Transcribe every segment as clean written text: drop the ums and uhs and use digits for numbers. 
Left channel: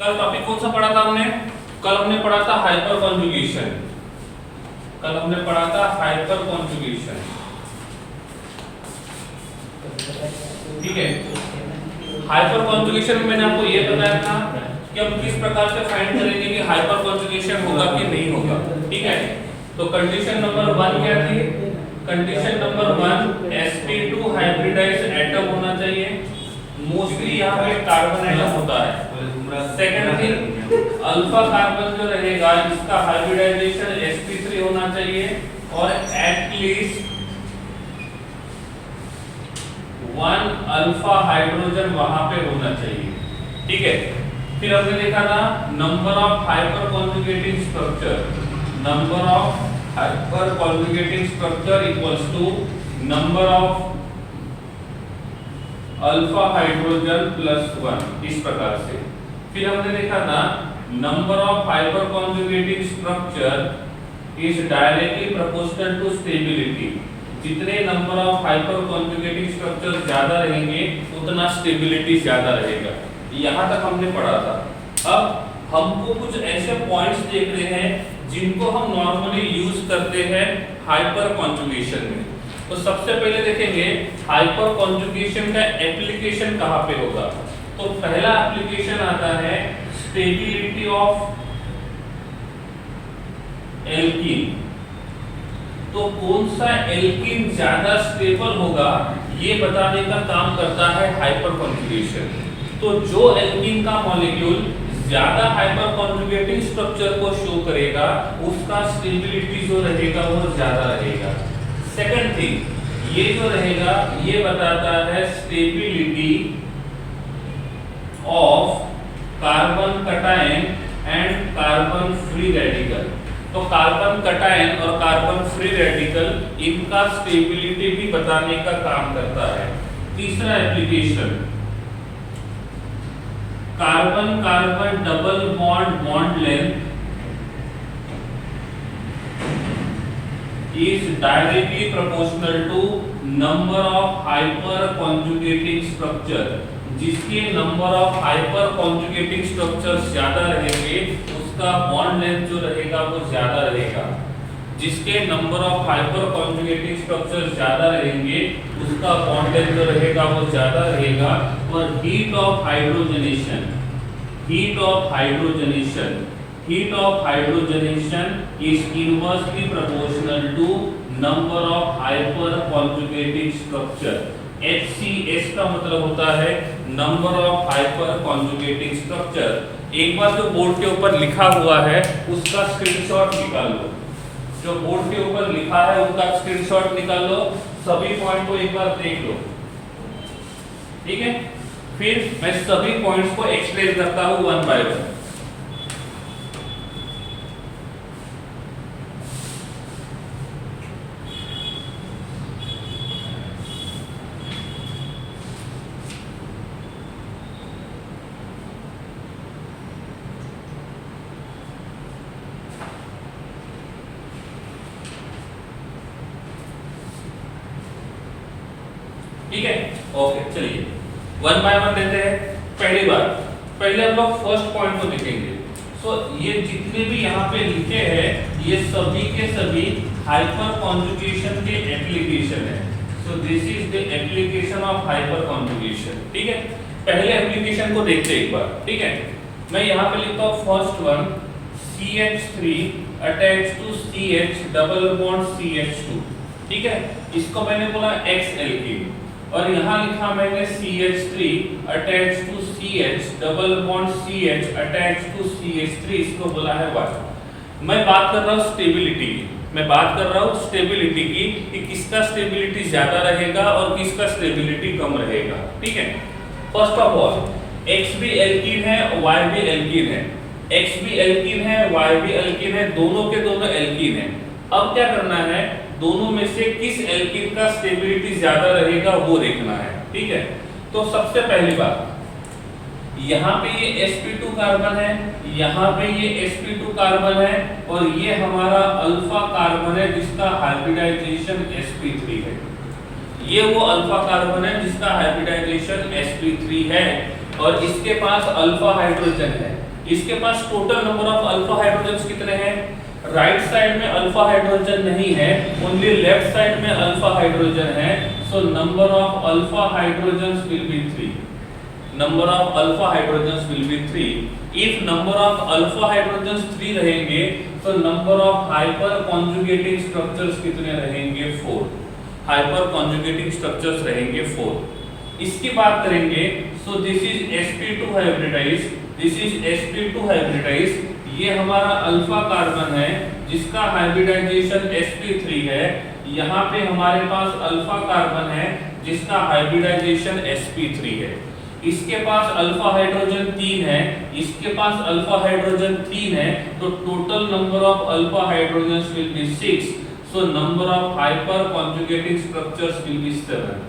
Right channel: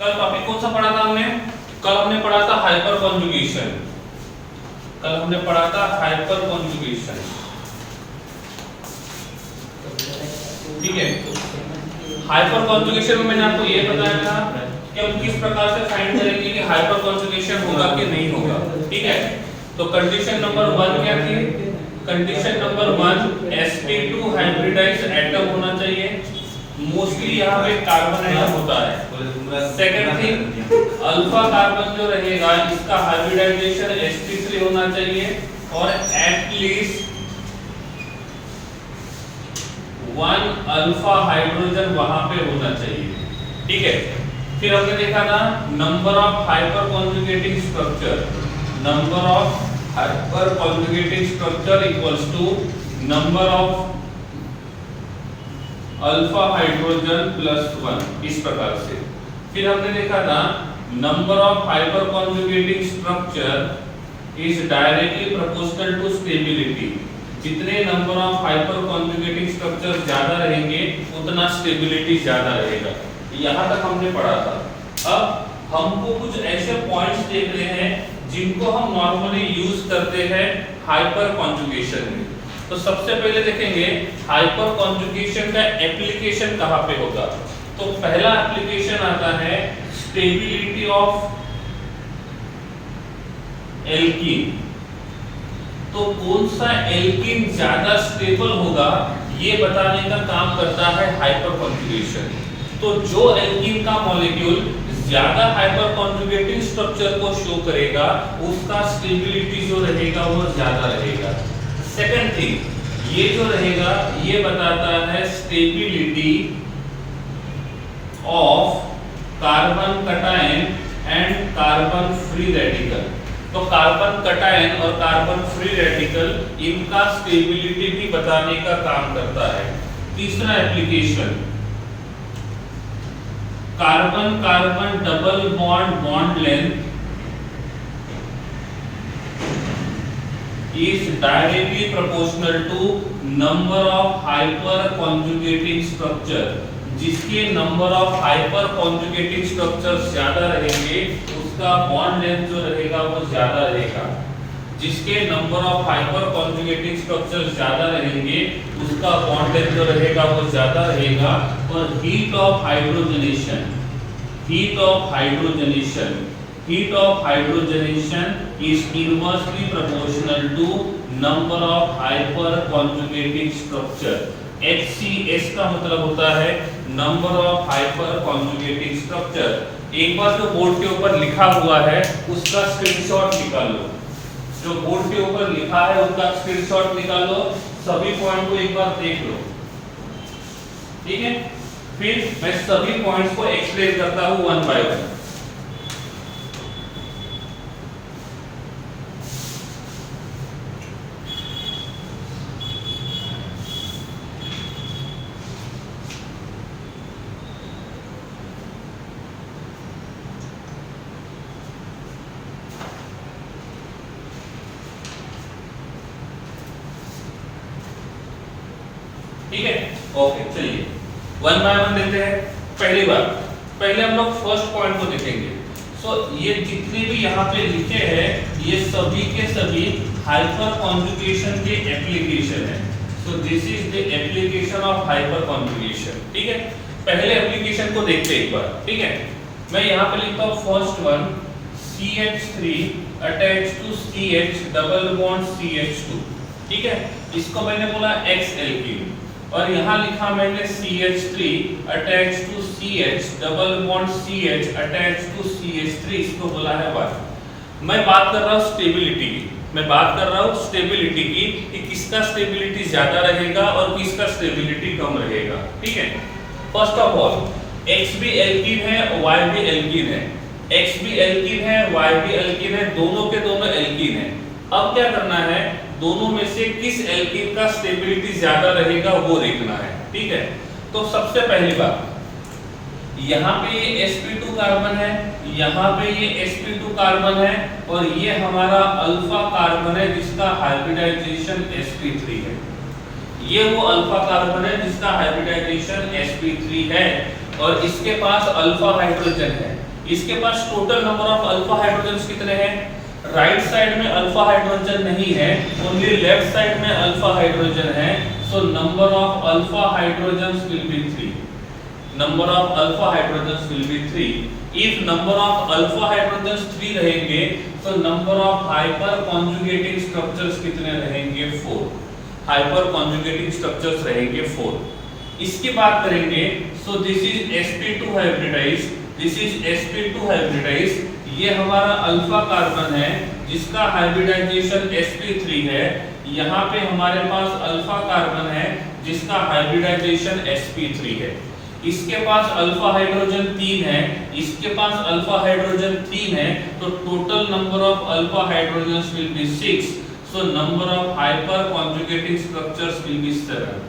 कल टॉपिक कौन सा पढ़ा था हमने? कल हमने पढ़ा था हाइपर कॉन्जुगेशन। कल हमने पढ़ा था हाइपर कॉन्जुगेशन, ठीक है। हाइपर कॉन्जुगेशन में मैंने आपको ये बताया था कि हम किस प्रकार से फाइंड करेंगे कि हाइपर कॉन्जुगेशन होगा कि नहीं होगा, ठीक है। तो कंडीशन नंबर 1 क्या थी? Condition number 1 sp2 hybridised atom होना चाहिए, मोस्टली यहाँ पे कार्बन एटम होता है। सेकंड थिंग, अल्फा कार्बन जो रहेगा इसका हाइब्रिडाइजेशन sp3 होना चाहिए और एटलीस्ट 1 अल्फा हाइड्रोजन वहां पे होना चाहिए, ठीक है। फिर हमने देखा था number of hyper conjugating structure, number of hyper conjugating structure equals to number of alpha hydrogen plus 1, इस प्रकार से। फिर हमने देखा था number of hyper conjugating structure is directly proportional to stability. जितने number of hyper conjugating structure ज्यादा रहेंगे उतना स्टेबिलिटी ज्यादा रहेगा। यहां तक हमने पढ़ा था। अब हमको कुछ ऐसे पॉइंट्स देख रहे हैं जिनको हम नॉर्मली यूज करते हैं हाइपर कॉन्जुगेशन में। तो सबसे पहले देखेंगे हाइपर कॉन्जुगेशन का एप्लीकेशन कहां पे होगा। तो पहला एप्लीकेशन आता है स्टेबिलिटी ऑफ एल्कीन। तो कौन सा एल्कीन ज्यादा स्टेबल होगा ये बताने का काम करता है हाइपर कॉन्जुगेशन। तो जो एल्कीन का मॉलिक्यूल ज्यादा हाइपर कॉन्जुगेटिंग स्ट्रक्चर को शो करेगा उसका स्टेबिलिटी जो रहेगा वो ज्यादा रहेगा। सेकंड थिंग, ये जो रहेगा ये बताता है stability of carbon cation and carbon free radical. तो कार्बन कटायन और कार्बन फ्री रेडिकल इनका स्टेबिलिटी भी बताने का काम करता है। तीसरा application, carbon carbon double bond bond length is directly proportional to number of hyper conjugating structure। जिसके number of hyper conjugating structures ज्यादा रहेंगे उसका बॉन्ड लेंथ जो रहेगा वो ज्यादा रहेगा। जिसके number of hyper conjugating structures ज्यादा रहेंगे उसका बॉन्ड लेंथ जो रहेगा वो ज्यादा रहेगा। और heat of hydrogenation, heat of hydrogenation, heat of hydrogenation is inversely proportional to number of hyper conjugating structure। HCS का मतलब होता है number of hyper conjugating structure। एक बार जो बोर्ड के ऊपर लिखा हुआ है उसका स्क्रीनशॉट निकाल लो, जो बोर्ड के ऊपर लिखा है उसका स्क्रीनशॉट निकाल लो, सभी पॉइंट को एक बार देख लो, ठीक है। फिर मैं सभी पॉइंट्स को एक्सप्लेन करता हूं वन बाय वन। ठीक है, ओके, चलिए वन बाय वन देखते हैं। पहले हम लोग फर्स्ट पॉइंट को देखेंगे। सो ये जितने भी यहाँ पे लिखे हैं ये सभी के सभी हाइपर कॉन्जुगेशन के एप्लीकेशन है। सो this is the application of hyper conjugation, ठीक है। पहले एप्लीकेशन को देखते हैं एक बार, ठीक है। मैं यहाँ पे लिखता हूँ first one, CH3 attach to CH double bond CH2, ठीक है। इसको मैंने बोला X एल्कीन और यहाँ लिखा मैंने CH3 attach to CH double bond CH attach to CH3, इसको बोला है Y। मैं बात कर रहा हूँ स्टेबिलिटी की, मैं बात कर रहा हूँ स्टेबिलिटी की कि किसका स्टेबिलिटी ज्यादा रहेगा और किसका स्टेबिलिटी कम रहेगा, ठीक है। फर्स्ट ऑफ ऑल X भी एल्कीन है Y भी एल्कीन है, X भी एल्कीन है Y भी एल्कीन है, दोनों के दोनों एल्कीन है। अब क्या करना है, दोनों में से किस एल्कीन का स्टेबिलिटी ज्यादा रहेगा वो देखना है, ठीक है। तो सबसे पहली बात, यहाँ पे ये sp2 कार्बन है, यहाँ पे ये sp2 कार्बन है और ये हमारा अल्फा कार्बन है जिसका हाइब्रिडाइजेशन sp3 है। ये वो अल्फा कार्बन है जिसका हाइब्रिडाइजेशन sp3 है। और इसके पास अल्फा हाइड्रोजन है। इसके पास total number of alpha hydrogen कितने हैं? राइट साइड में अल्फा हाइड्रोजन नहीं है, ओनली लेफ्ट साइड में अल्फा हाइड्रोजन है। So number of alpha hydrogen will be 3। Number of alpha hydrogen will be 3। If number of alpha hydrogen 3 रहेंगे तो number of hyper conjugating structures कितने रहेंगे? 4। Hyper conjugating structures रहेंगे 4। इसकी बात करेंगे, so this is sp2 hybridised, this is sp2 hybridised. ये हमारा अल्फा कार्बन है जिसका हाइब्रिडाइजेशन sp3 है। यहाँ पे हमारे पास अल्फा कार्बन है जिसका हाइब्रिडाइजेशन sp3 है। इसके पास अल्फा हाइड्रोजन 3 है, इसके पास अल्फा हाइड्रोजन 3 है, तो total number of alpha hydrogens will be 6। So number of hyper conjugating structures will be 7।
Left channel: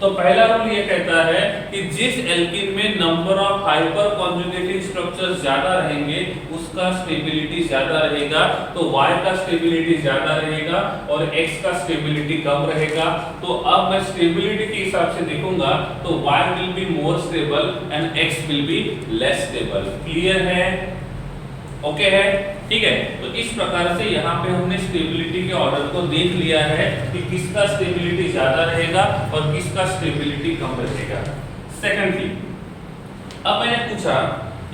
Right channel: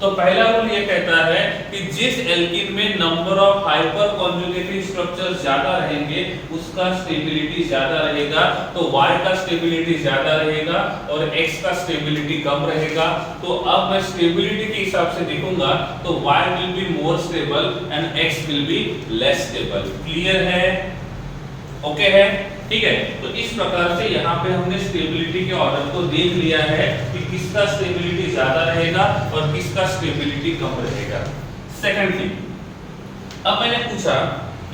तो पहला रूल ये कहता है कि जिस एल्कीन में number of hyper conjugating structures ज्यादा रहेंगे उसका स्टेबिलिटी ज्यादा रहेगा, तो Y का स्टेबिलिटी ज्यादा रहेगा और X का स्टेबिलिटी कम रहेगा। तो अब मैं स्टेबिलिटी के हिसाब से देखूंगा तो Y will be more stable and X will be less stable. Clear है? ओके है, ठीक है। तो इस प्रकार से यहाँ पे हमने स्टेबिलिटी के ऑर्डर को देख लिया है कि किसका स्टेबिलिटी ज्यादा रहेगा और किसका स्टेबिलिटी कम रहेगा। सेकंडली, अब मैंने पूछा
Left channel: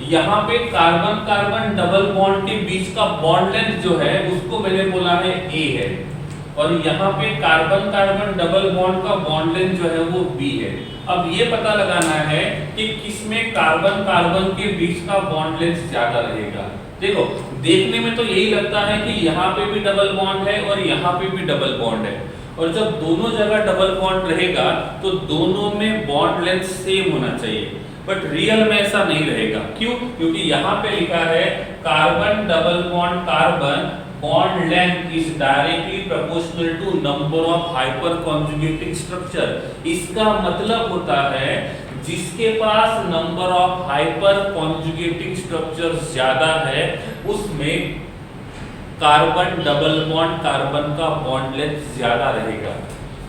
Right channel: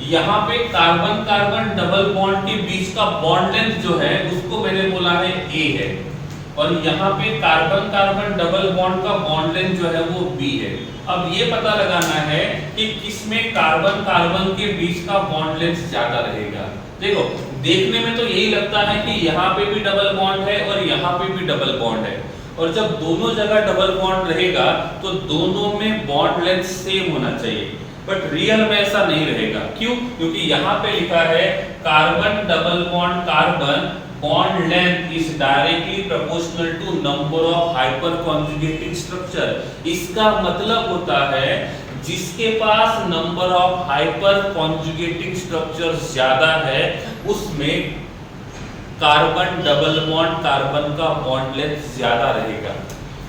यहाँ पे कार्बन कार्बन डबल बॉन्ड के बीच का बॉन्ड लेंथ जो है उसको मैंने बोला है A है, और यहाँ पे कार्बन कार्बन डबल बॉन्ड का बॉन्ड लेंथ जो है वो B है। अब ये पता लगाना है कि किसमें कार्बन कार्बन के बीच का बॉन्ड लेंथ ज्यादा रहेगा। देखो, देखने में तो यही लगता है कि यहाँ पे भी डबल बॉन्ड है और यहाँ पे भी डबल बॉन्ड है, और जब दोनों जगह डबल बॉन्ड रहेगा तो दोनों में बॉन्ड लेंथ सेम होना चाहिए, बट रियल में ऐसा नहीं रहेगा। क्यों? क्योंकि यहाँ पे लिखा है carbon double bond carbon bond length is directly proportional to number of hyper conjugating structure. इसका मतलब होता है जिसके पास number of hyper conjugating structures ज्यादा है उसमें कार्बन डबल बॉन्ड कार्बन का बॉन्ड लेंथ ज्यादा रहेगा।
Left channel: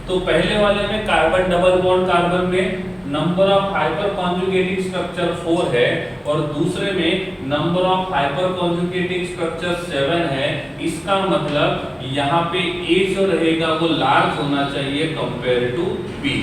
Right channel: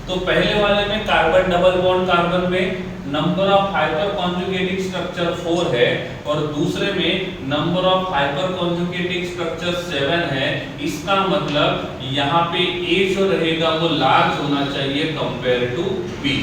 तो पहले वाले में कार्बन डबल बॉन्ड कार्बन में number of hyper conjugating structure 4 है और दूसरे में number of hyper conjugating structure 7 है। इसका मतलब यहाँ पे A जो रहेगा वो लार्ज होना चाहिए कंपेयर टू B।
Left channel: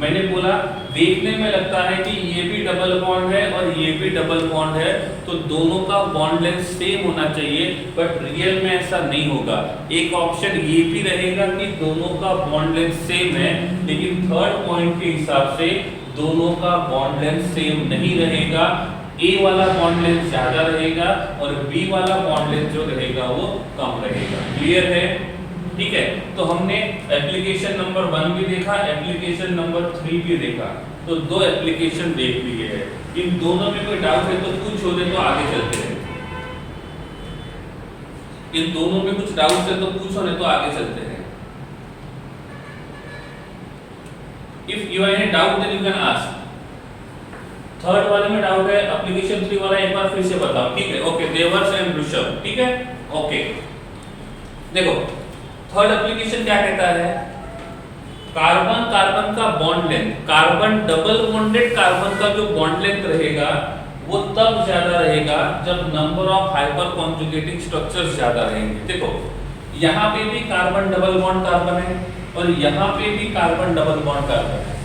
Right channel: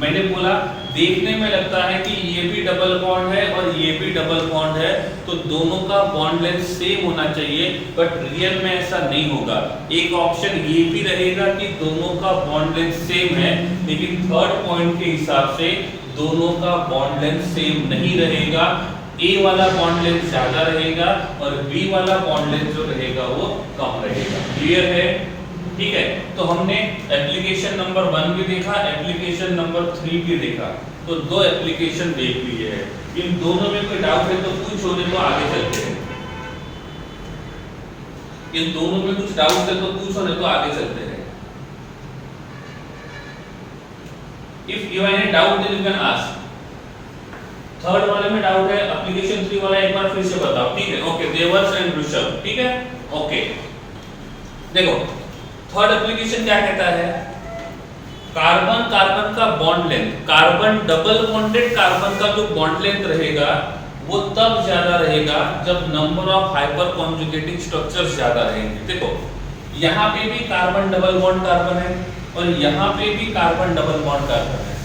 मैंने बोला देखने में लगता है कि ये भी डबल बॉन्ड है और ये भी डबल बॉन्ड है, तो दोनों का बॉन्ड लेंथ सेम होना चाहिए, बट रियल में ऐसा नहीं होगा। एक ऑप्शन ये भी रहेगा कि दोनों का बॉन्ड लेंथ सेम है, लेकिन थर्ड पॉइंट के हिसाब से दोनों का बॉन्ड लेंथ सेम नहीं रहेगा। A वाला बॉन्ड लेंथ ज्यादा रहेगा और B वाला बॉन्ड लेंथ जो रहेगा वो कम रहेगा। क्लियर है? ठीक है। तो हमने एप्लीकेशन नंबर 1 भी देखा, एप्लीकेशन नंबर 3 भी देखा, तो 2 एप्लीकेशन देख लिए है। इन दोनों में कोई डाउट है तो पूछो, नहीं तो आगे चलते हैं। इन दोनों में कुछ डाउट है तो पूछो, नहीं तो आगे चलते हैं। If you have any doubt then you can ask. Third वाले में डाउट है, एप्लीकेशन 3 वाला एक बार फिर से बताओ, ठीक है? ओके, देवर्स एंड ऋषभ, ठीक है? ओके, देखो थर्ड एप्लीकेशन क्या कहता है? कार्बन कार्बन का bond length, carbon double bonded carbon का जो बॉन्ड लेंथ रहेगा वो तब ज्यादा रहेगा जब number of hyper conjugating structures ज्यादा रहेंगे। देखो यहाँ पे भी कार्बन डबल बॉन्ड कार्बन है और यहाँ पे भी कार्बन डबल बॉन्ड कार्बन है,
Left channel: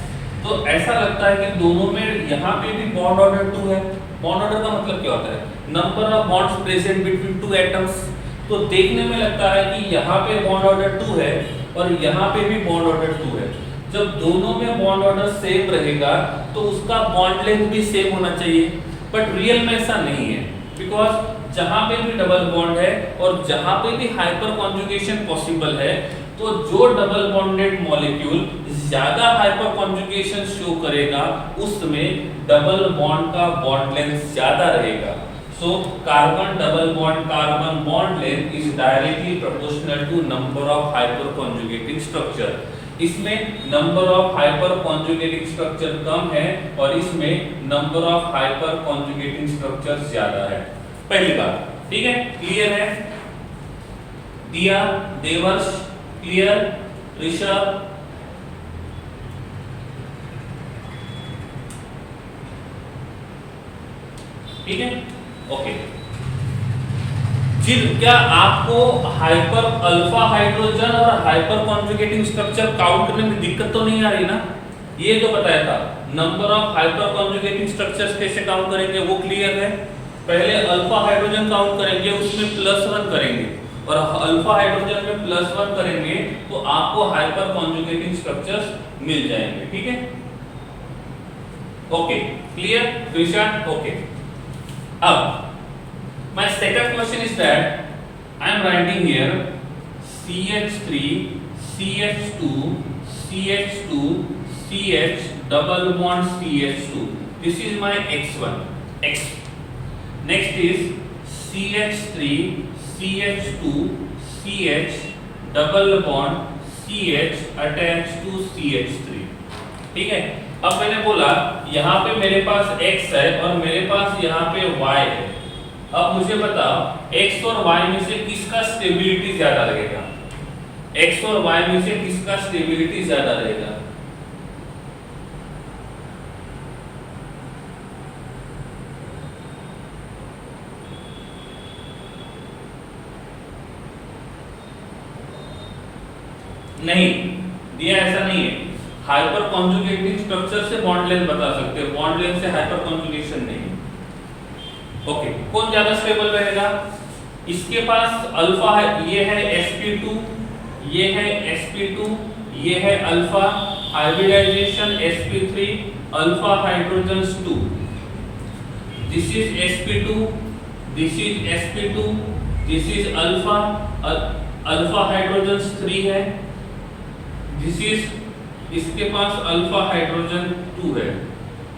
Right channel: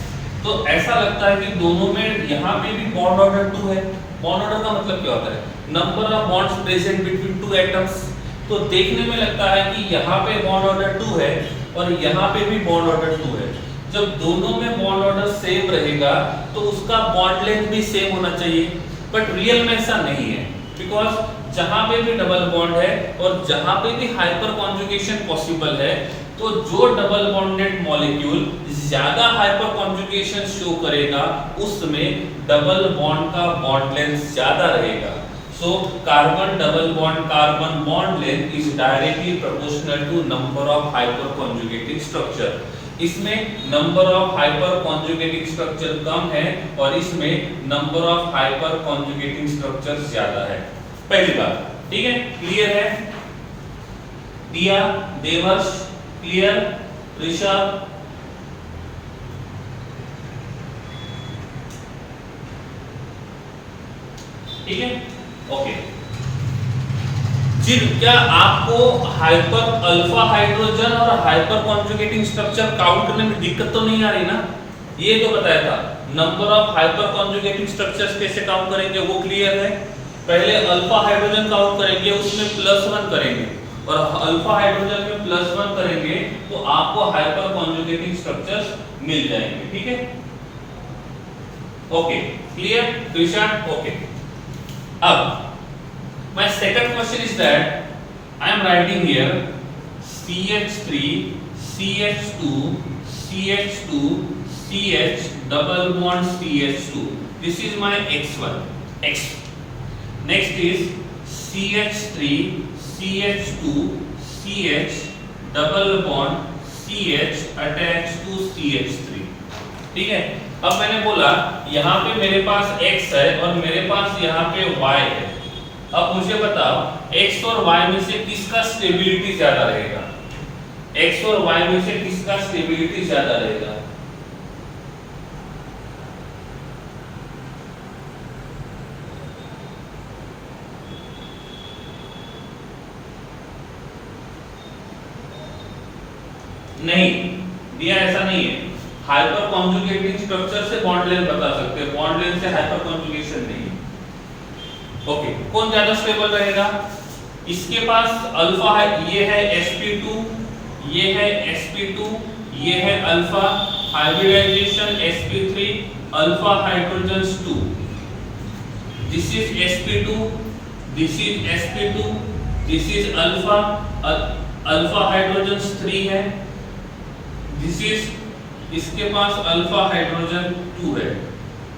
तो ऐसा लगता है कि दोनों में यहाँ पे भी बॉन्ड ऑर्डर 2 है। बॉन्ड ऑर्डर का मतलब क्या होता है? Number of bonds present between 2 atoms. तो देखने में लगता है कि यहाँ पे बॉन्ड ऑर्डर 2 है और यहाँ पे भी बॉन्ड ऑर्डर 2 है। जब दोनों में बॉन्ड ऑर्डर सेम रहेगा तो उसका बॉन्ड लेंथ भी सेम होना चाहिए, बट रियल में ऐसा नहीं है, बिकॉज जहाँ पे भी डबल बॉन्ड है और जहाँ पे भी हाइपर कॉन्जुगेशन पॉसिबल है, तो जो डबल बॉन्डेड मॉलिक्यूल ज्यादा हाइपर कॉन्जुगेशन शो करेगा उसमें डबल बॉन्ड का बॉन्ड लेंथ ज्यादा रहेगा। So carbon double bond carbon bond length is directly proportional to number of hyperconjugating structure। इसमें number of hyperconjugating structure कम है और इसमें number of hyperconjugating structure ज्यादा है। पहली बात, ठीक है? क्लियर है? दिया, देवर्ष, क्लियर? ऋषभ, ठीक है, ओके। क्या आपको हाइपर अल्फा हाइड्रोजन और हाइपर कॉन्जुगेटिंग स्ट्रक्चर काउंट करने में दिक्कत तो नहीं आ रही ना? ये जो बताया था number of hyper conjugating structures कैसे काउंट करेंगे वो क्लियर है। पहले अल्फा हाइड्रोजन काउंट करेंगे, उसमें +1 करेंगे और अल्फा हाइड्रोजन में +1 करेंगे तो आपको हाइपर कॉन्जुगेटिंग स्ट्रक्चर्स मिल जाएंगे। ठीक है, ओके, क्लियर दिशा? ओके। अब my second question is that I am writing here CH3 CH2 CH2 CH double bond CH2. This is my X1 X. Next is CH3 CH2 CH double bond CH attached to CH3. ठीक है, अब मैंने बोला यहाँ पे मेरे पास X है और मेरे पास यहाँ पे Y है। अब मुझे बताओ X और Y में से किसका स्टेबिलिटी ज्यादा रहेगा? X और Y में से किसका स्टेबिलिटी ज्यादा रहेगा? नहीं दिया, ऐसा नहीं है। हाइपर कॉन्जुगेटिंग स्ट्रक्चर से बॉन्ड लेंथ बता सकते हैं, बॉन्ड लेंथ से हाइपर कॉन्जुगेशन नहीं। ओके, कौन ज्यादा स्टेबल रहेगा? इसके पास अल्फा है, ये है sp2, ये है sp2, ये है alpha hybridization sp3 alpha hydrogens 2। This is sp2, this is sp2, this is alpha alpha hydrogens 3 है, दिस इज इसके पास अल्फा हाइड्रोजन 2 है।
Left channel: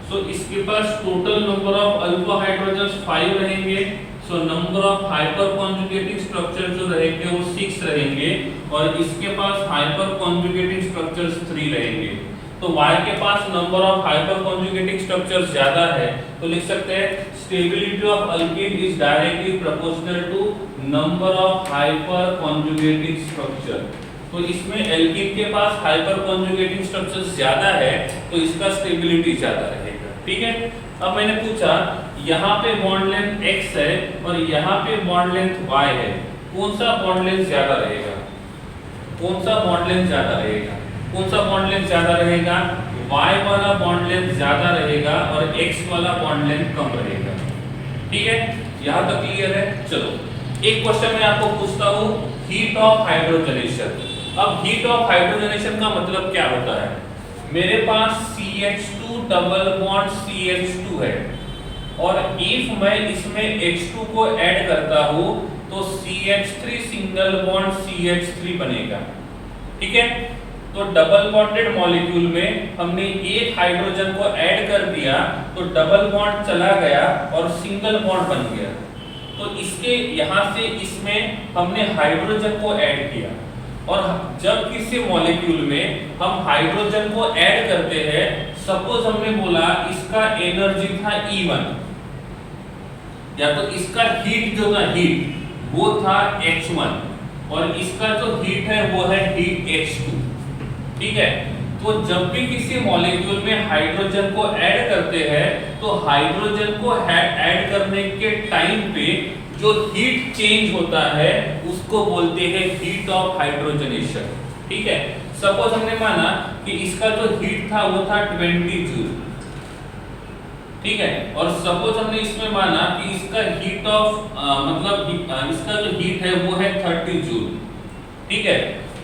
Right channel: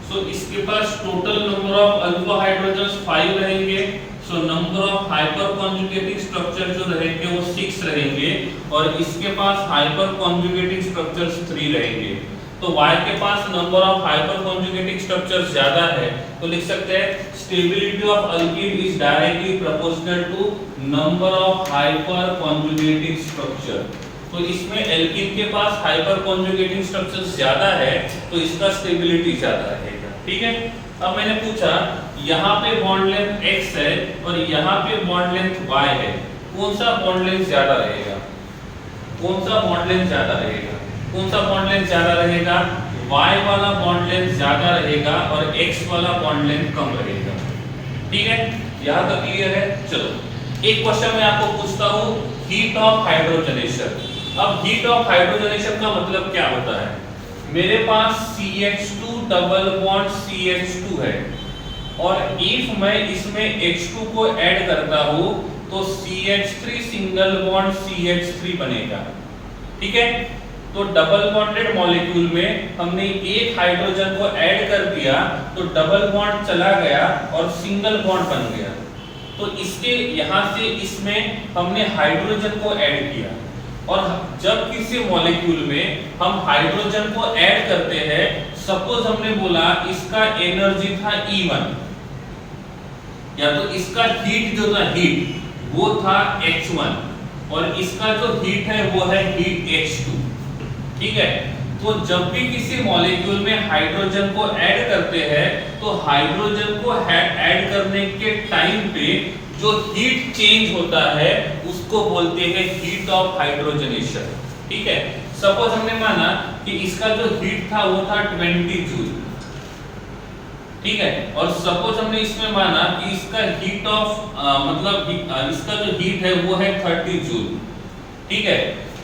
सो इसके पास total number of alpha hydrogens 5 रहेंगे। So number of hyper conjugating structure जो रहेंगे वो 6 रहेंगे और इसके पास हाइपर कॉन्जुगेटिंग स्ट्रक्चर्स 3 रहेंगे। तो Y के पास number of hyper conjugating structures ज्यादा है, तो लिख सकते हैं stability of alkene is directly proportional to number of hyper conjugating structure. तो इसमें एल्कीन के पास हाइपर कॉन्जुगेटिंग स्ट्रक्चर्स ज्यादा है तो इसका स्टेबिलिटी ज्यादा रहेगा। ठीक है, अब मैंने पूछा यहाँ पे बॉन्ड लेंथ x है और यहाँ पे बॉन्ड लेंथ y है, कौन सा बॉन्ड लेंथ ज्यादा रहेगा? कौन सा बॉन्ड लेंथ ज्यादा रहेगा? कौन सा बॉन्ड लेंथ ज्यादा रहेगा? y वाला बॉन्ड लेंथ ज्यादा रहेगा और x वाला बॉन्ड लेंथ कम रहेगा। ठीक है, यहाँ तक क्लियर है? चलो एक क्वेश्चन मैं आपको पूछता हूँ, हीट ऑफ हाइड्रोजनेशन। अब हीट ऑफ हाइड्रोजनेशन का मतलब क्या होता है? मेरे पास CH2 डबल बॉन्ड CH2 है और इफ मैं इसमें H2 को ऐड करता हूँ तो CH3 सिंगल बॉन्ड CH3 बनेगा। ठीक है, तो डबल बॉन्डेड मॉलिक्यूल में हमने एक हाइड्रोजन को ऐड कर दिया तो डबल बॉन्ड चला गया और सिंगल बॉन्ड बन गया। तो इसके यहाँ से इसमें हमने हाइड्रोजन को ऐड किया और जब किसी मॉलिक्यूल में हम हाइड्रोजन को ऐड करते हैं, सपोज हमने बोला इसका एनर्जी था E1 या तो इसका हीट जो था हीट वो था H1 और इसका जो हीट है वो है हीट H2। ठीक है, तो जब भी किसी मॉलिक्यूल में हाइड्रोजन को ऐड करते हैं तो हाइड्रोजन को ऐड करने के टाइम पे जो हीट चेंज होता है उसको बोलते हैं हीट ऑफ हाइड्रोजनेशन। ठीक है, सपोज हमने माना कि इसका जो हीट था वो था 20 जूल। ठीक है, और सपोज हमने इसमें माना कि इसका हीट ऑफ इसका जो हीट है वो है 30 जूल। ठीक है,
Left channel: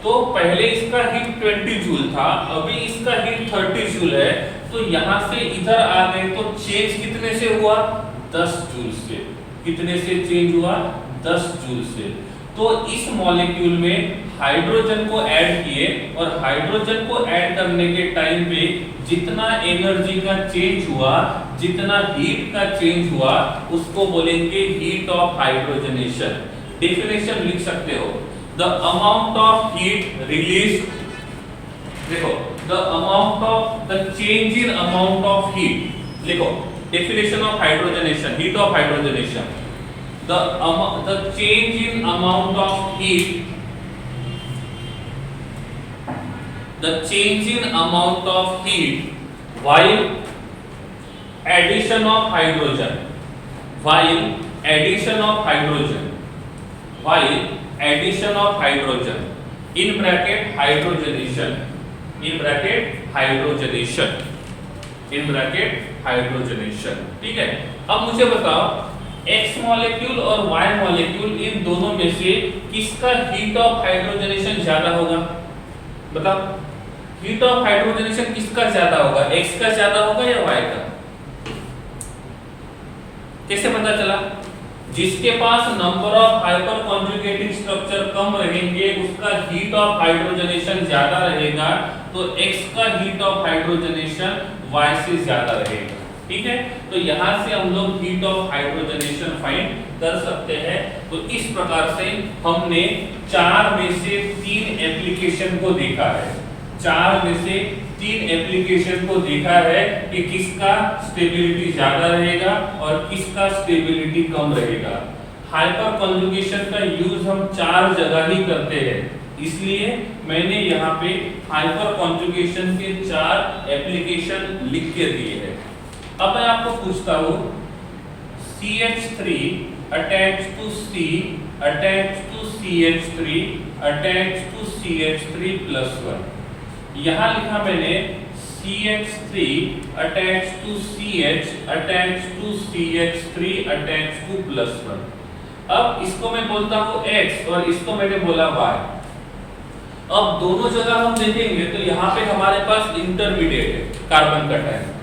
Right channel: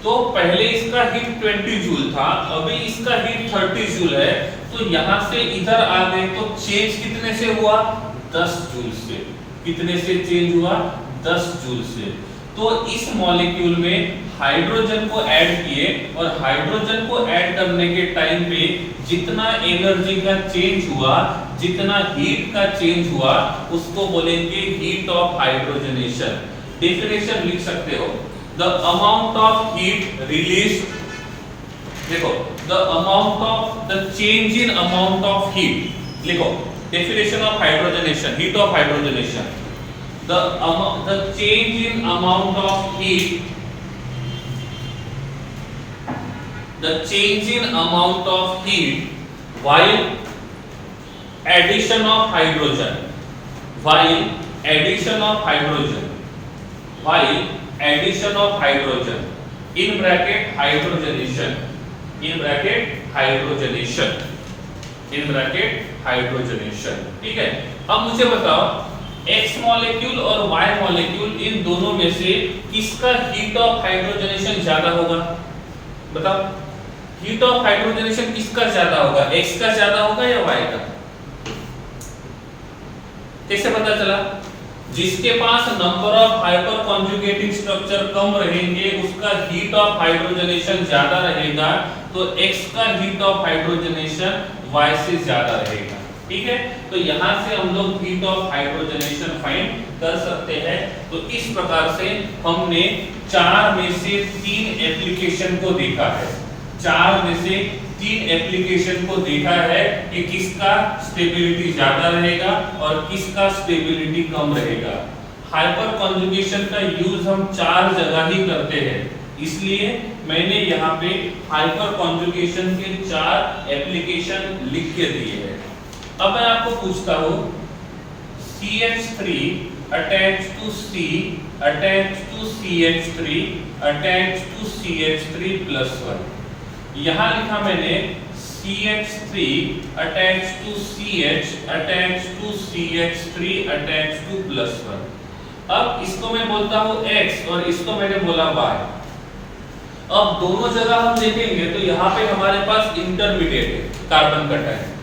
तो पहले इसका हीट 20 जूल था, अभी इसका हीट 30 जूल है, तो यहां से इधर आ गए तो चेंज कितने से हुआ? 10 जूल से। कितने से चेंज हुआ? 10 जूल से। तो इस मॉलिक्यूल में हाइड्रोजन को ऐड किए और हाइड्रोजन को ऐड करने के टाइम पे जितना एनर्जी का चेंज हुआ, जितना हीट का चेंज हुआ, उसको बोलेंगे हीट ऑफ हाइड्रोजनेशन। डेफिनेशन लिख सकते हो, the amount of heat released, देखो the amount of the change in amount of heat, लिखो definition of hydrogenation, heat of hydrogenation, the change in amount of heat, the change in amount of heat while addition of hydrogen, while addition of hydrogen, while addition of hydrogen in bracket hydrogenation, in bracket hydrogenation, in bracket hydrogenation, ठीक है। अब मुझे बताओ X molecule और Y molecule इन दोनों में से किसका हीट ऑफ हाइड्रोजनेशन ज्यादा होगा? बताओ, हीट ऑफ हाइड्रोजनेशन किसका ज्यादा होगा? X का ज्यादा होगा या Y का? कैसे पता चला? जिसके पास number of hyper conjugating structure कम रहेंगे उसका हीट ऑफ हाइड्रोजनेशन ज्यादा रहेगा, तो X का हीट ऑफ हाइड्रोजनेशन Y से ज्यादा रहेगा, ठीक है। तो यहां से हम लोग हीट ऑफ हाइड्रोजनेशन फाइंड कर सकते हैं। तो इस प्रकार से हमने 4 में से 3 एप्लीकेशन को देखा है, 4 में से 3 एप्लीकेशन को देखा है कि किसका स्टेबिलिटी ज्यादा रहेगा और किसका स्टेबिलिटी कम रहेगा। हाइपर कॉन्जुगेशन का यूज हम 4 जगह ही करते हैं, इसलिए मैंने यहाँ पे हाइपर कॉन्जुगेशन के 4 एप्लीकेशन लिख के दिए हैं। अब मैं आपको पूछता हूँ CH3 attached to C attached to CH3 attached to CH3 plus 1, यहाँ लिखा मैंने CH3 attached to CH attached to CH3 attached to plus 1। अब इसको मैं बोलता हूँ X और इसको मैंने बोला Y। अब दोनों जगह हम देखेंगे तो यहाँ पे हमारे पास इंटरमीडिएट है कार्बन कटायन।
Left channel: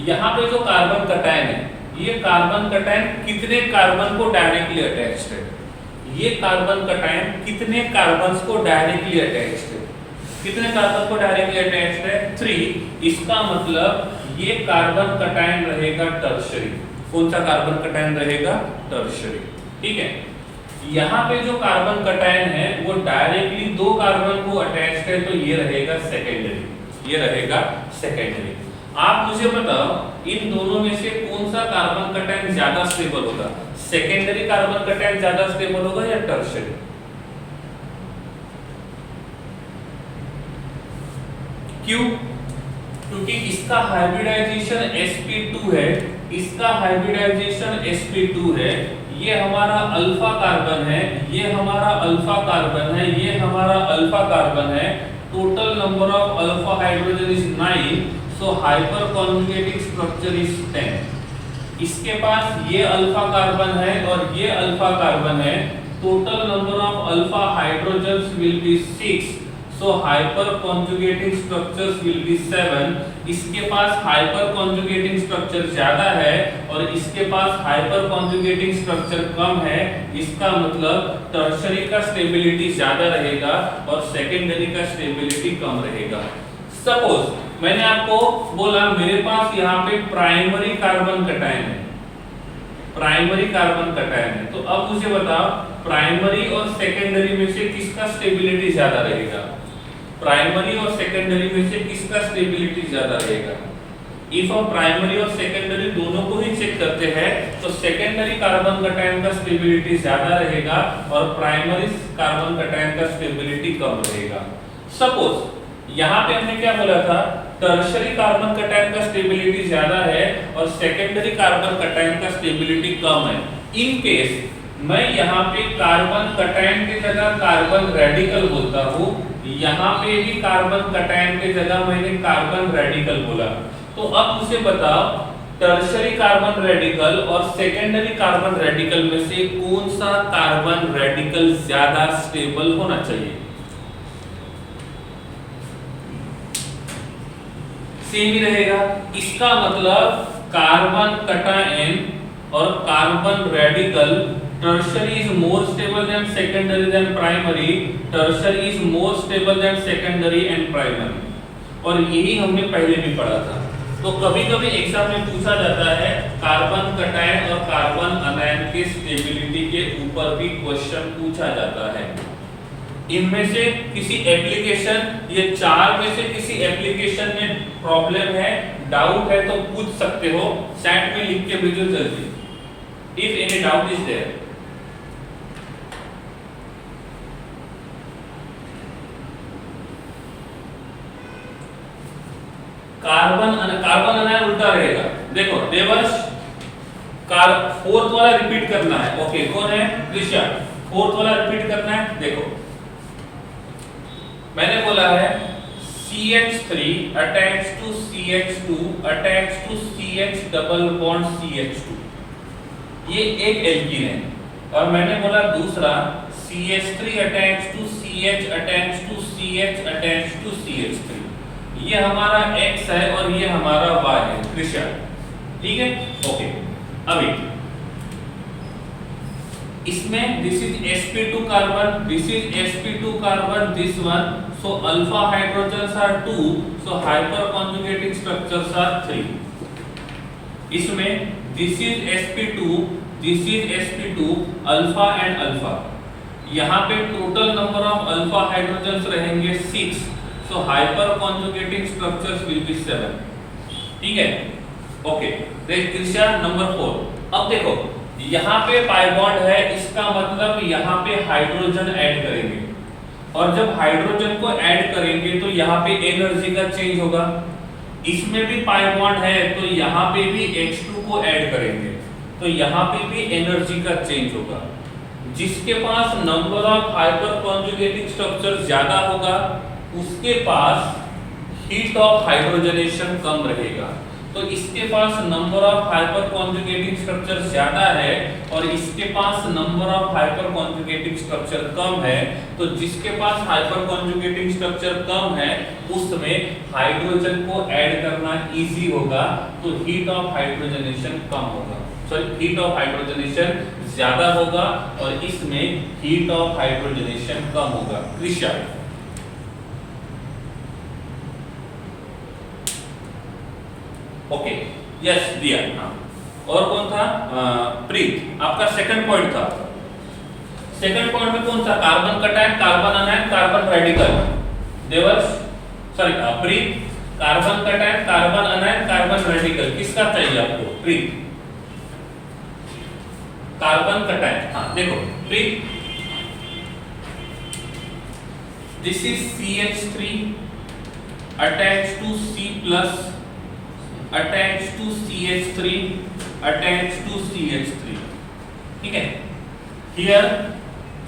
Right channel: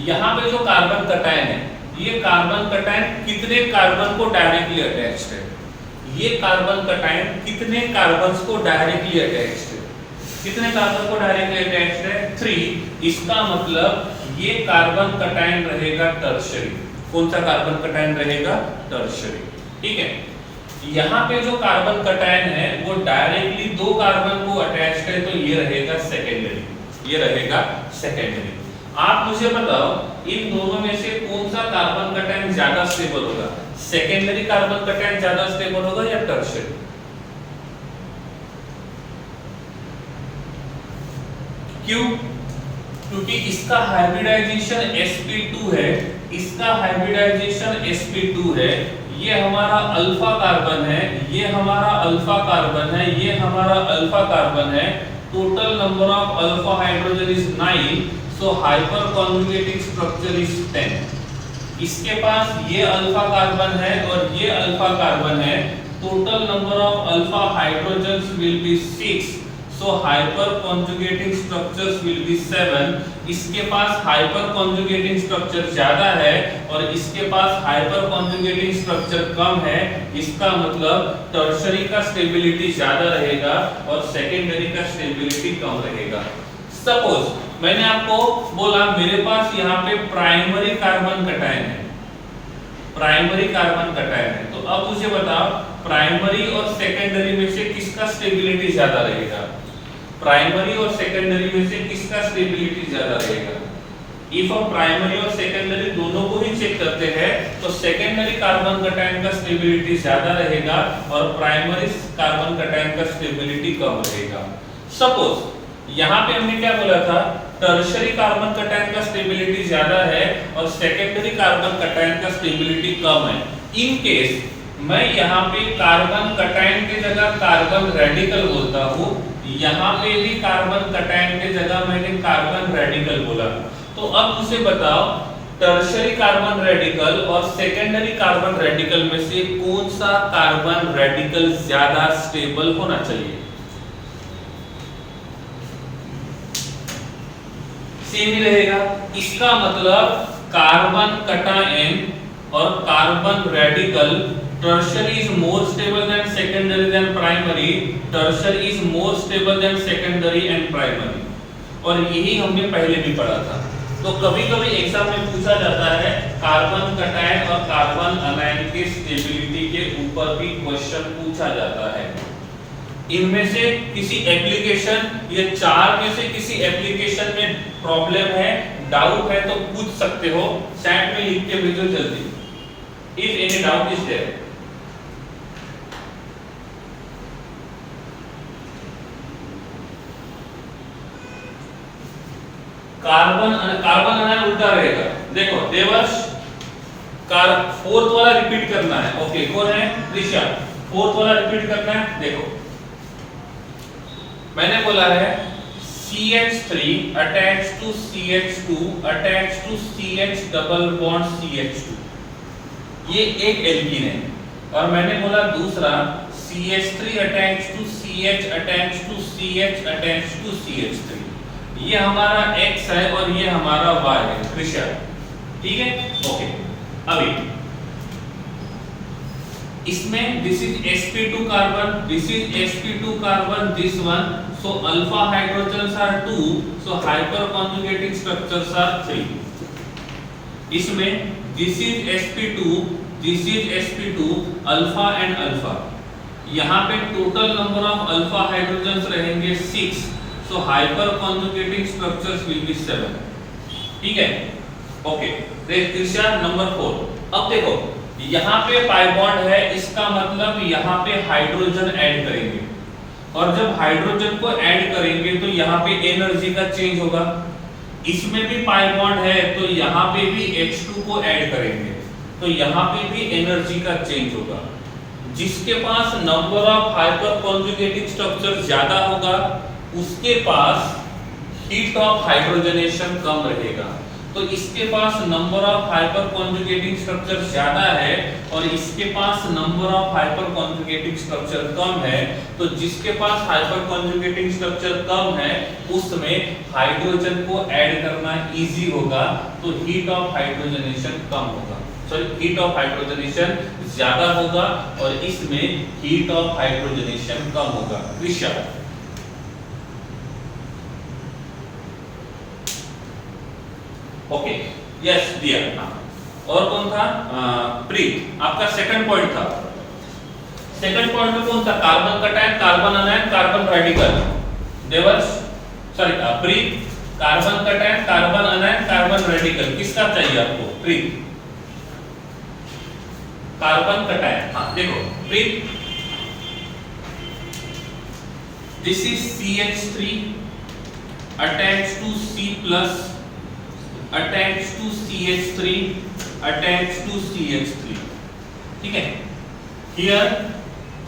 यहाँ पे जो कार्बन कटायन है, ये कार्बन कटायन कितने कार्बन को डायरेक्टली अटैच्ड है? ये कार्बन कटायन कितने कार्बन्स को डायरेक्टली अटैच्ड है? कितने कार्बन को डायरेक्टली अटैच्ड है? 3। इसका मतलब ये कार्बन कटायन रहेगा टर्शियरी। कौन सा कार्बन कटायन रहेगा? टर्शियरी, ठीक है। यहाँ पे जो कार्बन कटायन है वो डायरेक्टली 2 कार्बन को अटैच्ड है, तो ये रहेगा सेकेंडरी, ये रहेगा सेकेंडरी। आप मुझे बताओ इन दोनों में से कौन सा कार्बन कटायन ज्यादा स्टेबल होगा? सेकेंडरी कार्बन कटायन ज्यादा स्टेबल होगा या टर्शियरी? क्यों? क्योंकि इसका हाइब्रिडाइजेशन sp2 है, इसका हाइब्रिडाइजेशन sp2 है, ये हमारा अल्फा कार्बन है, ये हमारा अल्फा कार्बन है, ये हमारा अल्फा कार्बन है। Total number of alpha hydrogen is 9, so hyper conjugating structure is 10। इसके पास ये अल्फा कार्बन है और ये अल्फा कार्बन है, total number of alpha hydrogens will be 6, so hyper conjugating structures will be 7। इसके पास हाइपर कॉन्जुगेटिंग स्ट्रक्चर ज्यादा है और इसके पास हाइपर कॉन्जुगेटिंग स्ट्रक्चर कम है, इसका मतलब टर्शियरी का स्टेबिलिटी ज्यादा रहेगा और सेकेंडरी का स्टेबिलिटी कम रहेगा। सपोज मैंने आपको बोला मेरे पास यहाँ पे प्राइमरी कार्बन कटायन है, प्राइमरी कार्बन कटायन है, तो अब मुझे बताओ प्राइमरी और सेकेंडरी में से किसका स्टेबिलिटी ज्यादा रहेगा? प्राइमरी और सेकेंडरी में से किसका स्टेबिलिटी ज्यादा रहेगा? इफ हम प्राइमरी और सेकेंडरी दोनों को ही चेक करते हैं तो सेकेंडरी कार्बन कटायन का स्टेबिलिटी ज्यादा रहेगा और प्राइमरी कार्बन कटायन का स्टेबिलिटी कम रहेगा। सपोज यहाँ पे हमने क्या बोला था? टर्शियरी कार्बन कटायन का स्टेबिलिटी ज्यादा है और सेकेंडरी कार्बन कटायन का स्टेबिलिटी कम है। इन केस मैं यहाँ पे कार्बन कटायन के जगह कार्बन रेडिकल बोलता हूँ, यहाँ पे भी कार्बन कटायन के जगह मैंने कार्बन रेडिकल बोला, तो अब मुझे बताओ टर्शियरी कार्बन रेडिकल और सेकेंडरी कार्बन रेडिकल में से कौन सा कार्बन रेडिकल ज्यादा स्टेबल होना चाहिए? सेम ही रहेगा। इसका मतलब कार्बन कटायन और carbon radical, tertiary is more stable than secondary than primary, tertiary is more stable than secondary and primary, और यही हमने पहले भी पढ़ा था। तो कभी कभी एग्जाम में पूछा जाता है कार्बन कटायन और कार्बन अनायन के स्टेबिलिटी के ऊपर भी क्वेश्चन पूछा जाता है। इनमें से किसी एप्लीकेशन, ये 4 में से किसी एप्लीकेशन में प्रॉब्लम है, डाउट है तो पूछ सकते हो, चैट में लिख के भेजो जल्दी, if any doubt is there. Carbon anion उल्टा रहेगा। देखो देवर्ष, फोर्थ वाला रिपीट करना है। ओके, कौन है? त्रिशा। फोर्थ वाला रिपीट करना है। देखो मैंने बोला है CH3 attached to CH2 attached to CH double bond CH2, ये एक एल्कीन है। और मैंने बोला दूसरा CH3 attached to CH attached to CH attached to CH3, ये हमारा X है और ये हमारा Y है, त्रिशा। ठीक है, ओके। अभी इसमें this is sp2 carbon, this is sp2 carbon, this one, so alpha hydrogens are 2, so hyper conjugating structures are 3। इसमें this is sp2, this is sp2, alpha and alpha, यहाँ पे total number of alpha hydrogens रहेंगे 6, so hyper conjugating structures will be 7। ठीक है, okay. Trisha number 4। अब देखो यहाँ पे पाई बॉन्ड है, इसका मतलब यहाँ पे हाइड्रोजन ऐड करेंगे, और जब हाइड्रोजन को ऐड करेंगे तो यहाँ पे एनर्जी का चेंज होगा। इसमें भी पाई बॉन्ड है तो यहाँ पे भी H2 को ऐड करेंगे तो यहाँ पे भी एनर्जी का चेंज होगा। जिसके पास number of hyper conjugating structure ज्यादा होगा उसके पास हीट ऑफ हाइड्रोजनेशन कम रहेगा। तो इसके पास number of hyper conjugating structure ज्यादा है और इसके पास number of hyper conjugating structure कम है, तो जिसके पास हाइपर कॉन्जुगेटिंग स्ट्रक्चर कम है उसमें हाइड्रोजन को ऐड करना इजी होगा, तो हीट ऑफ हाइड्रोजनेशन कम होगा, सॉरी हीट ऑफ हाइड्रोजनेशन ज्यादा होगा और इसमें हीट ऑफ हाइड्रोजनेशन कम होगा। त्रिशा ओके, यस दिया। हाँ, और कौन था? प्रीत, आपका सेकंड पॉइंट था। सेकंड पॉइंट में कौन सा? Carbon cation, carbon anion, carbon radical. Devarsh, sorry Preet, carbon cation, carbon anion, carbon radical, किसका चाहिए आपको? Preet, carbon cation. हाँ देखो Preet, this is CH3 attached to C+ attached to CH3 attached to CH3। ठीक है, here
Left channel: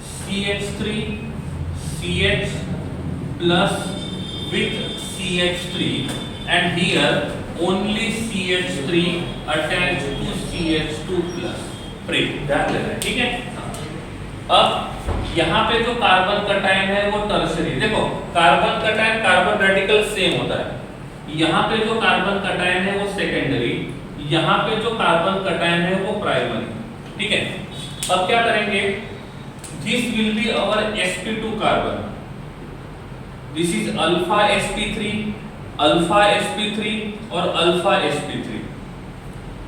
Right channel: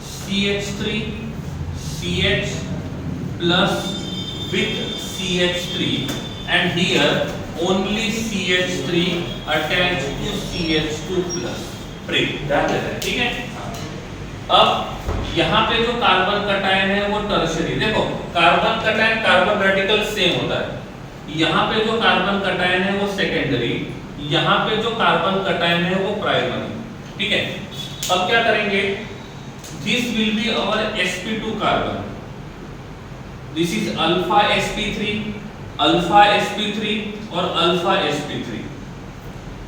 CH3 CH plus with CH3 and here only CH3 attached to CH2 plus। ध्यान देना है, ठीक है। अब यहाँ पे जो कार्बन कटायन है वो टर्शियरी, देखो carbon cation carbon radical same होता है, यहाँ पे जो कार्बन कटायन है वो सेकेंडरी, यहाँ पे जो कार्बन कटायन है वो प्राइमरी। ठीक है, अब क्या करेंगे? This will be our sp2 carbon, this is alpha sp3, alpha sp3 और अल्फा sp3।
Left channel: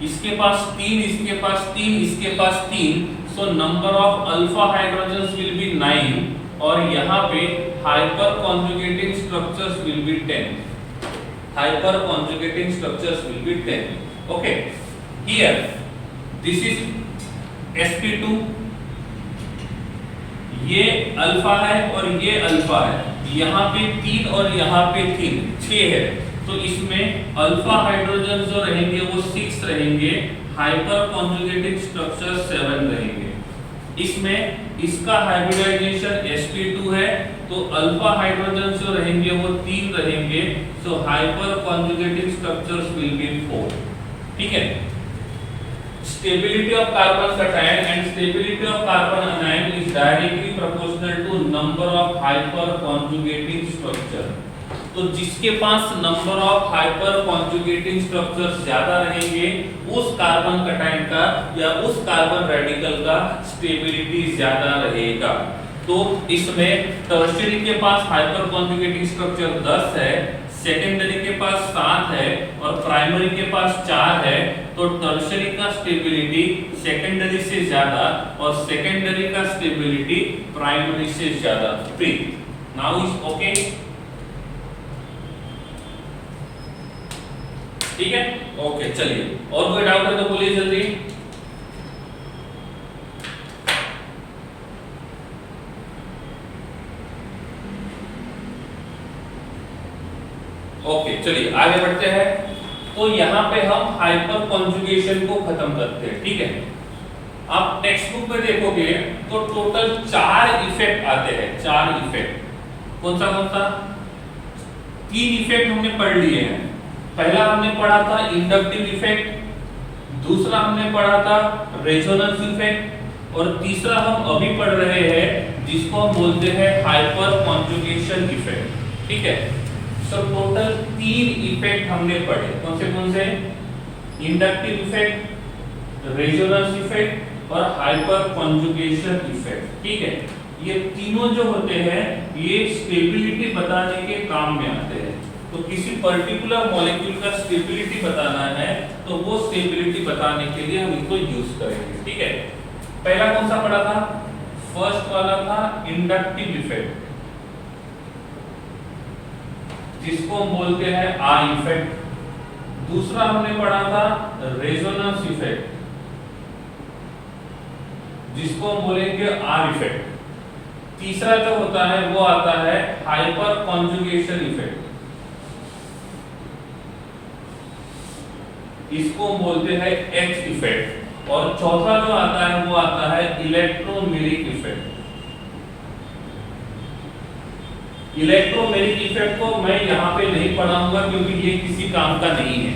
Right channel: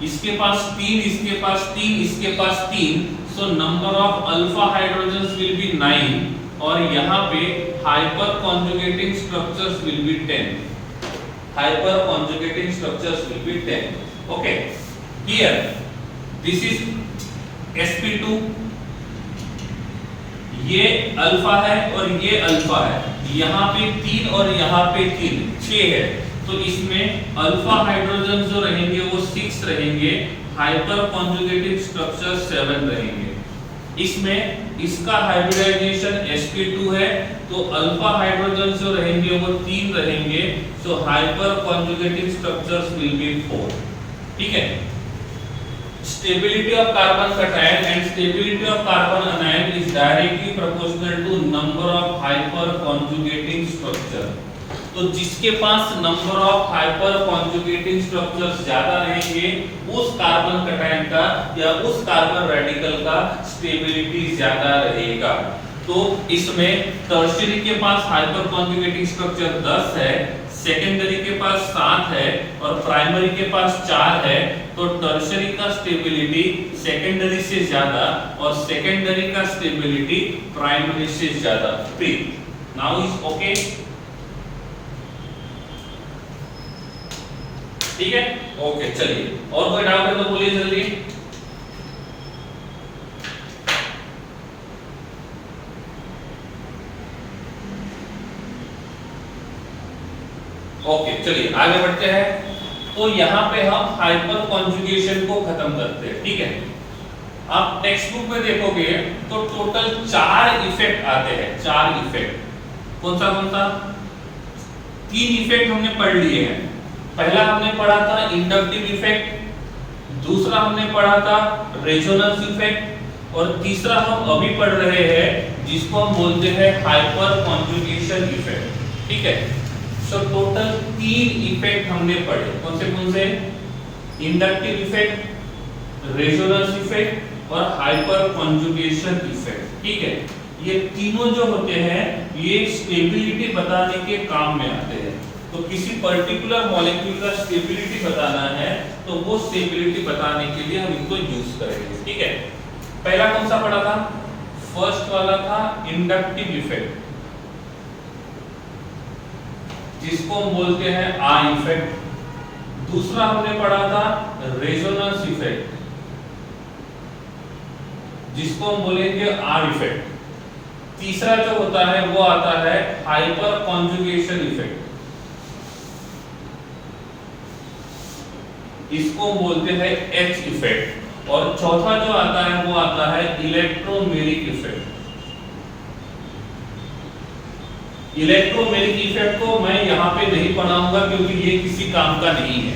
इसके पास 3, इसके पास 3, इसके पास 3, सो number of alpha hydrogens will be 9 और यहाँ पे hyper conjugating structures will B 10। Hyper conjugating structures will be 10. Okay. Here, this is sp2. ये alpha है और ये अल्फा है। यहाँ पे 3 और यहाँ पे 3, 6 है। तो इसमें अल्फा हाइड्रोजन जो रहेंगे वो 6 रहेंगे, हाइपर कॉन्जुगेटिंग स्ट्रक्चर 7 रहेंगे। इसमें इसका हाइब्रिडाइजेशन sp2 है तो अल्फा हाइड्रोजन जो रहेंगे वो 3 रहेंगे, so hyperconjugative structures will be 4। ठीक है, stability of carbon cation and stability of carbon anion is directly proportional to number of hyper conjugating structure. तो जिसके पास number of hyper conjugating structures ज्यादा रहेंगे उस कार्बन कटायन का या उस कार्बन रेडिकल का स्टेबिलिटी ज्यादा रहेगा। तो इसमें टर्शियरी के पास हाइपर कॉन्जुगेटिंग स्ट्रक्चर 10 है, सेकेंडरी के पास 7 है और प्राइमरी के पास 4 है, तो टर्शियरी का स्टेबिलिटी सेकेंडरी से ज्यादा और सेकेंडरी का स्टेबिलिटी प्राइमरी से ज्यादा। नाउ इज ओके, ठीक है, ओके। चलिए और कोई डाउट है तो बोलिए जल्दी। ओके चलिए आगे बढ़ते हैं। तो यहाँ पे हम हाइपर कॉन्जुगेशन को खत्म करते हैं, ठीक है। आप टेक्स्ट बुक में देखोगे तो टोटल 4 इफेक्ट आते हैं, 4 इफेक्ट। कौन सा 3 इफेक्ट हमने पढ़ लिए हैं। पहला हमने पढ़ा था इंडक्टिव इफेक्ट, दूसरा हमने पढ़ा था रेजोनेंस इफेक्ट, और तीसरा हम अभी पढ़ रहे हैं जिसको हम बोलते हैं हाइपर कॉन्जुगेशन इफेक्ट, ठीक है। सो टोटल 3 इफेक्ट हमने पढ़े। कौन से? इंडक्टिव इफेक्ट, रेजोनेंस इफेक्ट और हाइपर कॉन्जुगेशन इफेक्ट, ठीक है। ये तीनों जो होते हैं ये स्टेबिलिटी बताने के काम में आते हैं। तो किसी पर्टिकुलर मॉलिक्यूल का स्टेबिलिटी बताना है तो वो स्टेबिलिटी बताने के लिए हम इनको यूज करेंगे, ठीक है। पहला कौन सा पढ़ा था? फर्स्ट वाला था इंडक्टिव इफेक्ट, जिसको हम बोलते हैं आई इफेक्ट। दूसरा हमने पढ़ा था रेजोनेंस इफेक्ट, जिसको हम बोलेंगे आर इफेक्ट। तीसरा जो होता है वो आता है हाइपर कॉन्जुगेशन इफेक्ट, इसको हम बोलते हैं एच इफेक्ट। और चौथा जो आता है वो आता है इलेक्ट्रोमेरिक इफेक्ट। इलेक्ट्रोमेरिक इफेक्ट को मैं यहाँ पे नहीं पढ़ाऊंगा क्योंकि ये किसी काम का नहीं है।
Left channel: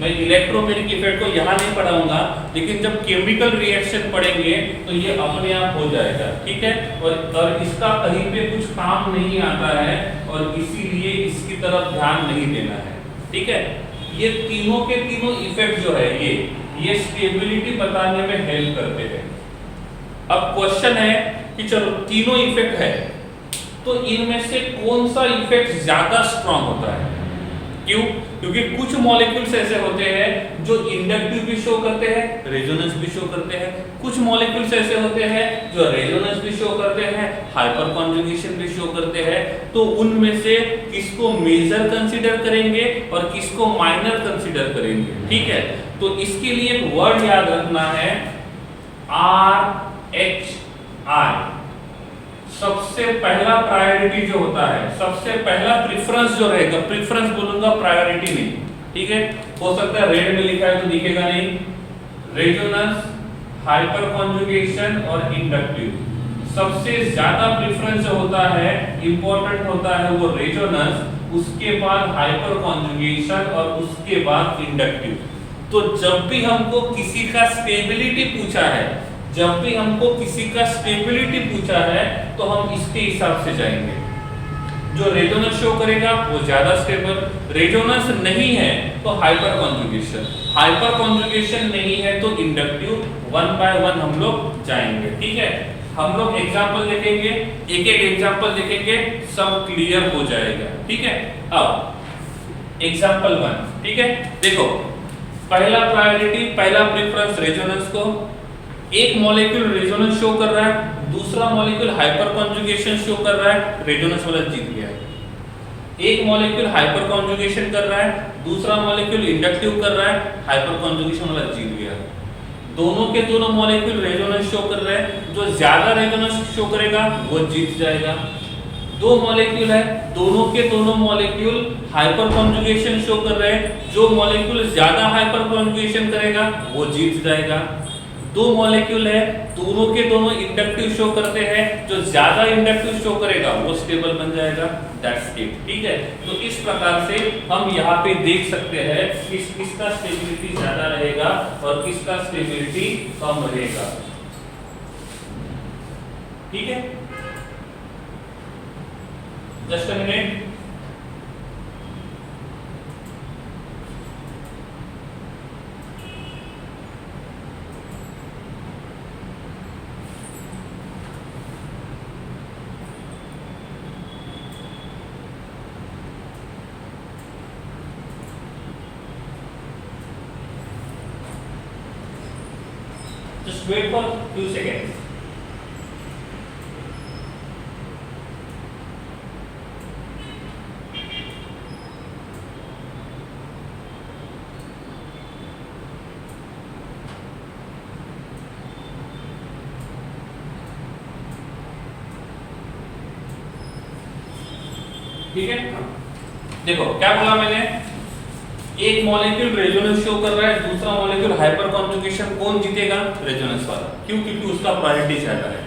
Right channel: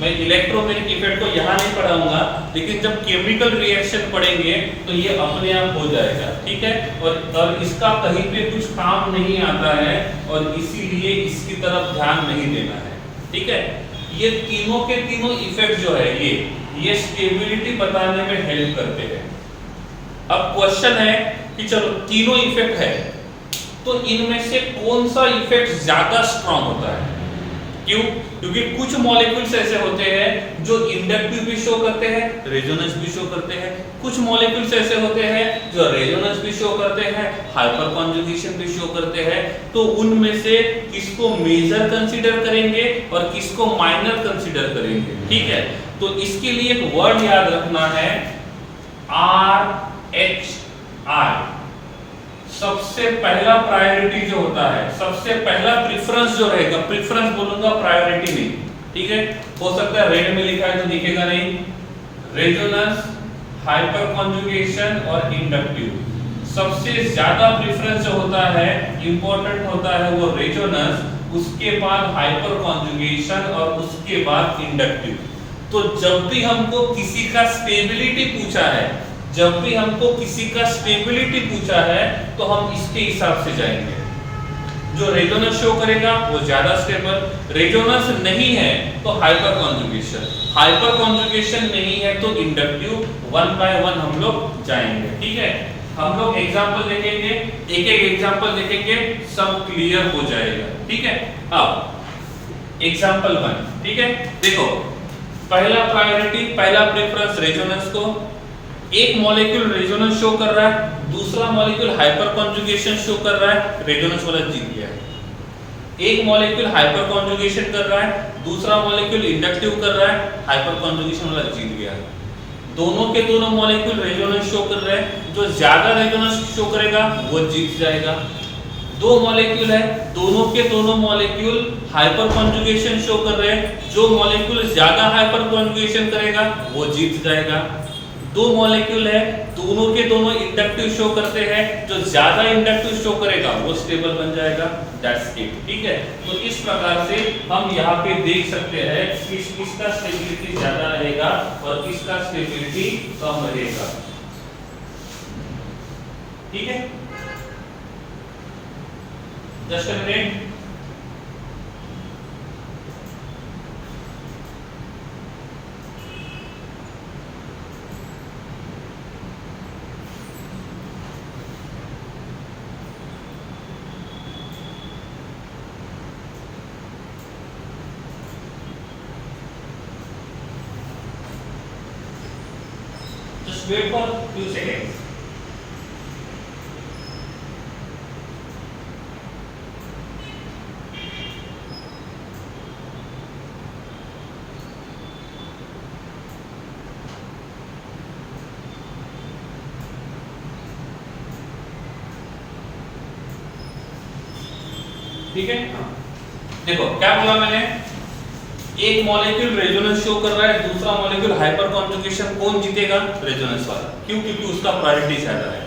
मैं इलेक्ट्रोमेरिक इफेक्ट को यहाँ नहीं पढ़ाऊंगा, लेकिन जब केमिकल रिएक्शन पढ़ेंगे तो ये अपने आप हो जाएगा, ठीक है। और इसका कहीं पे कुछ काम नहीं आता है और इसीलिए इसकी तरफ ध्यान नहीं देना है, ठीक है। ये तीनों के तीनों इफेक्ट जो है ये स्टेबिलिटी बताने में हेल्प करते हैं। अब क्वेश्चन है कि चलो तीनों इफेक्ट है तो इनमें से कौन सा इफेक्ट ज्यादा स्ट्रांग होता है? क्यों? क्योंकि कुछ मॉलिक्यूल्स ऐसे होते हैं जो इंडक्टिव भी शो करते हैं, रेजोनेंस भी शो करते हैं। कुछ मॉलिक्यूल्स ऐसे होते हैं जो रेजोनेंस भी शो करते हैं, हाइपर कॉन्जुगेशन भी शो करते हैं। तो उनमें से किसको मेजर कंसीडर करेंगे और किसको माइनर कंसीडर करेंगे, ठीक है। तो इसके लिए एक वर्ड याद रखना है, RHI। सबसे पहला प्रायोरिटी जो होता है, सबसे पहला प्रेफरेंस जो रहेगा, प्रेफरेंस बोलूंगा प्रायोरिटी नहीं, ठीक है। हो सकता है रेड में लिखा है तो दिखेगा नहीं। रेजोनेंस, हाइपर कॉन्जुगेशन और इंडक्टिव। सबसे ज्यादा प्रेफरेंस जो होता है, इंपॉर्टेंट होता है वो रेजोनेंस, उसके बाद हाइपर कॉन्जुगेशन और उसके बाद इंडक्टिव। तो जब भी हमको किसी का स्टेबिलिटी पूछा है, जब भी हमको किसी का स्टेबिलिटी पूछा है तो हम इसके हिसाब से जाएंगे। जो रेजोनेंस शो करेगा वो ज्यादा स्टेबल, रेजोनेंस नहीं है तो हाइपर कॉन्जुगेशन, हाइपर कॉन्जुगेशन नहीं है तो इंडक्टिव। 1 बाय 1 हम लोग जाएंगे, ठीक है। हम लोग एग्जांपल देखेंगे, एक एक एग्जांपल देखेंगे, सब क्लियर हो जाएगा, ठीक है। अब एग्जांपल 1, ठीक है। देखो पहला प्रायोरिटी, पहला प्रेफरेंस रेजोनेंस को। एक मॉलिक्यूल रेजोनेंस शो कर रहा है, दूसरा मॉलिक्यूल हाइपर कॉन्जुगेशन शो कर रहा है, रेजोनेंस वाला जीत गया है। एक मॉलिक्यूल हाइपर कॉन्जुगेशन कर रहा है, दूसरा मॉलिक्यूल इंडक्टिव कर रहा है, हाइपर कॉन्जुगेशन वाला जीत गया है। दोनों के दोनों मॉलिक्यूल रेजोनेंस शो कर रहे हैं, जो ज्यादा रेजोनेंस शो करेगा वो जीत जाएगा। दो मॉलिक्यूल है, दोनों के दोनों मॉलिक्यूल हाइपर कॉन्जुगेशन शो कर रहे हैं, जो मॉलिक्यूल ज्यादा हाइपर कॉन्जुगेशन करेगा वो जीत जाएगा। दो मॉलिक्यूल है, दोनों के दोनों इंडक्टिव शो करते हैं, जो ज्यादा इंडक्टिव शो करेगा वो स्टेबल बन जाएगा। दैट्स इट, ठीक है। तो इस प्रकार से हम यहाँ पे देख सकते हैं किसका स्टेबिलिटी ज्यादा रहेगा और किसका स्टेबिलिटी कम रहेगा, ठीक है। Just a minute. Just wait for few seconds. ठीक है, देखो क्या बोला मैंने, एक मॉलिक्यूल रेजोनेंस शो कर रहा है, दूसरा मॉलिक्यूल हाइपर कॉन्जुगेशन, कौन जीतेगा? रेजोनेंस वाला। क्यों? क्योंकि उसका प्रायोरिटी ज्यादा है।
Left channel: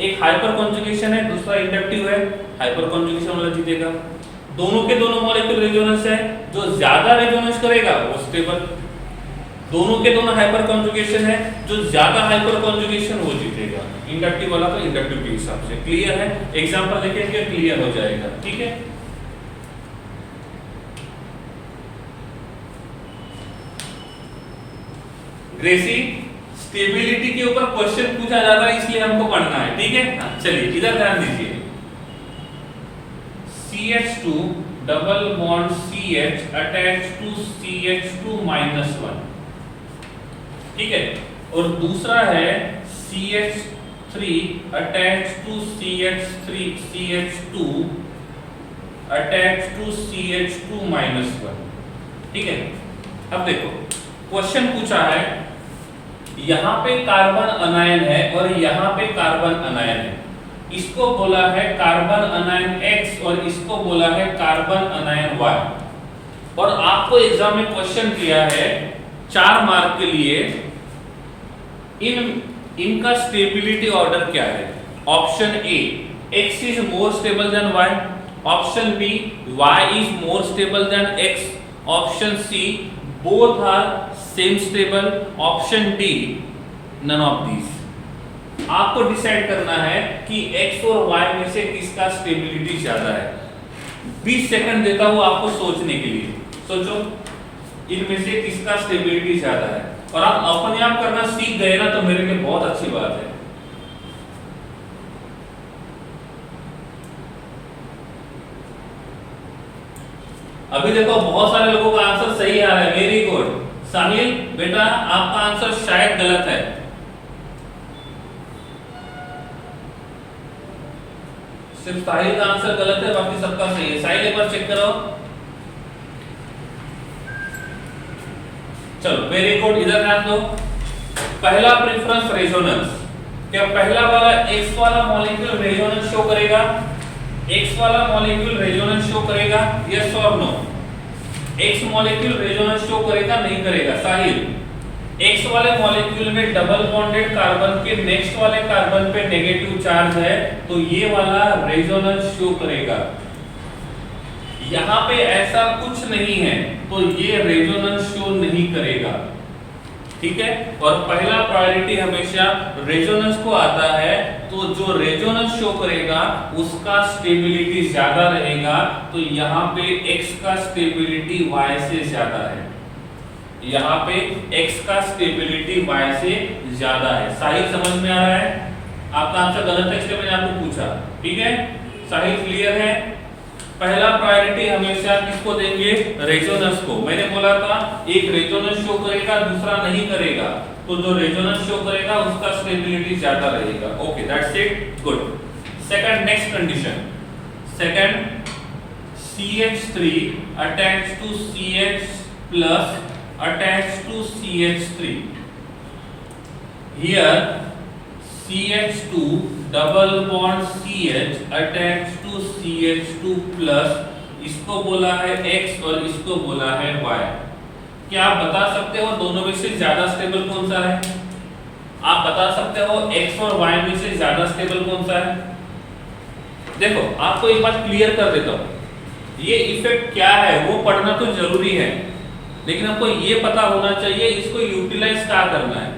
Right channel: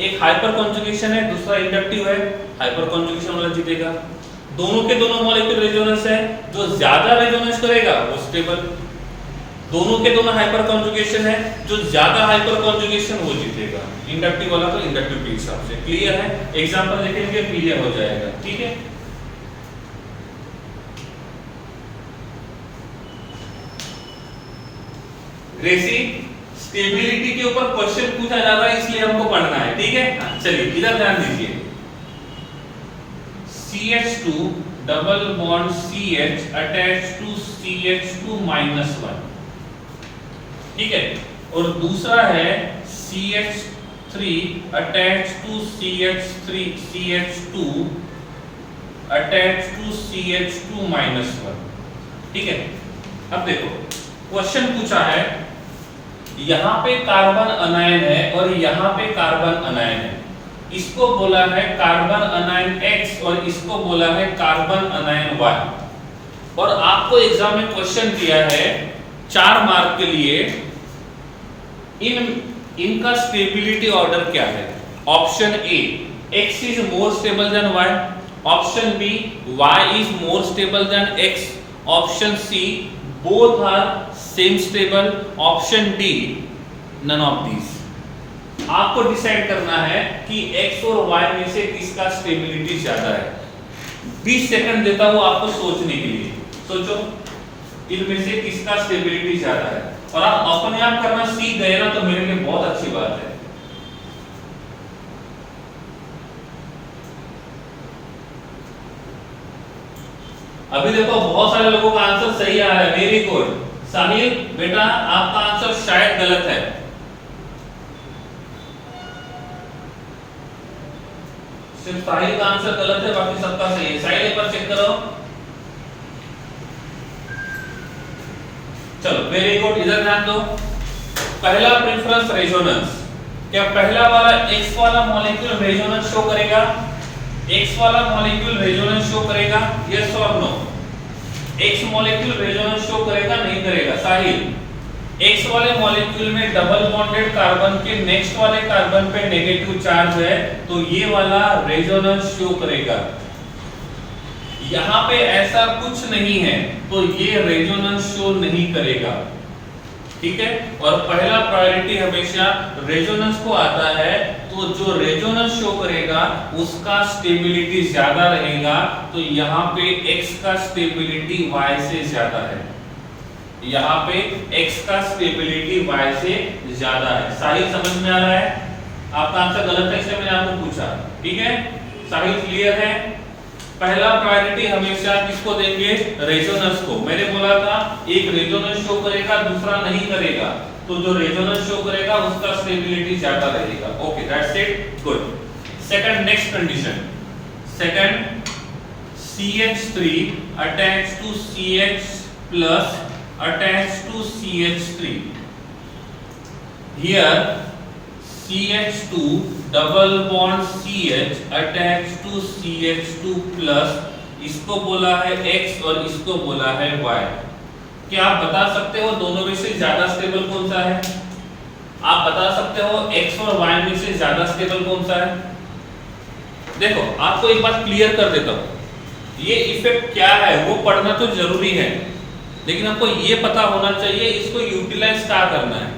एक हाइपर कॉन्जुगेशन है, दूसरा इंडक्टिव है, हाइपर कॉन्जुगेशन वाला जीतेगा। दोनों के दोनों मॉलिक्यूल रेजोनेंस है, जो ज्यादा रेजोनेंस करेगा वो स्टेबल। दोनों के दोनों हाइपर कॉन्जुगेशन है, जो ज्यादा हाइपर कॉन्जुगेशन वो जीतेगा। इंडक्टिव वाला तो इंडक्टिव के हिसाब से। क्लियर है? एग्जांपल देखेंगे, क्लियर हो जाएगा। ठीक है, ग्रेसी, स्टेबिलिटी के ऊपर क्वेश्चन पूछा जाता है, इसलिए हमको पढ़ना है। ठीक है, चलिए इधर ध्यान दीजिए। CH2 double bond CH attach to CH2 -1, ठीक है, और दूसरा है CH3 attach to CH2 attach to CH2 -1। ठीक है, अब देखो क्वेश्चन पूछा है, यहां पे कार्बन अनायन है और यहां पे कार्बन अनायन है। इसको बोला है कार्बन अनायन X और इसको बोला है कार्बन अनायन Y। और आपको एग्जाम में क्वेश्चन दिया है 4 मार्क के लिए, इनका स्टेबिलिटी ऑर्डर क्या है? Option A X is more stable than Y, option B Y is more stable than X, option C both are same stable, option D none of these. आपको decide करना है कि X और Y में से किसका स्टेबिलिटी ज्यादा है। 20 सेकंड देता हूं आपको सोचने के लिए, सोचो इनमें से किसका स्टेबिलिटी ज्यादा है। और आप अपने आप करना सीख गए ना, तो मेरे लिए बहुत अच्छी बात है। अभी देखो बहुत सारे लोगों का आंसर सही आ रहा है, वेरी गुड। साहिल बेटा आपका आंसर शायद गलत है। सिर्फ साहिल का आंसर गलत है, बाकी सबका सही है। साहिल एक बार चेक करो। चलो वेरी गुड, इधर ध्यान दो। पहला प्रेफरेंस रेजोनेंस, क्या पहला वाला X वाला मॉलिक्यूल रेजोनेंस शो करेगा? X वाला मॉलिक्यूल रेजोनेंस शो करेगा, यस और no? X molecule resonance show करेगा, नहीं करेगा? साहिल, X वाले मॉलिक्यूल में डबल बॉन्डेड कार्बन के नेक्स्ट वाले कार्बन पे नेगेटिव चार्ज है, तो ये वाला रेजोनेंस शो करेगा। यहां पे ऐसा कुछ नहीं है, तो ये रेजोनेंस शो नहीं करेगा। ठीक है, और पहला प्रायोरिटी हमेशा रेजोनेंस को आता है, तो जो रेजोनेंस शो करेगा उसका स्टेबिलिटी ज्यादा रहेगा। तो यहाँ पे X का स्टेबिलिटी Y से ज्यादा है, यहाँ पे X का स्टेबिलिटी Y से ज्यादा है। साहिल समझ में आ रहा है? आपका आंसर गलत है इसलिए मैंने आपको पूछा। ठीक है, साहिल क्लियर है? पहला प्रायोरिटी हमेशा किसको देंगे? रेजोनेंस को। मैंने बोला था एक रेजोनेंस शो करेगा, दूसरा नहीं करेगा, तो जो रेजोनेंस शो करेगा उसका स्टेबिलिटी ज्यादा रहेगा। Okay, that's it, good. Second, next condition, second CH3 attach to CH plus attached to CH3. Here CH2 double bond CH attached to CH2 plus, इसको बोला है X और इसको बोला है Y। क्या आप बता सकते हो दोनों में से ज्यादा स्टेबल कौन सा है? आप बता सकते हो X और Y में से ज्यादा स्टेबल कौन सा है? देखो आपको एक बात क्लियर कर देता हूं, ये इफेक्ट क्या है वो पढ़ना तो जरूरी है, लेकिन आपको ये पता होना चाहिए इसको यूटिलाइज कहाँ करना है,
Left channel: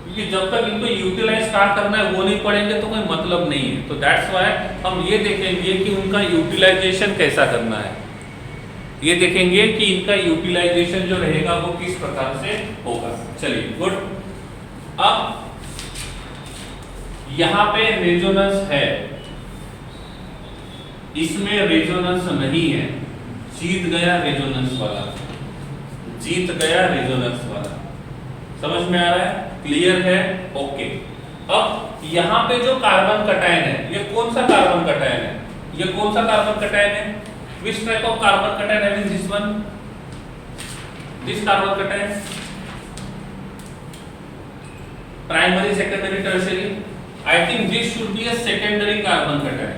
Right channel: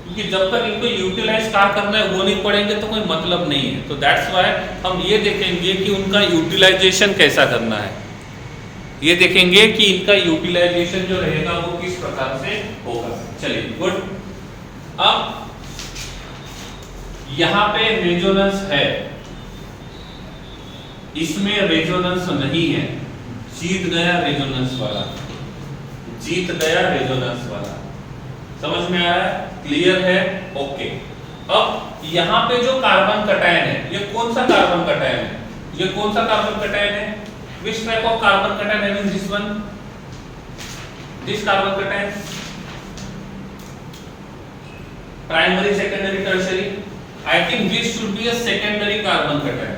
क्योंकि जब तक इनको यूटिलाइज कहाँ करना है वो नहीं पढ़ेंगे तो कोई मतलब नहीं है। तो दैट्स व्हाई हम ये देखेंगे कि उनका यूटिलाइजेशन कैसा करना है, ये देखेंगे कि इनका यूटिलाइजेशन जो रहेगा वो किस प्रकार से होगा। चलिए गुड। अब यहाँ पे रेजोनेंस है, इसमें रेजोनेंस नहीं है, जीत गया रेजोनेंस वाला, जीत गया रेजोनेंस वाला। समझ में आ रहा है? क्लियर है? ओके। अब यहां पे जो कार्बन कटायन है, ये कौन सा कार्बन कटायन है? ये कौन सा कार्बन कटायन है? Which type of carbon cation है? Means this one, this carbon cation, primary, secondary, tertiary. I think this should be a secondary carbon cation.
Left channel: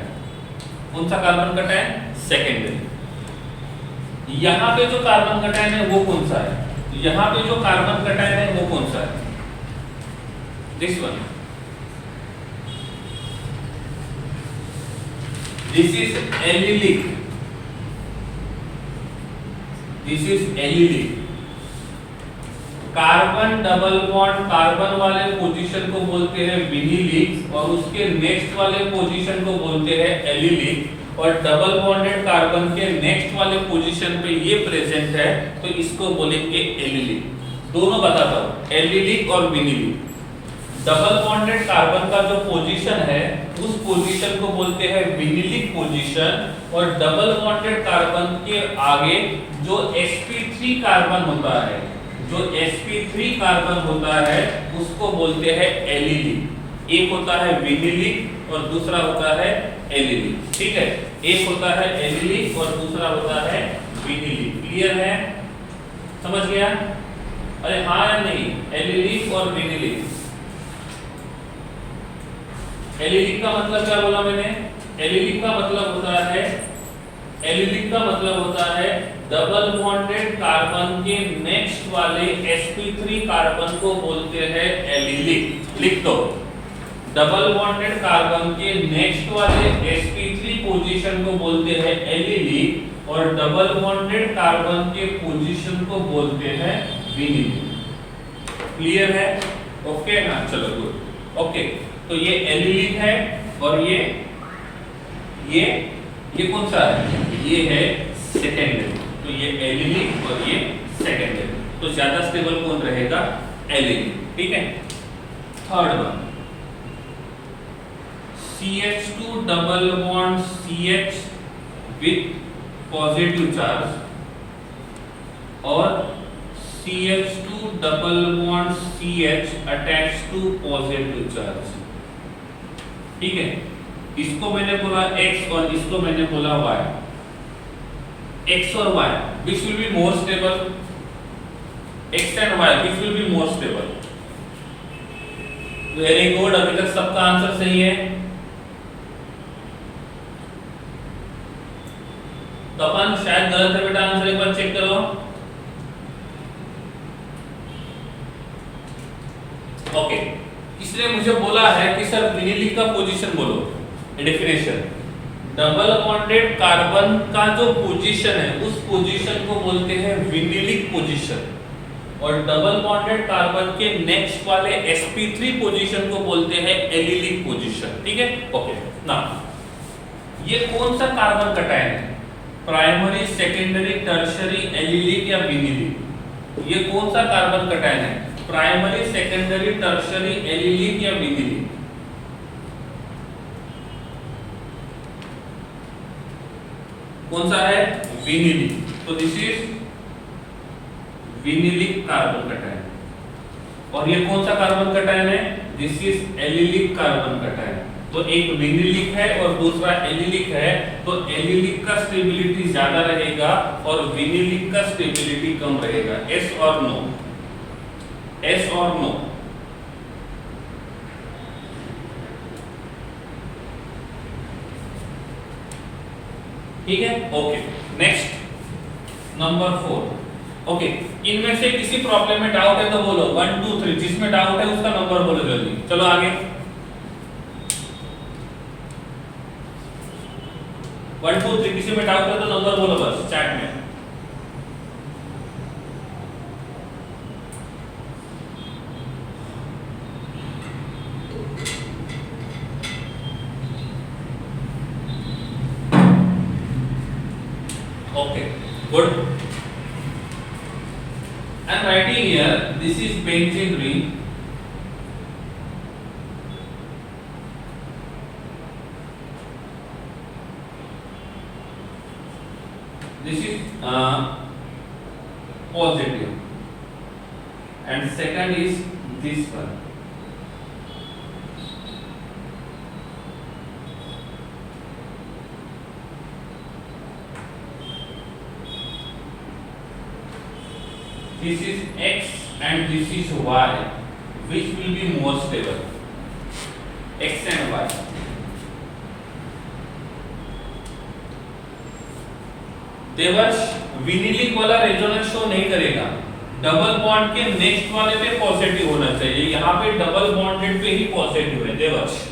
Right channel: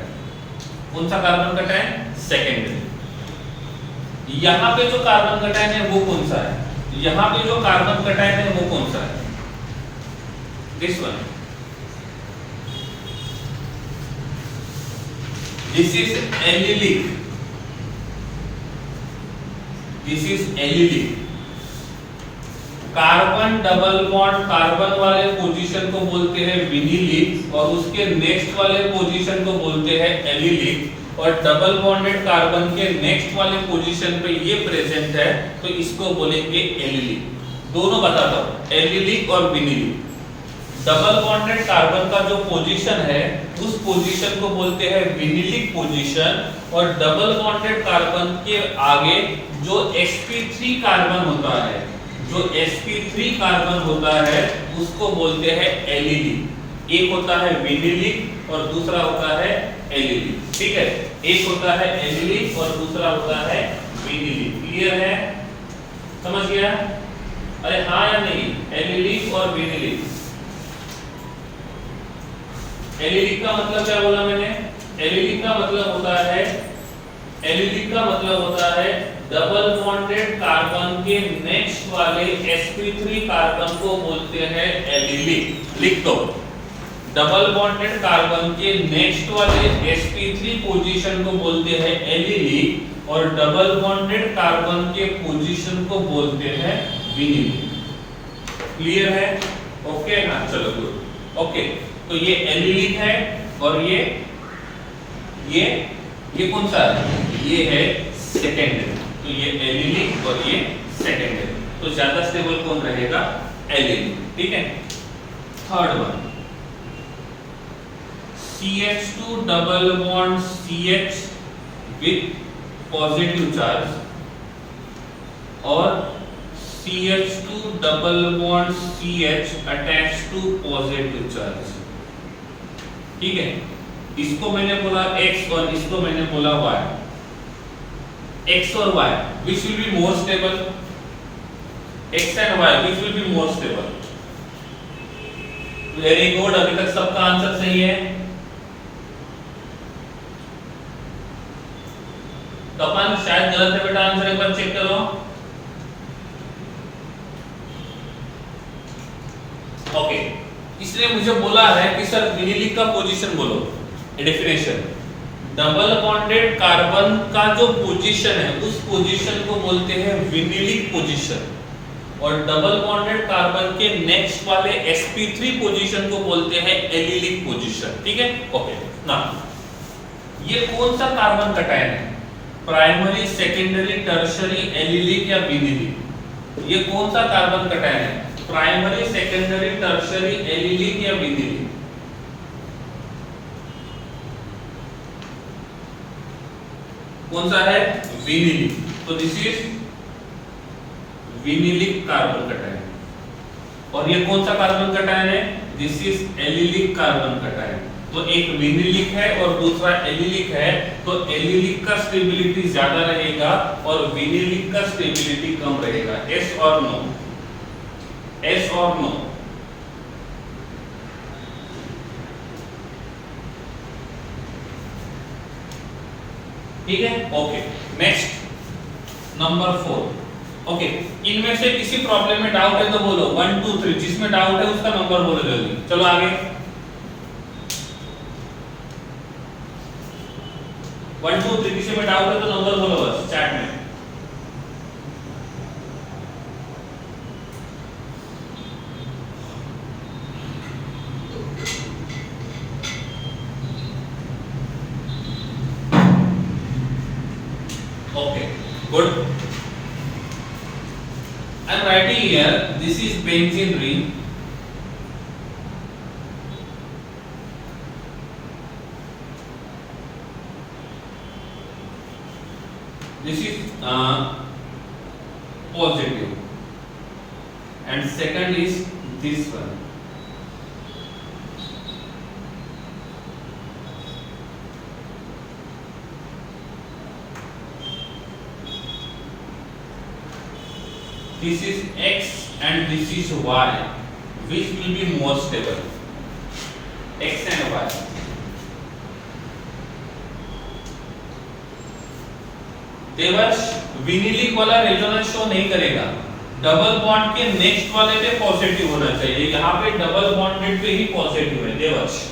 कौन सा कार्बन कटायन? सेकेंडरी। यहाँ पे जो कार्बन कटायन है वो कौन सा है, यहाँ पे जो कार्बन कटायन है वो कौन सा है, this one, this is allylic, this is allylic. Carbon double bond carbon वाले पोजीशन को बोलते हैं विनिलिक और उसके नेक्स्ट वाले पोजीशन को बोलते हैं एलिलिक, और डबल बॉन्डेड कार्बन के नेक्स्ट वाले पोजीशन पे ये प्रेजेंट है तो इसको बोलेंगे एलिलिक। दोनों बताता हूं, एलिलिक और विनिलिक। डबल बॉन्डेड कार्बन का जो पोजीशन है उस पोजीशन को बोलते हैं विनिलिक पोजीशन, और डबल बॉन्डेड कार्बन के आगे जो sp3 कार्बन होता है, जो sp3 कार्बन होता है उसको बोलते हैं एलिलिक। एक होता है विनिलिक और दूसरा होता है एलिलिक, ठीक है। एक होता है एलिलिक और दूसरा होता है विनिलिक। क्लियर है, समझ गया? अरे हाँ या नहीं, एलिलिक और विनिलिक। एलिलिक का मतलब क्या बोला मैंने? एलिलिक का मतलब होता है, एलिलिक का मतलब होता है डबल बॉन्डेड कार्बन के नेक्स्ट वाले sp3 कार्बन को बोलते हैं एलिलिक। लिख दो, डबल बॉन्डेड कार्बन के नेक्स्ट वाले sp3 पोजीशन को बोलते हैं एलिलिक और डबल बॉन्डेड कार्बन के पोजीशन को बोलते हैं विनिलिक। क्लियर है? ओके ना, चलो गुड। ओके, तो ये एलिलिक है और ये कौन सा है? ये है सेकेंडरी। तो ये एलिलिक और ये सेकेंडरी, तो ज्यादा स्टेबल कौन रहेगा? एलिलिक, ठीक है। Third one, CH2 double bond CH with positive charge और CH2 double bond CH attach to positive charge, ठीक है। इसको मैंने बोला X और इसको मैंने बोला Y। X और Y which will be more stable? X and Y which will be more stable? Very good, अभी तक सबका आंसर सही है। तो अपन शायद गलत है बेटा, आंसर एक बार चेक करो। ओके, इसलिए मुझे बोला है कि सर विनिलिक का पोजीशन बोलो। डेफिनेशन, डबल बॉन्डेड कार्बन का जो पोजीशन है उस पोजीशन को बोलते हैं विनिलिक पोजीशन, और डबल बॉन्डेड कार्बन के नेक्स्ट वाले sp3 पोजीशन को बोलते हैं एलिलिक पोजीशन, ठीक है। ओके ना, ये कौन सा कार्बन कटायन है? प्राइमरी, सेकेंडरी, टर्शियरी, एलिलिक या विनिलिक? ये कौन सा कार्बन कटायन है? प्राइमरी, सेकेंडरी, टर्शियरी, एलिलिक या विनिलिक? कौन सा है? विनिलिक। तो दिस इज विनिलिक कार्बन कटायन। और ये कौन सा कार्बन कटायन है? This is allylic carbon cation. तो एक विनिलिक है और दूसरा एलिलिक है, तो एलिलिक का स्टेबिलिटी ज्यादा रहेगा और विनिलिक का स्टेबिलिटी कम रहेगा। यस और नो? यस और नो? ठीक है, ओके। Next number 4। ओके, इनमें से किसी प्रॉब्लम में डाउट है तो बोलो 1 2 3, जिसमें डाउट है उसका नंबर बोलो जल्दी। चलो आगे, 1 2 3 किसी में डाउट है तो नंबर बोलो बस चैट में। Okay, good. I am writing here, this is benzene ring. This is positive, and second is this one. This is X and this is Y. Which will be more stable? X and Y. विनिलिक वाला resonance show नहीं करेगा, double bond के next वाले पे positive होना चाहिए, यहाँ पे डबल बॉन्डेड पे ही पॉजिटिव है देवर्ष।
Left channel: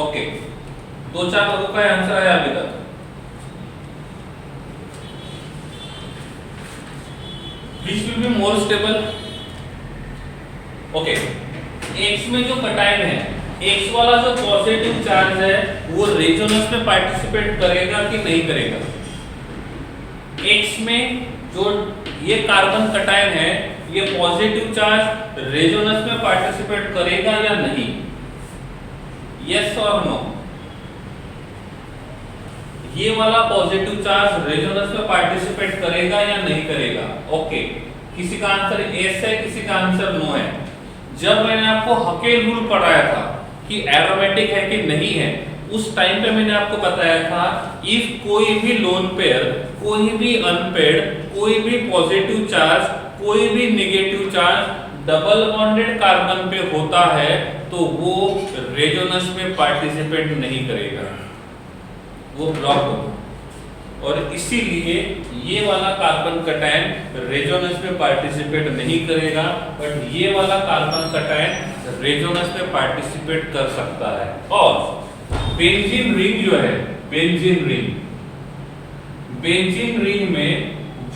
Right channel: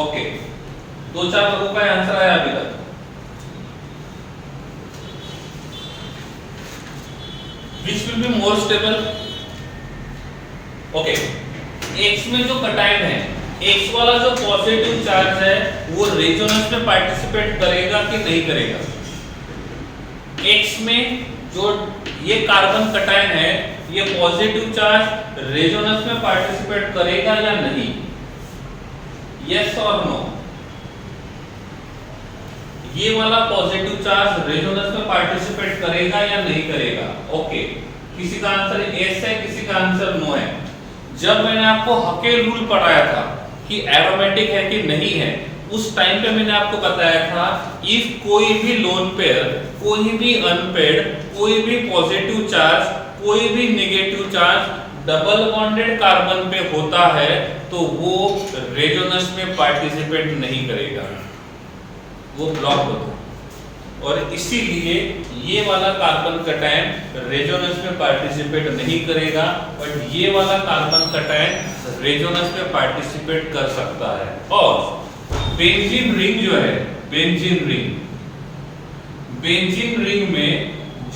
ओके, दो चार लोगों का आंसर आया अभी तक। Which will be more stable? Okay, X में जो कटायन है, X वाला जो पॉजिटिव चार्ज है वो रेजोनेंस में पार्टिसिपेट करेगा कि नहीं करेगा? X में जो ये कार्बन कटायन है, ये पॉजिटिव चार्ज रेजोनेंस में पार्टिसिपेट करेगा या नहीं? यस और नो? ये वाला पॉजिटिव चार्ज रेजोनेंस में पार्टिसिपेट करेगा या नहीं करेगा? ओके, किसी का आंसर यस है, किसी का आंसर नो है। जब मैंने आपको हकेल रूल पढ़ाया था कि एरोमेटिक है कि नहीं है, उस टाइम पे मैंने आपको बताया था इफ कोई भी लोन पेयर, कोई भी अनपेयर्ड, कोई भी पॉजिटिव चार्ज, कोई भी negative charge double bonded carbon पे होता है तो वो रेजोनेंस में पार्टिसिपेट नहीं करेगा, वो ब्लॉक होता है। और इसीलिए ये वाला कार्बन कटायन रेजोनेंस में पार्टिसिपेट नहीं करेगा, बट ये वाला कार्बन कटायन रेजोनेंस में पार्टिसिपेट कर सकता है। और बेंजीन रिंग जो है, बेंजीन रिंग में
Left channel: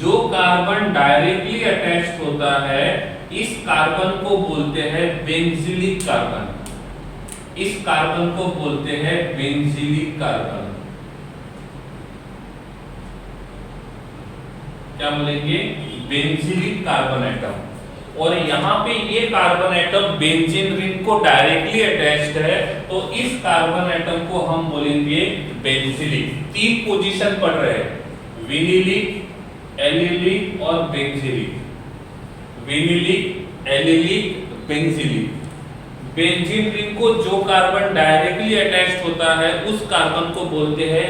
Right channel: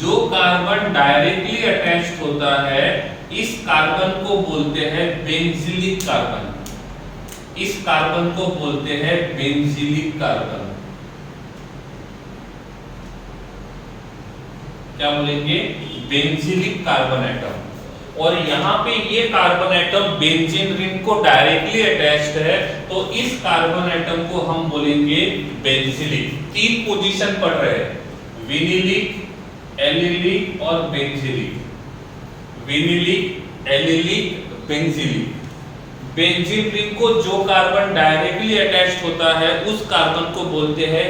जो कार्बन डायरेक्टली अटैच्ड होता है, इस कार्बन को बोलते हैं बेंजीलिक कार्बन। इस कार्बन को बोलते हैं बेंजीलिक कार्बन। क्या बोलेंगे? Benzylic carbon atom. और यहाँ पे ये कार्बन एटम बेंजीन रिंग को डायरेक्टली अटैच्ड है, तो इस कार्बन एटम को हम बोलेंगे बेंजीलिक। तीन पोजीशन पढ़ रहे हैं, विनिलिक, एलिलिक और benzylic. Vinylic, allylic, benzylic. Benzene ring को जो कार्बन डायरेक्टली अटैच्ड होता है उस कार्बन को बोलते हैं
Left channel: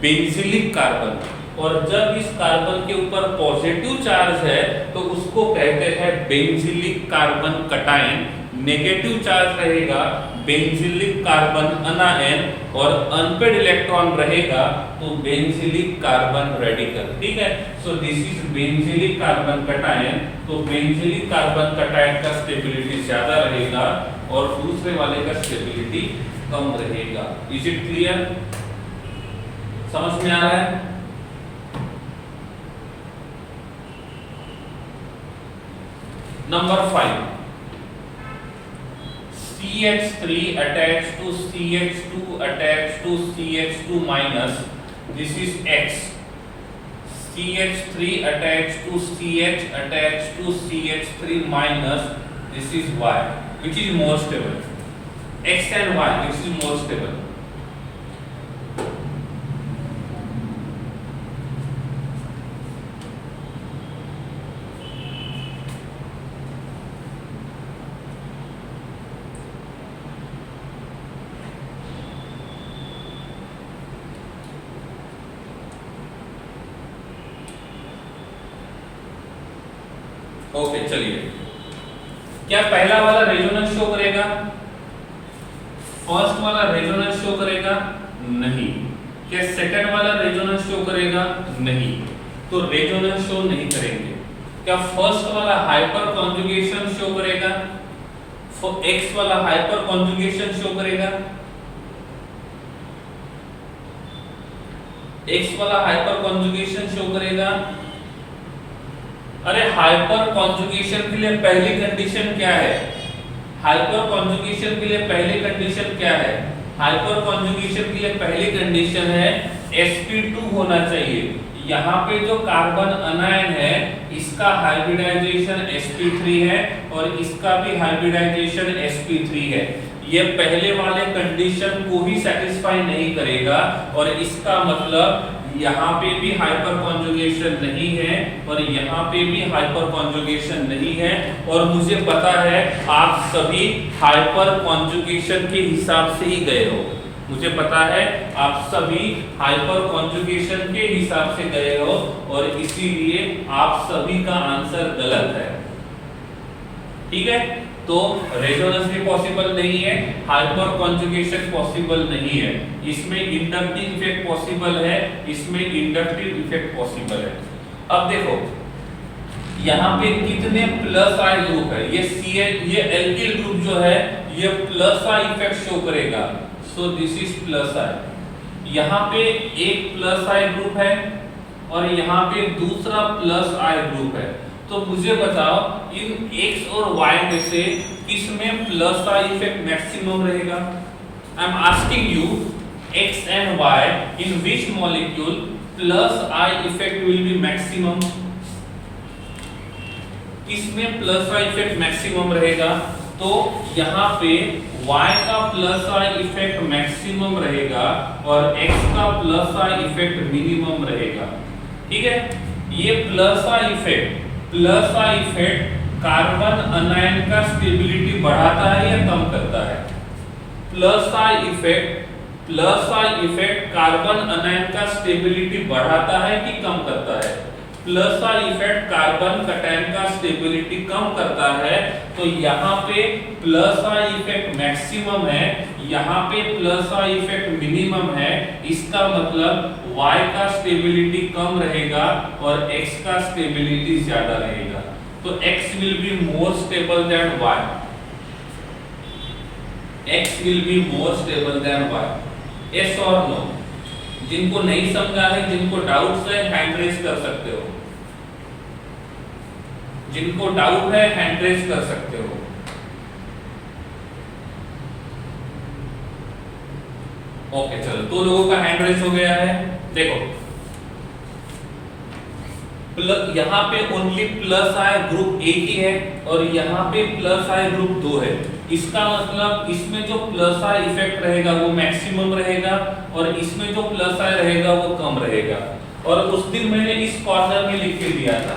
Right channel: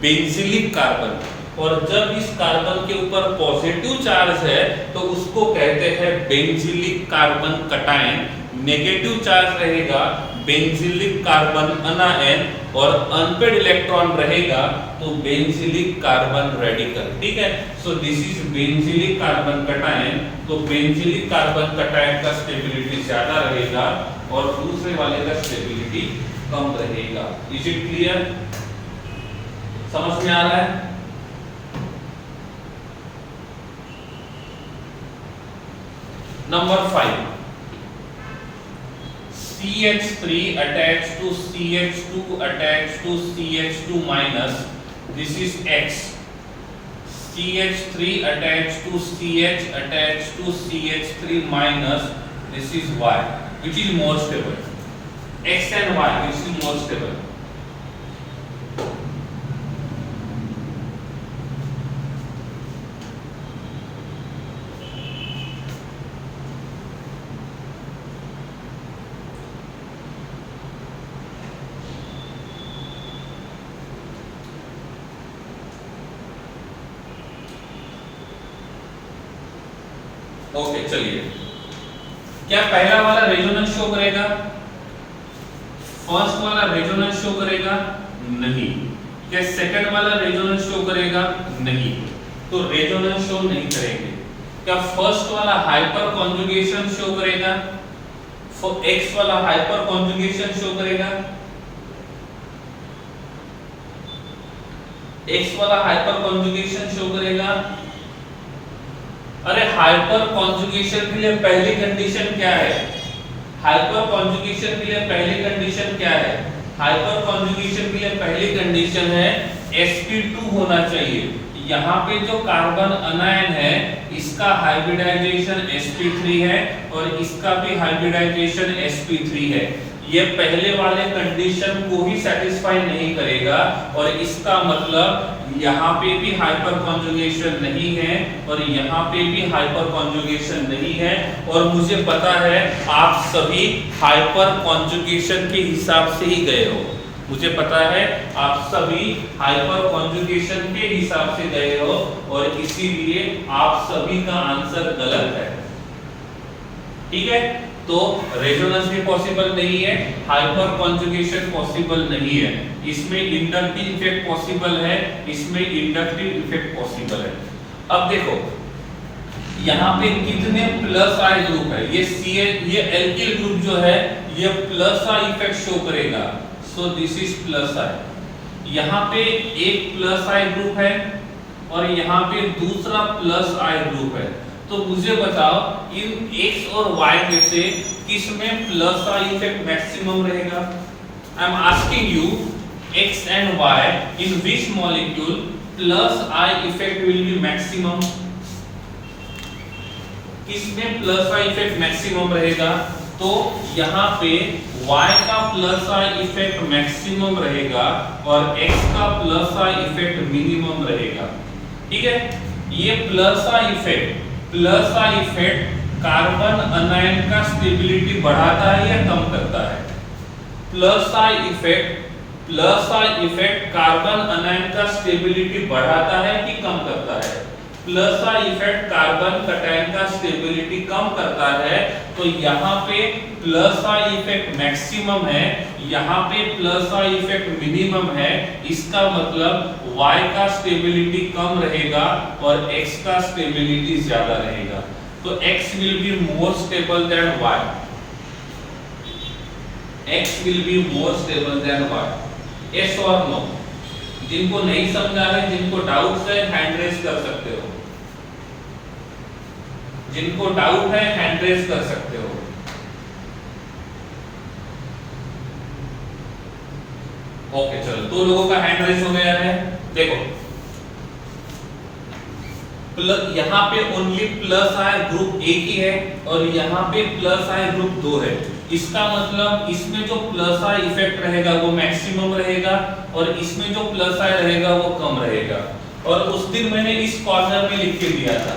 बेंजीलिक कार्बन। और जब इस कार्बन के ऊपर पॉजिटिव चार्ज है तो उसको कहते हैं benzylic carbon cation. Negative charge रहेगा बेंजीलिक कार्बन अनायन और अनपेड इलेक्ट्रॉन रहेगा तो बेंजीलिक कार्बन रेडिकल। ठीक है, सो this is benzylic carbon cation. तो बेंजीलिक कार्बन कटायन का स्टेबिलिटी ज्यादा रहेगा और दूसरे वाले का स्टेबिलिटी कम रहेगा। Is it clear? समझ में आ रहा है? Number 5, CH3 attached to CH2 attached to CH2 minus, this is X. CH3 attached to CH attached to CH3 minus, this is Y. Which is more stable? X and Y, which is more stable? Okay, चलिए, क्या पहला वाला resonance show करेगा? First वाला resonance show करेगा? नहीं। क्या second वाला रेजोनेंस शो करेगा? नहीं। तो रेजोनेंस शो नहीं करेंगे। क्या फर्स्ट वाला हाइपर कॉन्जुगेशन शो करेगा? एक्स वाला हाइपर कॉन्जुगेशन शो करेगा? एक्स वाला हाइपर कॉन्जुगेशन शो करेगा? अरे हाइपर कॉन्जुगेशन के लिए पहली कंडीशन क्या है? हाइपर कॉन्जुगेशन के लिए पहली कंडीशन क्या है? हाइपर कॉन्जुगेशन के लिए पहली कंडीशन है sp2 होना चाहिए। यहाँ पे जो कार्बन अनायन है इसका हाइब्रिडाइजेशन sp3 है और इसका भी हाइब्रिडाइजेशन sp3 है। ये पहले वाले कंडीशन को ही सेटिस्फाई नहीं करेगा और इसका मतलब यहाँ पे भी हाइपर कॉन्जुगेशन नहीं है और यहाँ पे भी हाइपर कॉन्जुगेशन नहीं है। और मुझे पता है आप सभी हाइपर कॉन्जुगेशन के हिसाब से ही गए हो। मुझे पता है आप सभी हाइपर कॉन्जुगेशन के हिसाब से गए हो और इसीलिए आप सभी का आंसर गलत है। ठीक है, तो रेजोनेंस भी पॉसिबल नहीं है, हाइपर कॉन्जुगेशन पॉसिबल नहीं है, इसमें इंडक्टिव इफेक्ट पॉसिबल है, इसमें इंडक्टिव इफेक्ट पॉसिबल है। अब देखो यहाँ पे कितने प्लस आई ग्रुप है, ये एल्किल ग्रुप जो है ये प्लस आई इफेक्ट शो करेगा, सो दिस इज प्लस आई। यहाँ पे एक प्लस आई ग्रुप है और यहाँ पे दूसरा प्लस आई ग्रुप है, तो मुझे बताओ इन x और y में से किसमें प्लस आई इफेक्ट मैक्सिमम रहेगा? I am asking you x and y in which molecule plus I effect will be maximum? किसमें प्लस आई इफेक्ट मैक्सिमम रहेगा? तो यहाँ पे y का प्लस आई इफेक्ट मैक्सिमम रहेगा और x का प्लस आई इफेक्ट मिनिमम रहेगा। ठीक है, ये प्लस आई इफेक्ट कार्बन अनायन का स्टेबिलिटी बढ़ाता है या कम करता है? प्लस आई इफेक्ट कार्बन अनायन का स्टेबिलिटी बढ़ाता है कि कम करता है? Plus I effect carbon cation का स्टेबिलिटी कम करता है, तो यहाँ पे प्लस आई इफेक्ट मैक्सिमम है, यहाँ पे प्लस आई इफेक्ट मिनिमम है, इसका मतलब y का स्टेबिलिटी कम रहेगा और x का स्टेबिलिटी ज्यादा रहेगा, तो x will be more stable than y, x will be more stable than y, yes or no? जिनको नहीं समझा है, जिनको डाउट्स है, हैंड रेज कर सकते हो, जिनको डाउट है हैंड रेज कर सकते हो। ओके चलो, दो लोगों का हैंड रेज हो गया है। देखो यहाँ पे ओनली प्लस आई ग्रुप एक ही है और यहाँ पे प्लस आई ग्रुप दो है, इसका मतलब इसमें जो प्लस आई इफेक्ट रहेगा वो मैक्सिमम रहेगा और इसमें जो प्लस आई रहेगा वो कम रहेगा। और उस दिन मैंने इस कॉर्नर में लिख के दिया था,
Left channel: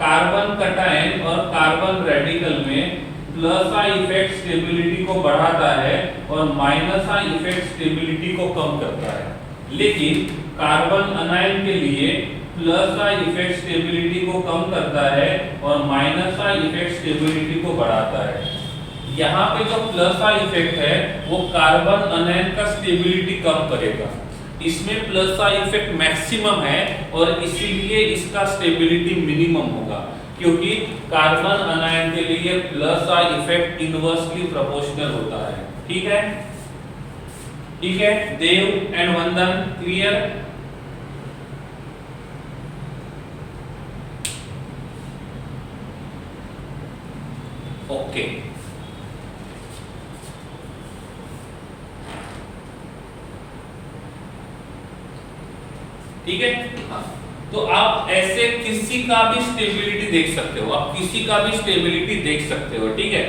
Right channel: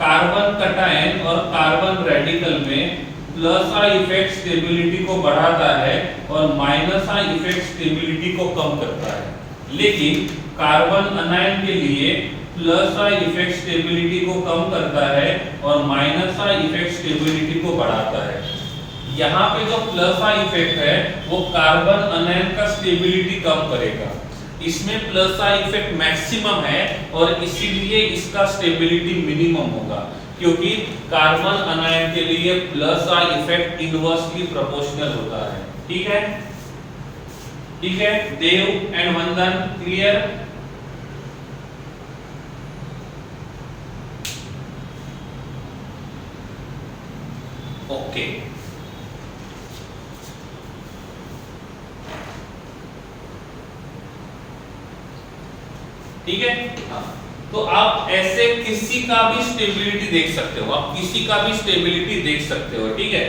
कार्बन कटायन और कार्बन रेडिकल में प्लस आई इफेक्ट स्टेबिलिटी को बढ़ाता है और माइनस आई इफेक्ट स्टेबिलिटी को कम करता है, लेकिन कार्बन अनायन के लिए प्लस आई इफेक्ट स्टेबिलिटी को कम करता है और माइनस आई इफेक्ट स्टेबिलिटी को बढ़ाता है। यहाँ पे जो प्लस आई इफेक्ट है वो कार्बन अनायन का स्टेबिलिटी कम करेगा, इसमें प्लस आई इफेक्ट मैक्सिमम है और इसीलिए इसका स्टेबिलिटी मिनिमम होगा, क्योंकि कार्बन अनायन के लिए plus I effect inversely proportional होता है। ठीक है, ठीक है देव एंड वंदन, क्लियर? ओके ठीक है, तो आप ऐसे किसी का भी स्टेबिलिटी देख सकते हो, आप किसी का भी स्टेबिलिटी देख सकते हो। ठीक है,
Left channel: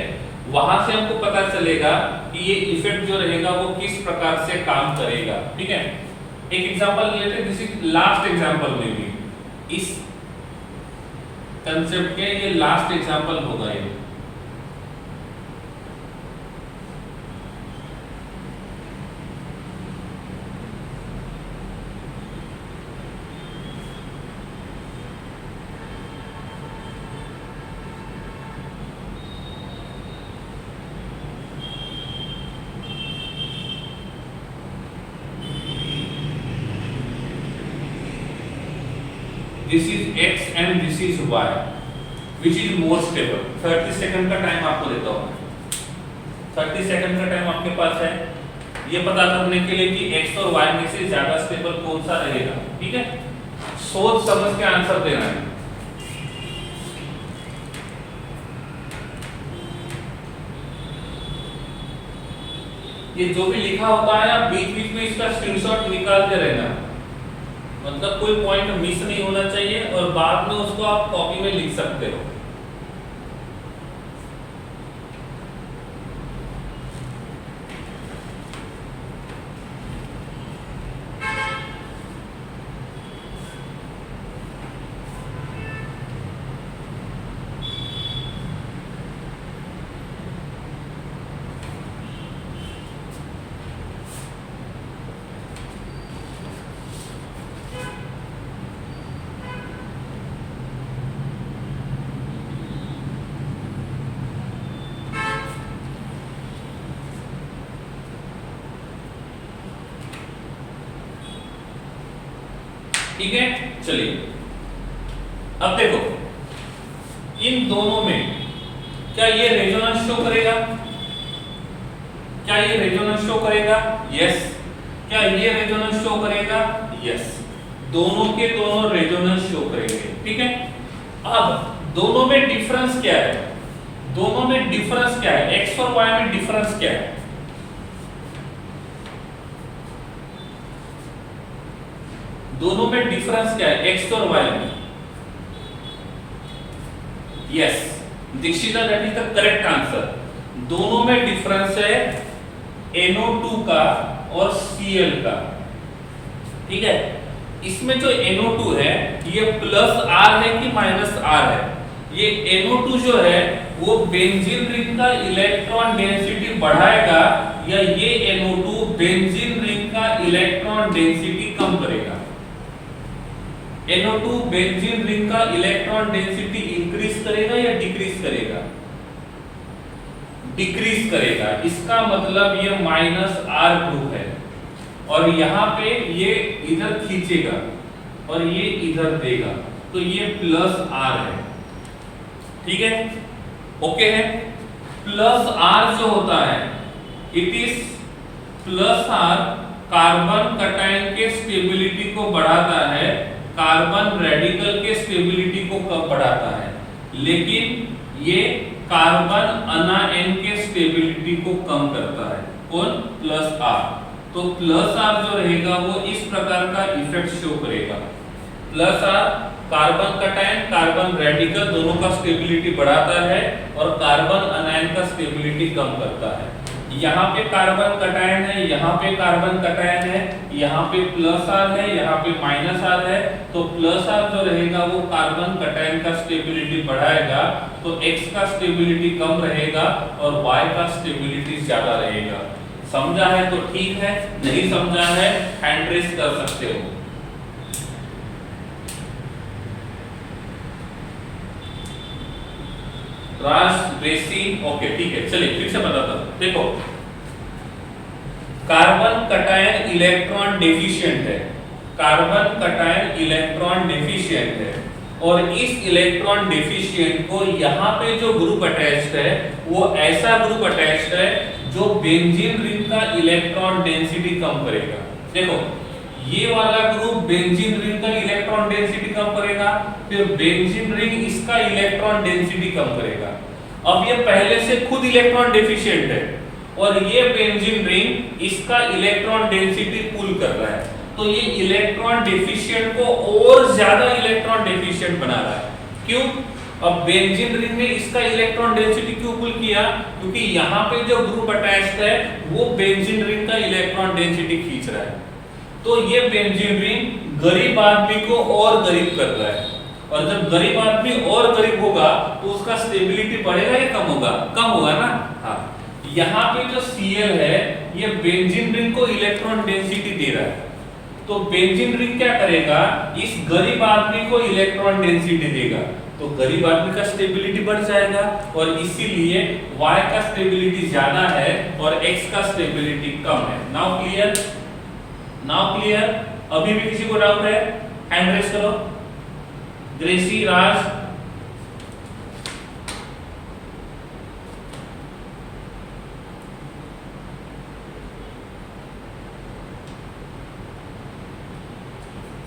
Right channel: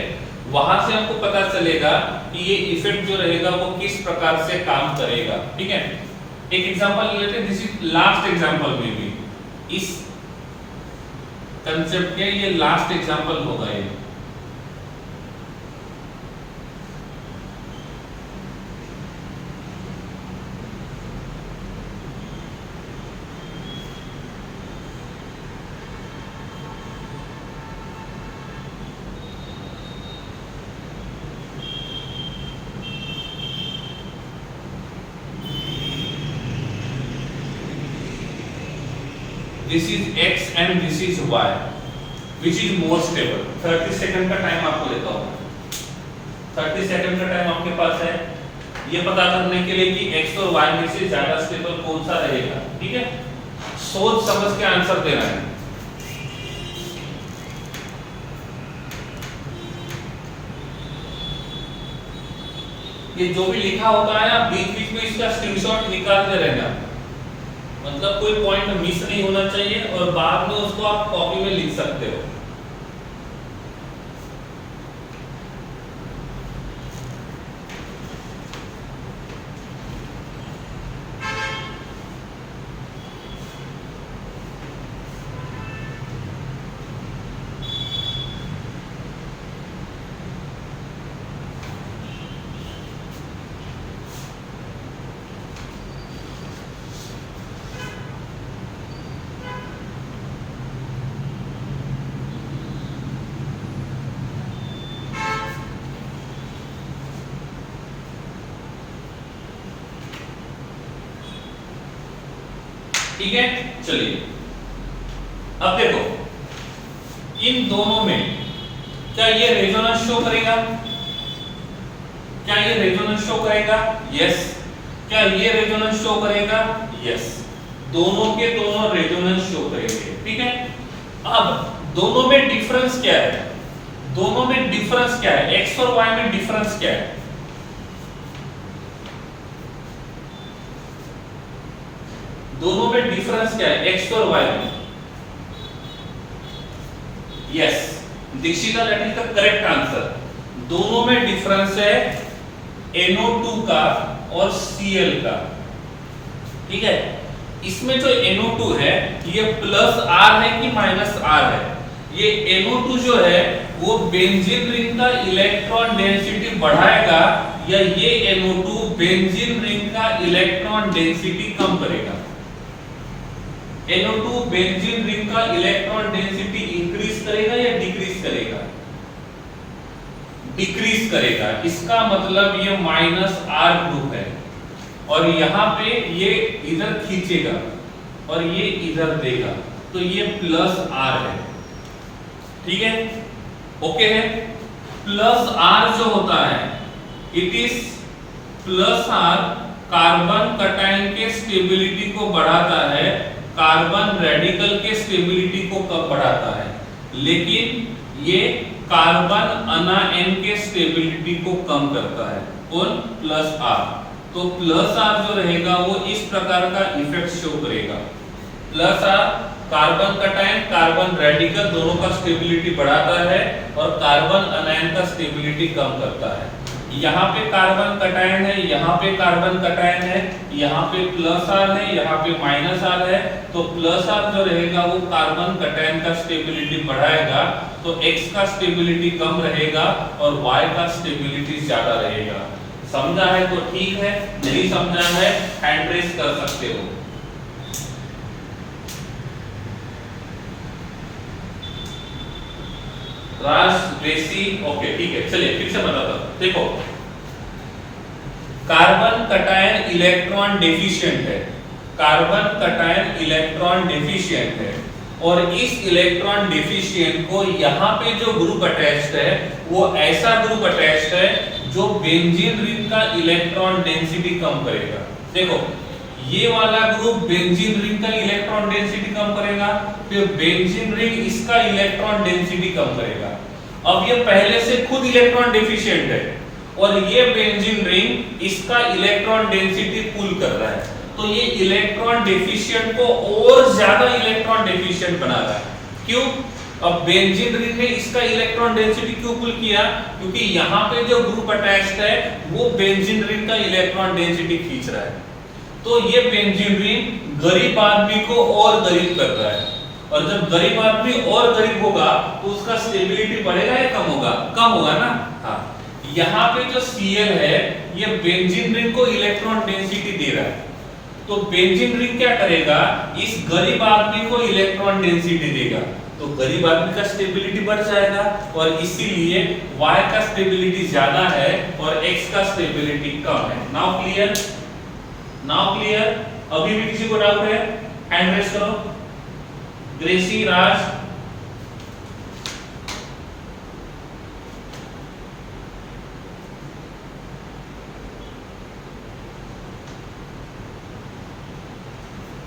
वहां से हमको पता चलेगा कि ये इफेक्ट जो रहेगा वो किस प्रकार से काम करेगा। ठीक है, एक एग्जांपल लेते हैं, दिस इज लास्ट एग्जांपल में भी इस कंसेप्ट के ये लास्ट एग्जांपल होगा ये। This is x and this is y, which is more stable? 30 second का टाइम आपको देता हूँ, 30 सेकंड का टाइम आपके पास है ये पता करने के लिए कि x और y में से ज्यादा स्टेबल कौन सा रहेगा। ठीक है, सोच समझ के आंसर देना है। ये जो भी लिखा होता है आप बीच बीच में इसका स्क्रीनशॉट निकालते रहना, मतलब कोई पॉइंट मिस नहीं होना चाहिए और बाद में उसको आप कॉपी में लिख सकते हो। ठीक है, चलिए अब देखो इन दोनों में क्या ये रेजोनेंस शो करेगा? क्या ये रेजोनेंस शो करेगा? यस। क्या ये रेजोनेंस शो करेगा? यस। दोनों के दोनों रेजोनेंस शो करेंगे, ठीक है। अब दोनों में डिफरेंस क्या है? दोनों में डिफरेंस क्या है? एक्स और वाई में डिफरेंस क्या है? दोनों में डिफरेंस क्या है एक्स और वाई में? Yes Dikshita, that is the correct answer. दोनों में डिफरेंस है NO2 का और Cl का, ठीक है। इसमें जो NO2 है ये प्लस R है कि माइनस R है? ये NO2 जो है वो बेंजीन रिंग का इलेक्ट्रॉन डेंसिटी बढ़ाएगा या ये NO2 बेंजीन रिंग का इलेक्ट्रॉन डेंसिटी कम करेगा? NO2 बेंजीन रिंग का इलेक्ट्रॉन डेंसिटी इंक्रीज करेगा या डिक्रीज करेगा? डिक्रीज करेगा। इसका मतलब ये माइनस R ग्रुप है और यहाँ पे ये इधर खींचेगा और ये इधर देगा, तो ये प्लस R है, ठीक है, ओके है। प्लस R जो होता है it is plus R carbon cation के स्टेबिलिटी को बढ़ाता है, कार्बन रेडिकल के स्टेबिलिटी को कम बढ़ाता है, लेकिन ये कार्बन अनायन के स्टेबिलिटी को कम करता है। कौन? Plus R। तो प्लस R जो रहेगा वो इस प्रकार का इफेक्ट शो करेगा। Plus R carbon cation carbon radical दोनों का स्टेबिलिटी बढ़ाता है और कार्बन अनायन का स्टेबिलिटी कम करता है। यहाँ पे कार्बन कटायन है, यहाँ पे कार्बन कटायन है, यहाँ पे प्लस R है, यहाँ पे माइनस R है, तो प्लस R जो रहेगा वो कार्बन कटायन का स्टेबिलिटी बढ़ाएगा, तो X का स्टेबिलिटी कम रहेगा और Y का स्टेबिलिटी ज्यादा रहेगा। समझा है तो ठीक है, नहीं समझा है हैंड रेज कर सकते हो। राज ग्रेसी, ओके ठीक है, चलिए फिर से बताता हूं। देखो कार्बन कटायन इलेक्ट्रॉन डेफिशिएंट है, कार्बन कटायन इलेक्ट्रॉन डेफिशिएंट है और इस इलेक्ट्रॉन डेफिशिएंट को यहाँ पे जो ग्रुप अटैच्ड है वो ऐसा ग्रुप अटैच्ड है जो बेंजीन रिंग का इलेक्ट्रॉन डेंसिटी कम करेगा। देखो ये वाला ग्रुप बेंजीन रिंग का इलेक्ट्रॉन डेंसिटी कम करेगा, फिर बेंजीन रिंग इसका इलेक्ट्रॉन डेंसिटी कम करेगा। अब ये पहले से खुद इलेक्ट्रॉन डेफिशिएंट है और ये बेंजीन रिंग इसका इलेक्ट्रॉन डेंसिटी पुल कर रहा है, तो ये इलेक्ट्रॉन डेफिशिएंट को और ज्यादा इलेक्ट्रॉन डेफिशिएंट बना रहा है। क्यों? अब बेंजीन रिंग ने इसका इलेक्ट्रॉन डेंसिटी क्यों पुल किया? क्योंकि यहाँ पे जो ग्रुप अटैच्ड है वो बेंजीन रिंग का इलेक्ट्रॉन डेंसिटी खींच रहा है, तो ये बेंजीन रिंग गरीब आदमी को और गरीब कर रहा है, और जब गरीब आदमी और गरीब होगा तो उसका स्टेबिलिटी बढ़ेगा या कम होगा? कम होगा ना। हाँ, यहाँ पे जो Cl है ये बेंजीन रिंग को इलेक्ट्रॉन डेंसिटी दे रहा है, तो बेंजीन रिंग क्या करेगा? इस गरीब आदमी को इलेक्ट्रॉन डेंसिटी देगा, तो गरीब आदमी का स्टेबिलिटी बढ़ जाएगा और इसीलिए Y का स्टेबिलिटी ज्यादा है और X का स्टेबिलिटी कम है। Now clear? Now clear? अभी भी किसी को डाउट है? हैंड रेज करो। ग्रेसी, राज,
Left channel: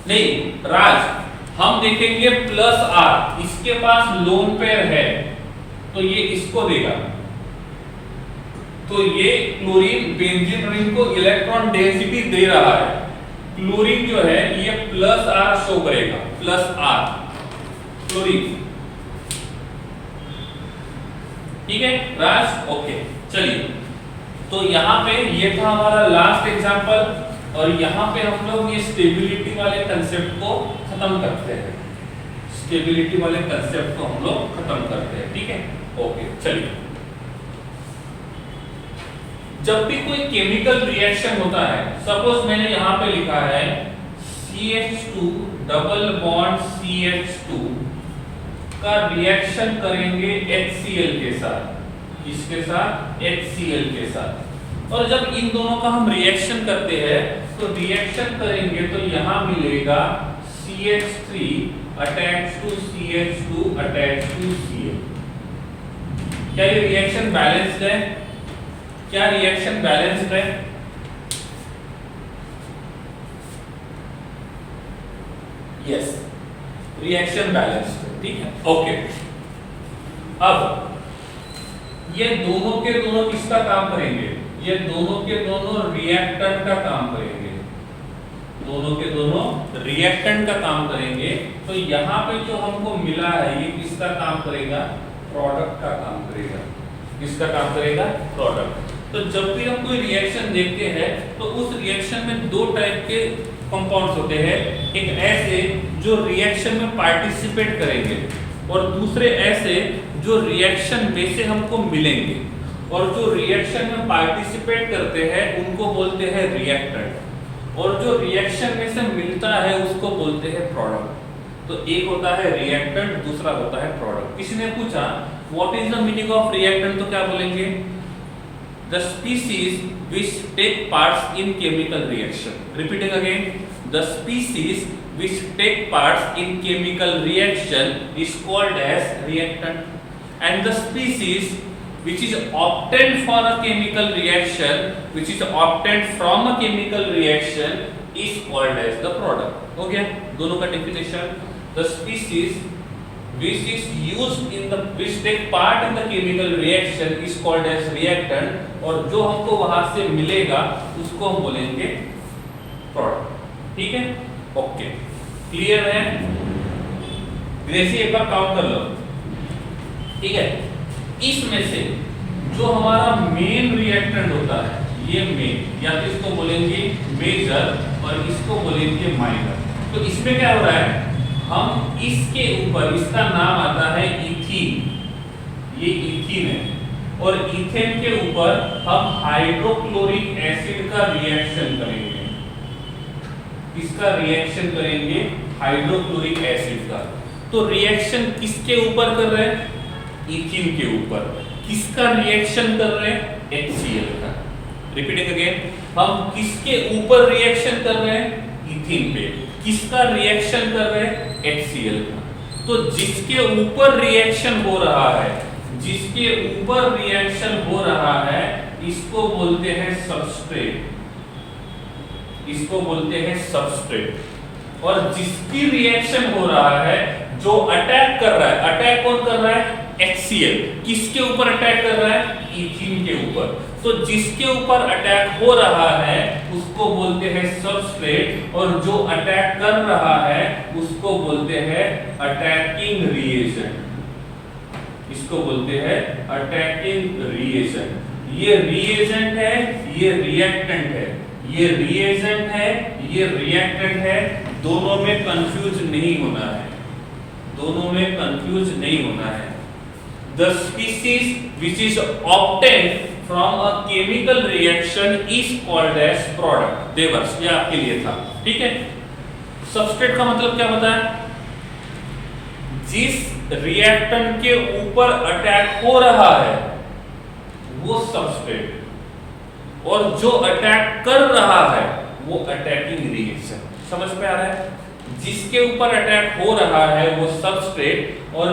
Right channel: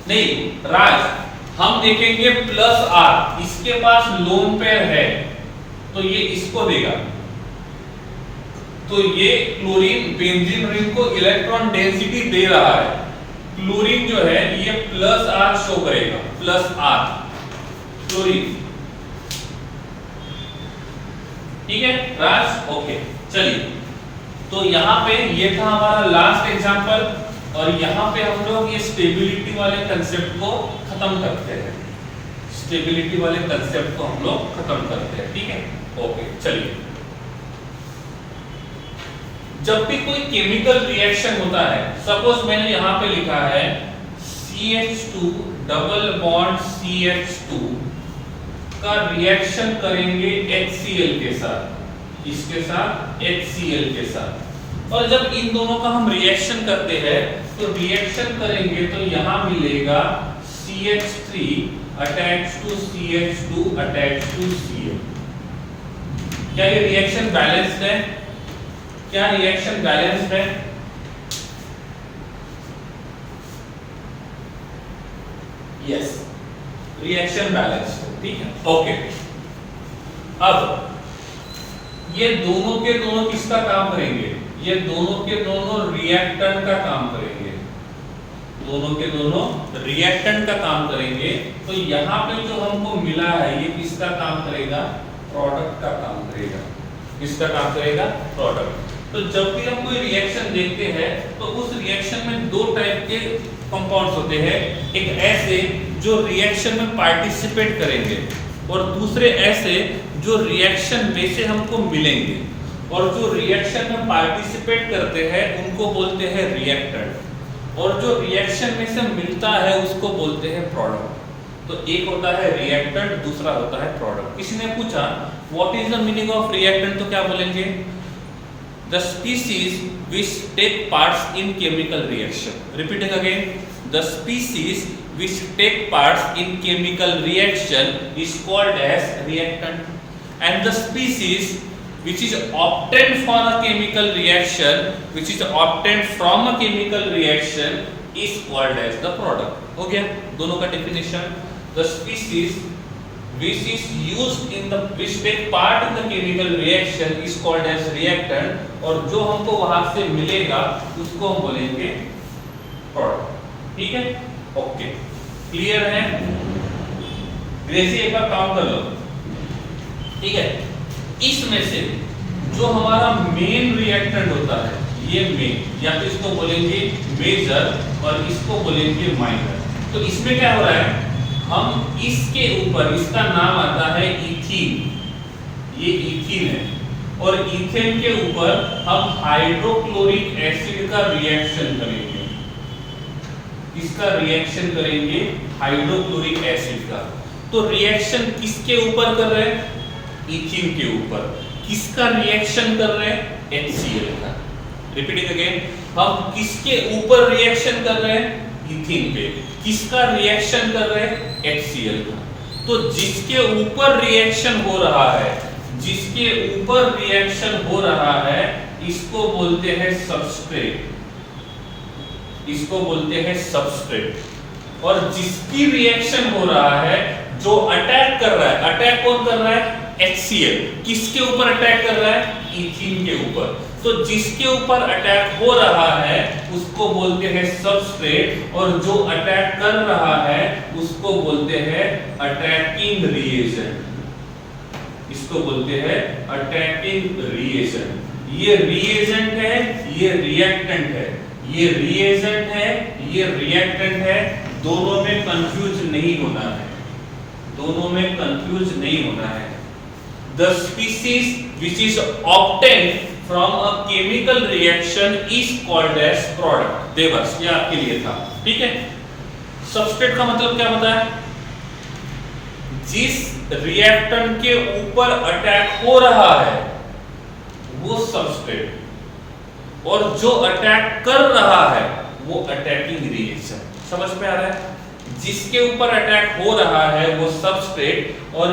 नहीं राज, हम देखेंगे प्लस R, इसके पास लोन पेयर है तो ये इसको देगा, तो ये क्लोरीन बेंजीन रिंग को इलेक्ट्रॉन डेंसिटी दे रहा है। क्लोरीन जो है ये प्लस R शो करेगा, प्लस R क्लोरीन, ठीक है राज, ओके। चलिए तो यहाँ पे ये था हमारा लास्ट एग्जांपल और यहाँ पे हम लोग ये स्टेबिलिटी वाले कंसेप्ट को खत्म करते हैं, स्टेबिलिटी वाले कंसेप्ट को हम लोग खत्म करते हैं, ठीक है, ओके। चलिए जब भी कोई केमिकल रिएक्शन होता है, सपोज मैंने यहाँ पे लिखा है CH2 डबल बॉन्ड CH2 का रिएक्शन करेंगे HCl के साथ, इसके साथ HCl के साथ, और जब इन दोनों का हम रिएक्शन करते हैं तो रिएक्शन करेंगे तो यहाँ मिलेगा CH3 attached to CH2 attached to Cl। क्या ये रिएक्शन बैलेंस्ड है? क्या रिएक्शन बैलेंस्ड है? यस, रिएक्शन बैलेंस्ड है, ठीक है, ओके। अब ये दोनों के दोनों किसका काम करेंगे? ये दोनों के दोनों रिएक्टेंट का काम करेंगे, दोनों के दोनों रिएक्टेंट का काम करेंगे। तो यहाँ पे जो हमको मिला है ये किसका काम करेगा? प्रोडक्ट का काम करेगा। किसका काम करेगा? प्रोडक्ट। तो जब भी हम कोई रिएक्शन देखते हैं तो उस रिएक्शन में दो टाइप के कंपाउंड्स होते हैं, एक ऐसे जो रिएक्शन में पार्टिसिपेट करेंगे और दूसरे ऐसे जो रिएक्शन में से हमको मिलेंगे। और जो रिएक्शन में पार्टिसिपेट करते हैं उनको बोलते हैं रिएक्टेंट, और जो रिएक्शन में से मिलता है उसको बोलते हैं प्रोडक्ट। तो एक होता है रिएक्टेंट, दूसरा होता है प्रोडक्ट। किसी ने पूछा what is the meaning of reactant, तो क्या बोलेंगे? The species which take parts in chemical reaction. Repeating again, the species which take parts in chemical reaction is called as reactant, and the species which is obtained for a chemical reaction, which is obtained from a chemical reaction, is called as the product. हो गया दोनों का definition। The species which is used in the which take part in the chemical reaction is called as reactant, और जो हमको वहां से मिलेगा उसको हम बोलेंगे प्रोडक्ट। ठीक है, ओके, क्लियर है? ग्रेसी एक बार काउंट कर लो, ठीक है। इसमें से जो हमारा मेन रिएक्टेंट होता है, ये मेन, या तो इसको बोलेंगे मेजर और इसको बोलेंगे माइनर। तो इसमें क्या हो रहा है, हम इसके ऊपर, इसका नाम आता है इथीन, ये इथीन है, और इथेन के ऊपर हम हाइड्रोक्लोरिक एसिड का रिएक्शन करेंगे। इसका रिएक्शन करेंगे हाइड्रोक्लोरिक एसिड का। तो रिएक्शन किसके ऊपर कर रहे हैं? इथीन के ऊपर। किसका रिएक्शन कर रहे हैं? HCl का। रिपीटिंग अगेन, हम किसके ऊपर रिएक्शन कर रहे हैं? इथीन पे। किसका रिएक्शन कर रहे हैं? HCl का। तो जिसके ऊपर रिएक्शन हो रहा है, जिसके ऊपर रिएक्शन हो रहा है, इसको बोलते हैं सबस्ट्रेट, इसको बोलते हैं सबस्ट्रेट। और जिसकी रिएक्शन हो रहा है, जो अटैक कर रहा है, अटैक कौन कर रहा है? HCl। किसके ऊपर अटैक कर रहा है? इथीन के ऊपर। तो जिसके ऊपर अटैक हो रहा है उसको बोलते हैं सबस्ट्रेट, और जो अटैक कर रहा है उसको बोलते हैं अटैकिंग रिएजेंट, इसको बोलते हैं अटैकिंग रिएजेंट। ये रिएजेंट है, ये रिएक्टेंट है, ये रिएजेंट है, ये रिएक्टेंट है। दोनों में कंफ्यूज नहीं होना है, दोनों में कंफ्यूज नहीं होना है। The species which is obtained from a chemical reaction is called as product। देवर्स, ये आपके लिए था, ठीक है। सबस्ट्रेट का मतलब क्या होता है? जिस रिएक्टेंट के ऊपर अटैक हो रहा है वो सबस्ट्रेट, और जो अटैक कर रहा है वो अटैकिंग रिएक्शन। समझ में आ रहा है? जिसके ऊपर अटैक हो रहा है वो सबस्ट्रेट, और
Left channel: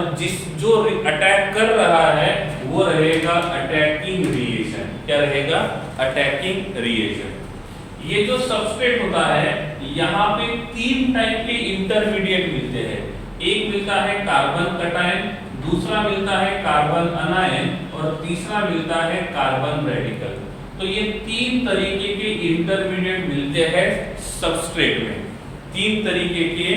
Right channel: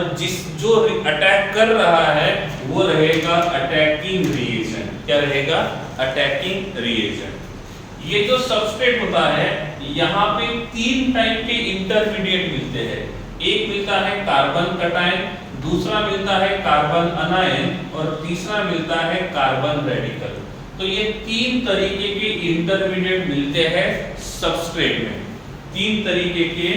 जो अटैक कर रहा है वो रहेगा अटैकिंग रिएजेंट। क्या रहेगा? Attacking reagent. ये जो सबस्ट्रेट होता है, यहाँ पे तीन टाइप के इंटरमीडिएट मिलते हैं। एक मिलता है कार्बन कटायन, दूसरा मिलता है कार्बन अनायन, और तीसरा मिलता है कार्बन रेडिकल। तो ये तीन तरीके के इंटरमीडिएट मिलते हैं सबस्ट्रेट में। तीन तरीके के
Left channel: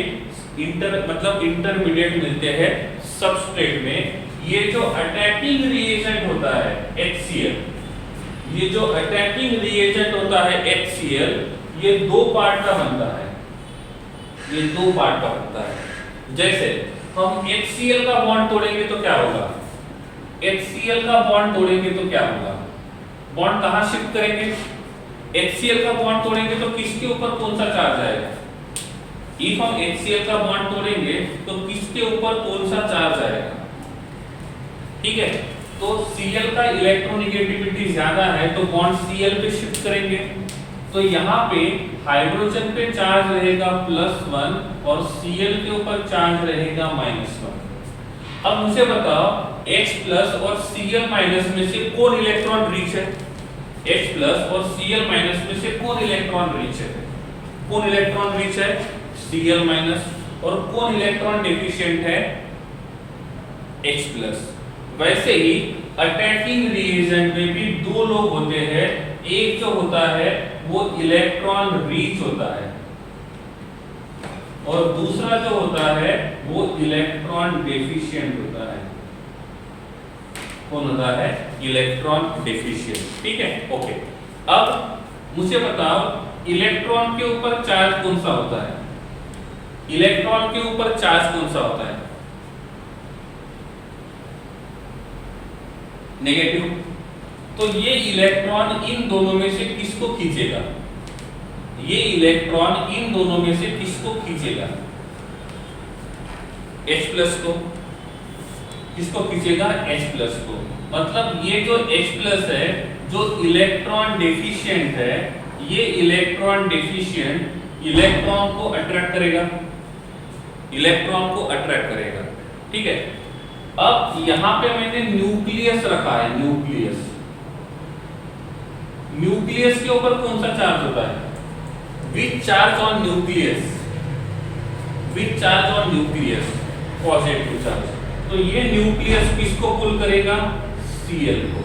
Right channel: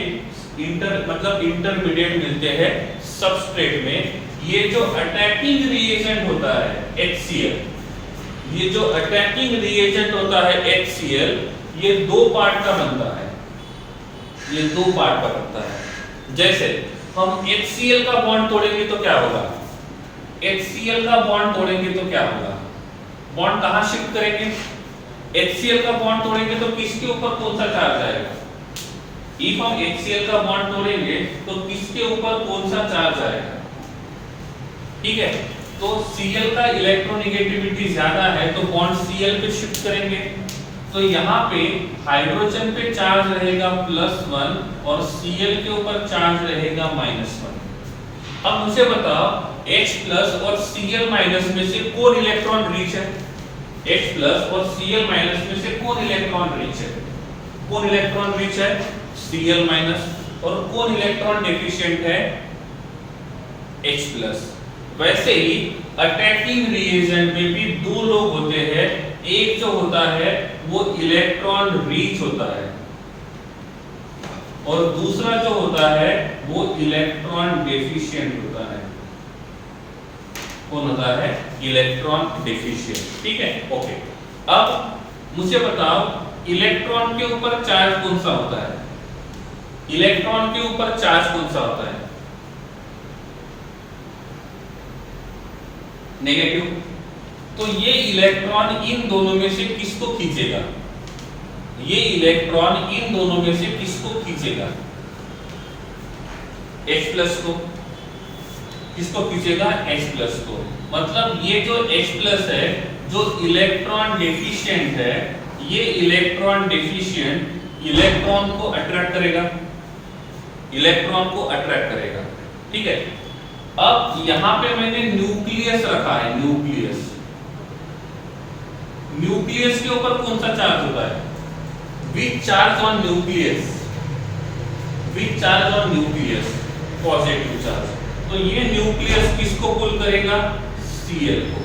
इंटरमीडिएट मिलते हैं सबस्ट्रेट में। ये जो अटैकिंग रिएजेंट होता है HCl, ये जो अटैकिंग रिएजेंट होता है HCl, ये दो पार्ट का बनता है, ये दो पार्ट का बनता है। जैसे हम HCl का बॉन्ड तोड़ेंगे तो क्या होगा? HCl का बॉन्ड तोड़ेंगे तो क्या होगा? बॉन्ड कहां शिफ्ट करेंगे? HCl का बॉन्ड तोड़ेंगे तो किसके ऊपर कौन सा चार्ज आएगा? If हम HCl का बॉन्ड तोड़ेंगे तो किसके ऊपर कौन सा चार्ज आएगा? ठीक है, तो Cl का इलेक्ट्रोनेगेटिविटी ज्यादा है तो बॉन्ड Cl पे शिफ्ट करेंगे। तो यहाँ पे हाइड्रोजन पे चार्ज रहेगा +1 और Cl के ऊपर चार्ज रहेगा -1। अब मुझे बताओ H+ और Cl- में से कौन इलेक्ट्रॉन रिच है? H+ और Cl- में से कौन इलेक्ट्रॉन रिच है? कौन इलेक्ट्रॉन रिच है? Cl- और कौन इलेक्ट्रॉन डेफिशिएंट है? H+। वैसे ही अटैकिंग रिएजेंट में भी दो लोग होते हैं, एक जो होता है वो इलेक्ट्रॉन रिच होता है और दूसरा जो होता है वो इलेक्ट्रॉन डेफिशिएंट होता है। कौन होता है? Electron deficient. ठीक है, ओके। अब मुझे बताओ इलेक्ट्रॉन के ऊपर चार्ज कौन सा होता है? इलेक्ट्रॉन के ऊपर चार्ज कौन सा होता है? नेगेटिव। तो ये इलेक्ट्रॉन इन दोनों में से किसको खींचेगा? ये इलेक्ट्रॉन इन दोनों में से किसको खींचेगा? H+ को। किसको खींचेगा? H+ को। मतलब ये जो H+ है, जो इलेक्ट्रॉन डेफिशिएंट है, ये इलेक्ट्रॉन डेफिशिएंट इलेक्ट्रॉन को अट्रैक्ट करेगा, इलेक्ट्रॉन को अट्रैक्ट करेगा। ठीक है। अब यहां पे मैंने न्यूक्लियस रखा है, न्यूक्लियस। न्यूक्लियस के ऊपर कौन सा चार्ज होता है? Which charge on nucleus? Which charge on nucleus? Positive charge. तो ये न्यूक्लियस किसको पुल करेगा? Cl को।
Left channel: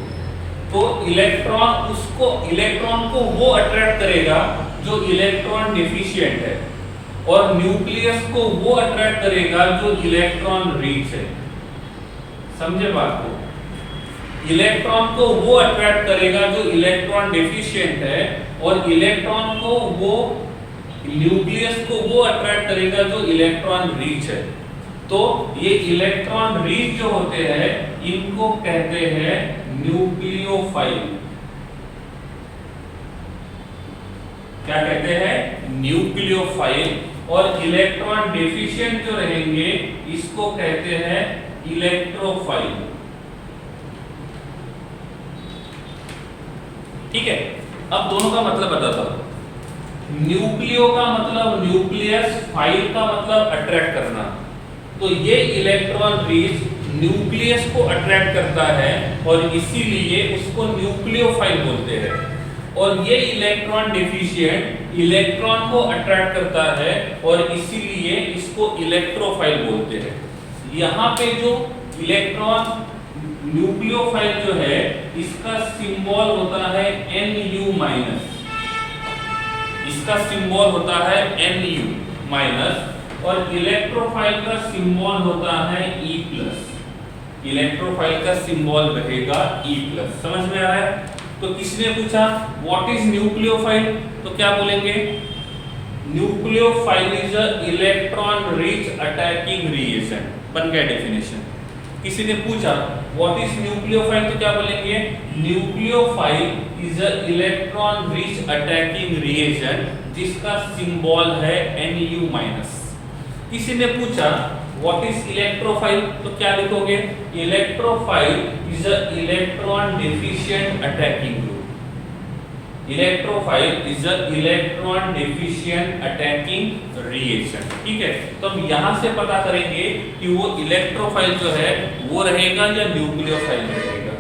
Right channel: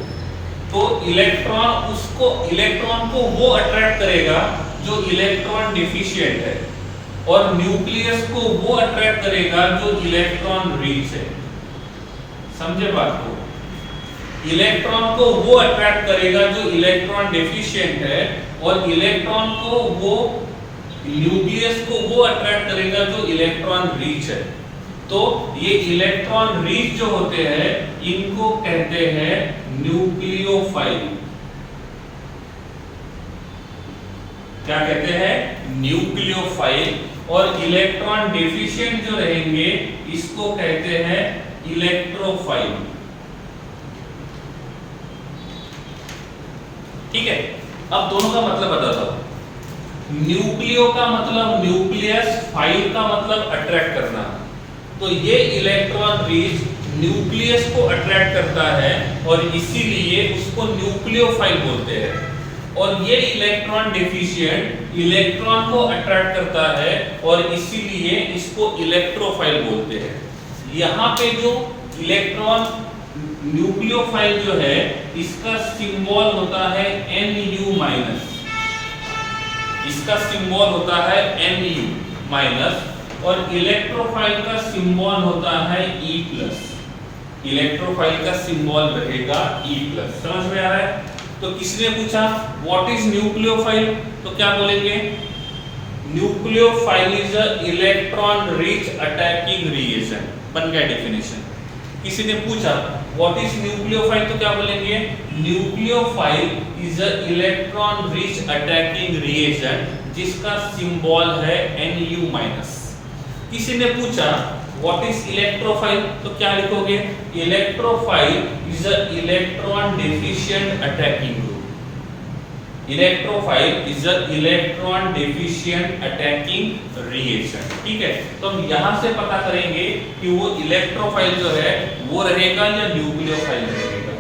तो इलेक्ट्रॉन को वो अट्रैक्ट करेगा जो इलेक्ट्रॉन डेफिशिएंट है और न्यूक्लियस को वो अट्रैक्ट करेगा जो इलेक्ट्रॉन रिच है। समझे बात को? इलेक्ट्रॉन को वो अट्रैक्ट करेगा जो इलेक्ट्रॉन डेफिशिएंट है और इलेक्ट्रॉन को वो न्यूक्लियस को वो अट्रैक्ट करेगा जो इलेक्ट्रॉन रिच है। तो ये इलेक्ट्रॉन रिच जो होते हैं इनको कहते हैं न्यूक्लियोफाइल। क्या कहते हैं? न्यूक्लियोफाइल। और इलेक्ट्रॉन डेफिशिएंट जो रहेंगे इसको कहते हैं इलेक्ट्रोफाइल। ठीक है। अब दोनों का मतलब बताता हूं। न्यूक्लियो का मतलब न्यूक्लियस, फाइल का मतलब अट्रैक्ट करना। तो ये इलेक्ट्रॉन रिच न्यूक्लियस को अट्रैक्ट करता है और इसीलिए उसको न्यूक्लियोफाइल बोलते हैं। और ये इलेक्ट्रॉन डेफिशिएंट इलेक्ट्रॉन को अट्रैक्ट करता है और इसीलिए इसको इलेक्ट्रोफाइल बोलते हैं। यहाँ पे जो इलेक्ट्रॉन न्यूक्लियोफाइल जो है इसका सिंबल होता है Nu-। इसका सिंबल होता है Nu- और इलेक्ट्रोफाइल का सिंबल होता है E+। इलेक्ट्रोफाइल का सिंबल रहेगा E+। समझ में आ रहा है? तो किसने पूछा व्हाट इज न्यूक्लियोफाइल, तो क्या बोलेंगे? Nucleophile is a electron rich attacking reagent. बन गया डेफिनेशन। किसी ने पूछा व्हाट इज न्यूक्लियोफाइल, तो क्या बोलेंगे? Nucleophile is a electron rich attacking reagent जिसका सिंबल है Nu-। किसी ने पूछा व्हाट इज इलेक्ट्रोफाइल, तो क्या लिखोगे? Electrophile is a electron deficient attacking group. Electrophile is a electron deficient attacking reagent. ठीक है। तो हम यहां से पता करेंगे कि वो इलेक्ट्रोफाइल जो है वो रहेगा या न्यूक्लियोफाइल रहेगा।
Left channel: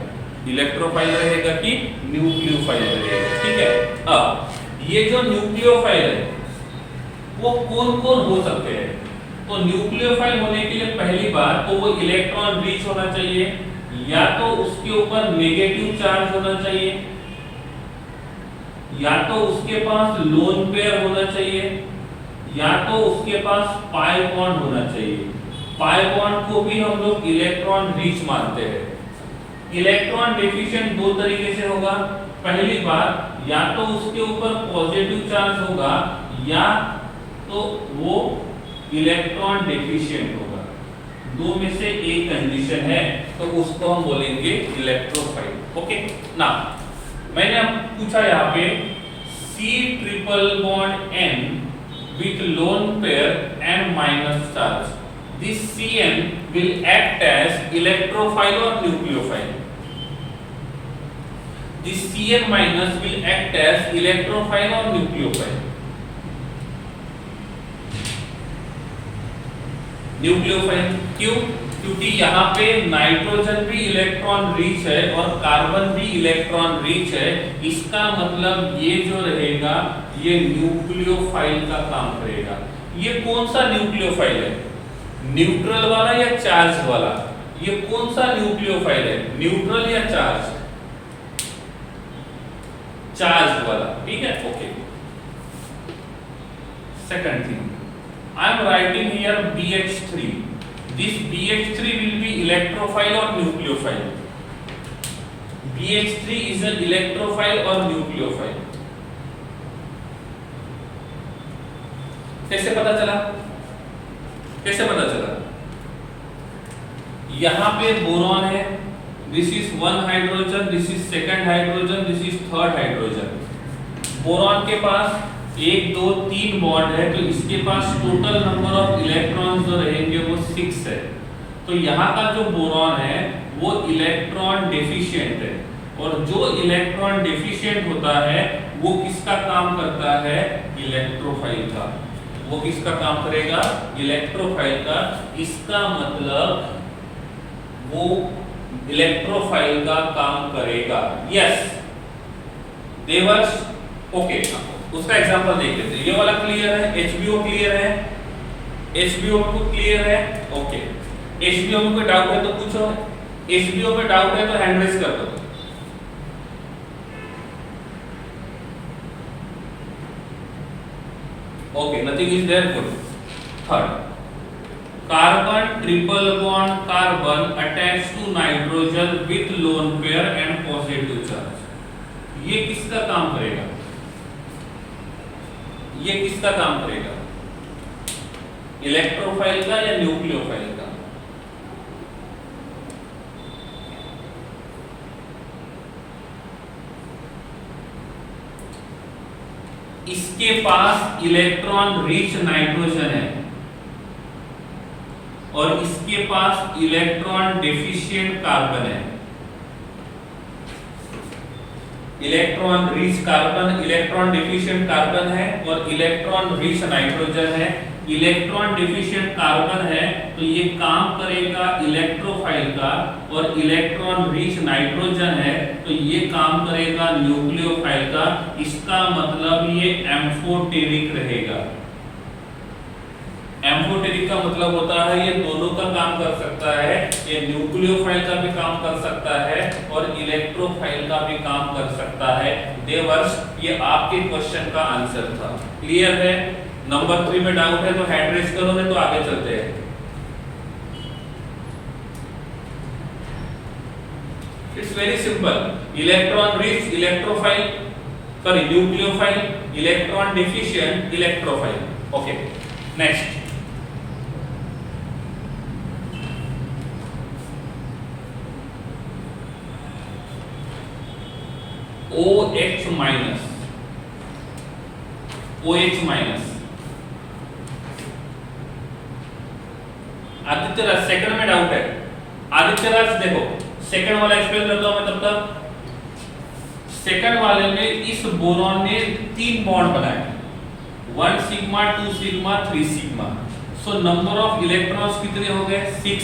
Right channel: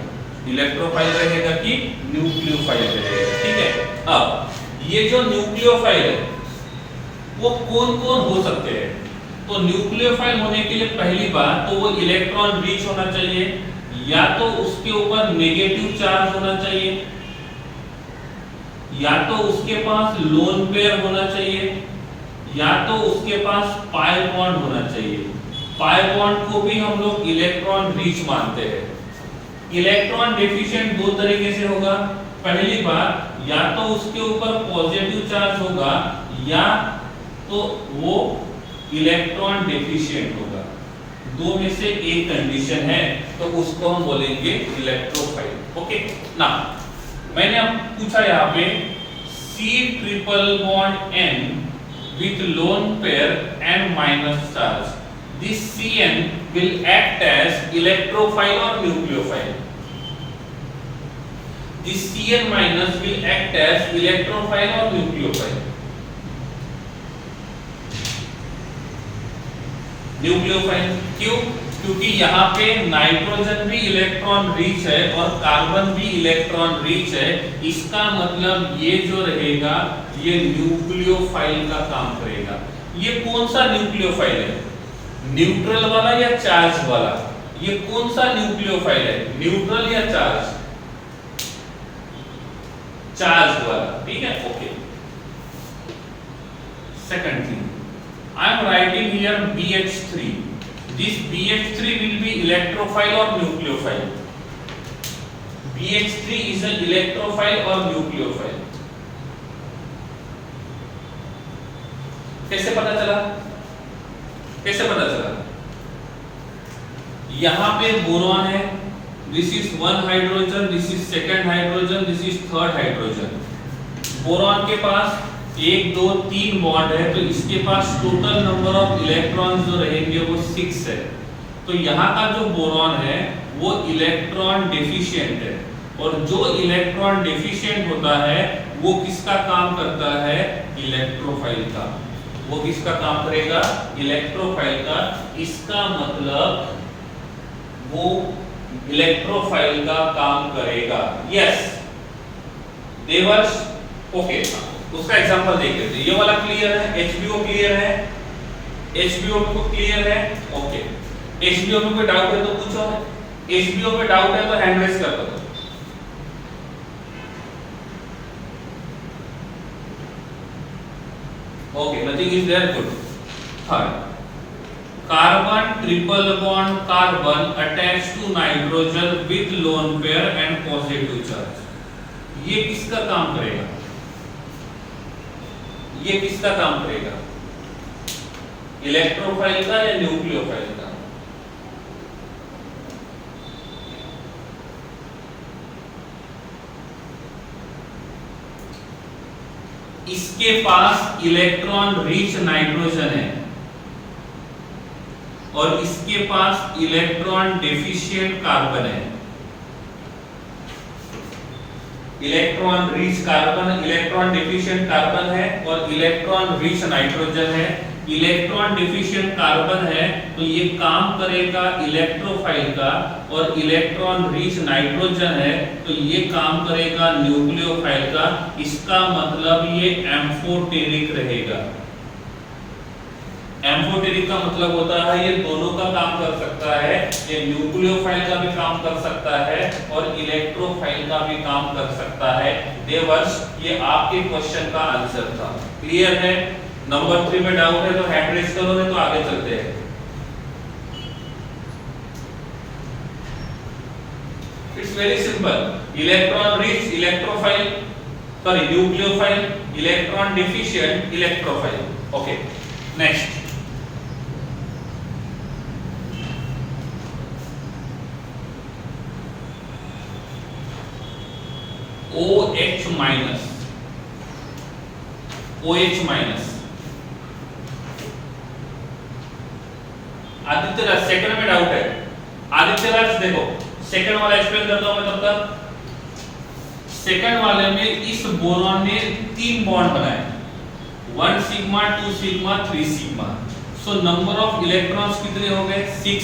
इलेक्ट्रोफाइल रहेगा कि न्यूक्लियोफाइल रहेगा। ठीक है। अब ये जो न्यूक्लियोफाइल है वो कौन कौन हो सकते हैं? तो न्यूक्लियोफाइल होने के लिए पहली बात तो वो इलेक्ट्रॉन रिच होना चाहिए, या तो उसके ऊपर नेगेटिव चार्ज होना चाहिए, या तो उसके पास लोन पेयर होना चाहिए, या तो उसके पास पाई बॉन्ड होना चाहिए। पाई बॉन्ड को भी हम लोग इलेक्ट्रॉन रिच मानते हैं। इलेक्ट्रॉन डेफिशिएंट दो तरीके से होगा। पहली बात या तो उसके ऊपर पॉजिटिव चार्ज होगा या तो वो इलेक्ट्रॉन डेफिशिएंट होगा। दो में से एक कंडीशन है तो उसको हम बोलेंगे इलेक्ट्रोफाइल। ओके ना, मैंने अब पूछा यहाँ पे C∧N with lone pair N- charge. This Cn will act as electrophile or nucleophile. this Cn minus will act as electrophile or nucleophile. Nucleophile क्यों? क्योंकि यहाँ पे नाइट्रोजन भी इलेक्ट्रॉन रिच है और कार्बन भी इलेक्ट्रॉन रिच है। इसका मतलब ये जो रहेगा ये न्यूक्लियोफाइल का काम करेगा। ये कौन सा न्यूक्लियोफाइल है? न्यूट्रल वाला या चार्ज वाला? ये कौन सा न्यूक्लियोफाइल है? न्यूट्रल या चार्ज? चार्ज वाला, ठीक है, okay. Second thing, I am writing here BH3. This BH3 will be electrophile or nucleophile? BH3 is an electrophile or nucleophile? कैसे पता चला? कैसे पता चला? यहाँ पे बोरॉन है, this is one hydrogen, this is second hydrogen, this is third hydrogen. Boron के पास 1 2 3 बॉन्ड है, तो इसके पास टोटल नंबर ऑफ इलेक्ट्रॉन्स जो रहेंगे वो 6 है। तो यहाँ का जो बोरॉन है वो इलेक्ट्रॉन डेफिशिएंट है, और जो इलेक्ट्रॉन डेफिशिएंट होता है वो किसका काम करता है? इलेक्ट्रोफाइल का। वो किसका काम करेगा? इलेक्ट्रोफाइल का। इसका मतलब वो इलेक्ट्रोफाइल का काम करेगा। Yes Devarsh, okay. उसका एग्जांपल देख लेते हैं। ये वाला क्लियर है? HBO क्लियर है? HBO को क्लियर है? ओके। HBO में कोई डाउट है तो पूछो। HBO में डाउट है तो हैंड रेज कर दो। Okay, nothing is there, good. Third, carbon triple bond carbon attach to nitrogen with lone pair and positive charge. ये किसका काम करेगा? ये किसका काम करेगा? इलेक्ट्रोफाइल का या न्यूक्लियोफाइल का? इसके पास इलेक्ट्रॉन रिच नाइट्रोजन है और इसके पास इलेक्ट्रॉन डेफिशिएंट कार्बन है। Electron rich carbon, electron deficient carbon है और इलेक्ट्रॉन रिच नाइट्रोजन है। इलेक्ट्रॉन डेफिशिएंट कार्बन है तो ये काम करेगा इलेक्ट्रोफाइल का, और इलेक्ट्रॉन रिच नाइट्रोजन है तो ये काम करेगा न्यूक्लियोफाइल का। इसका मतलब ये एम्फोटेरिक रहेगा। एम्फोटेरिक का मतलब होता है ये दोनों का काम कर सकता है, ये न्यूक्लियोफाइल का भी काम कर सकता है और इलेक्ट्रोफाइल का भी काम कर सकता है। देवर्ष, ये आपके क्वेश्चन का आंसर था। क्लियर है? नंबर 3 में डाउट है तो हैंड रेज करो, नहीं तो आगे चलते हैं। It's very simple. Electron rich electrophile, sorry nucleophile, electron deficient electrophile. Okay, next. OH minus, OH minus. Aditya Raj, second में डाउट है। आदित्य राज देखो, सेकंड वाला एक्सप्लेन करता हूं मैं तब तक। सेकंड वाले में इस बोरॉन ने 3 बॉन्ड बनाए, 1 sigma 2 sigma 3 sigma. So number of electrons कितने हो गए? 6,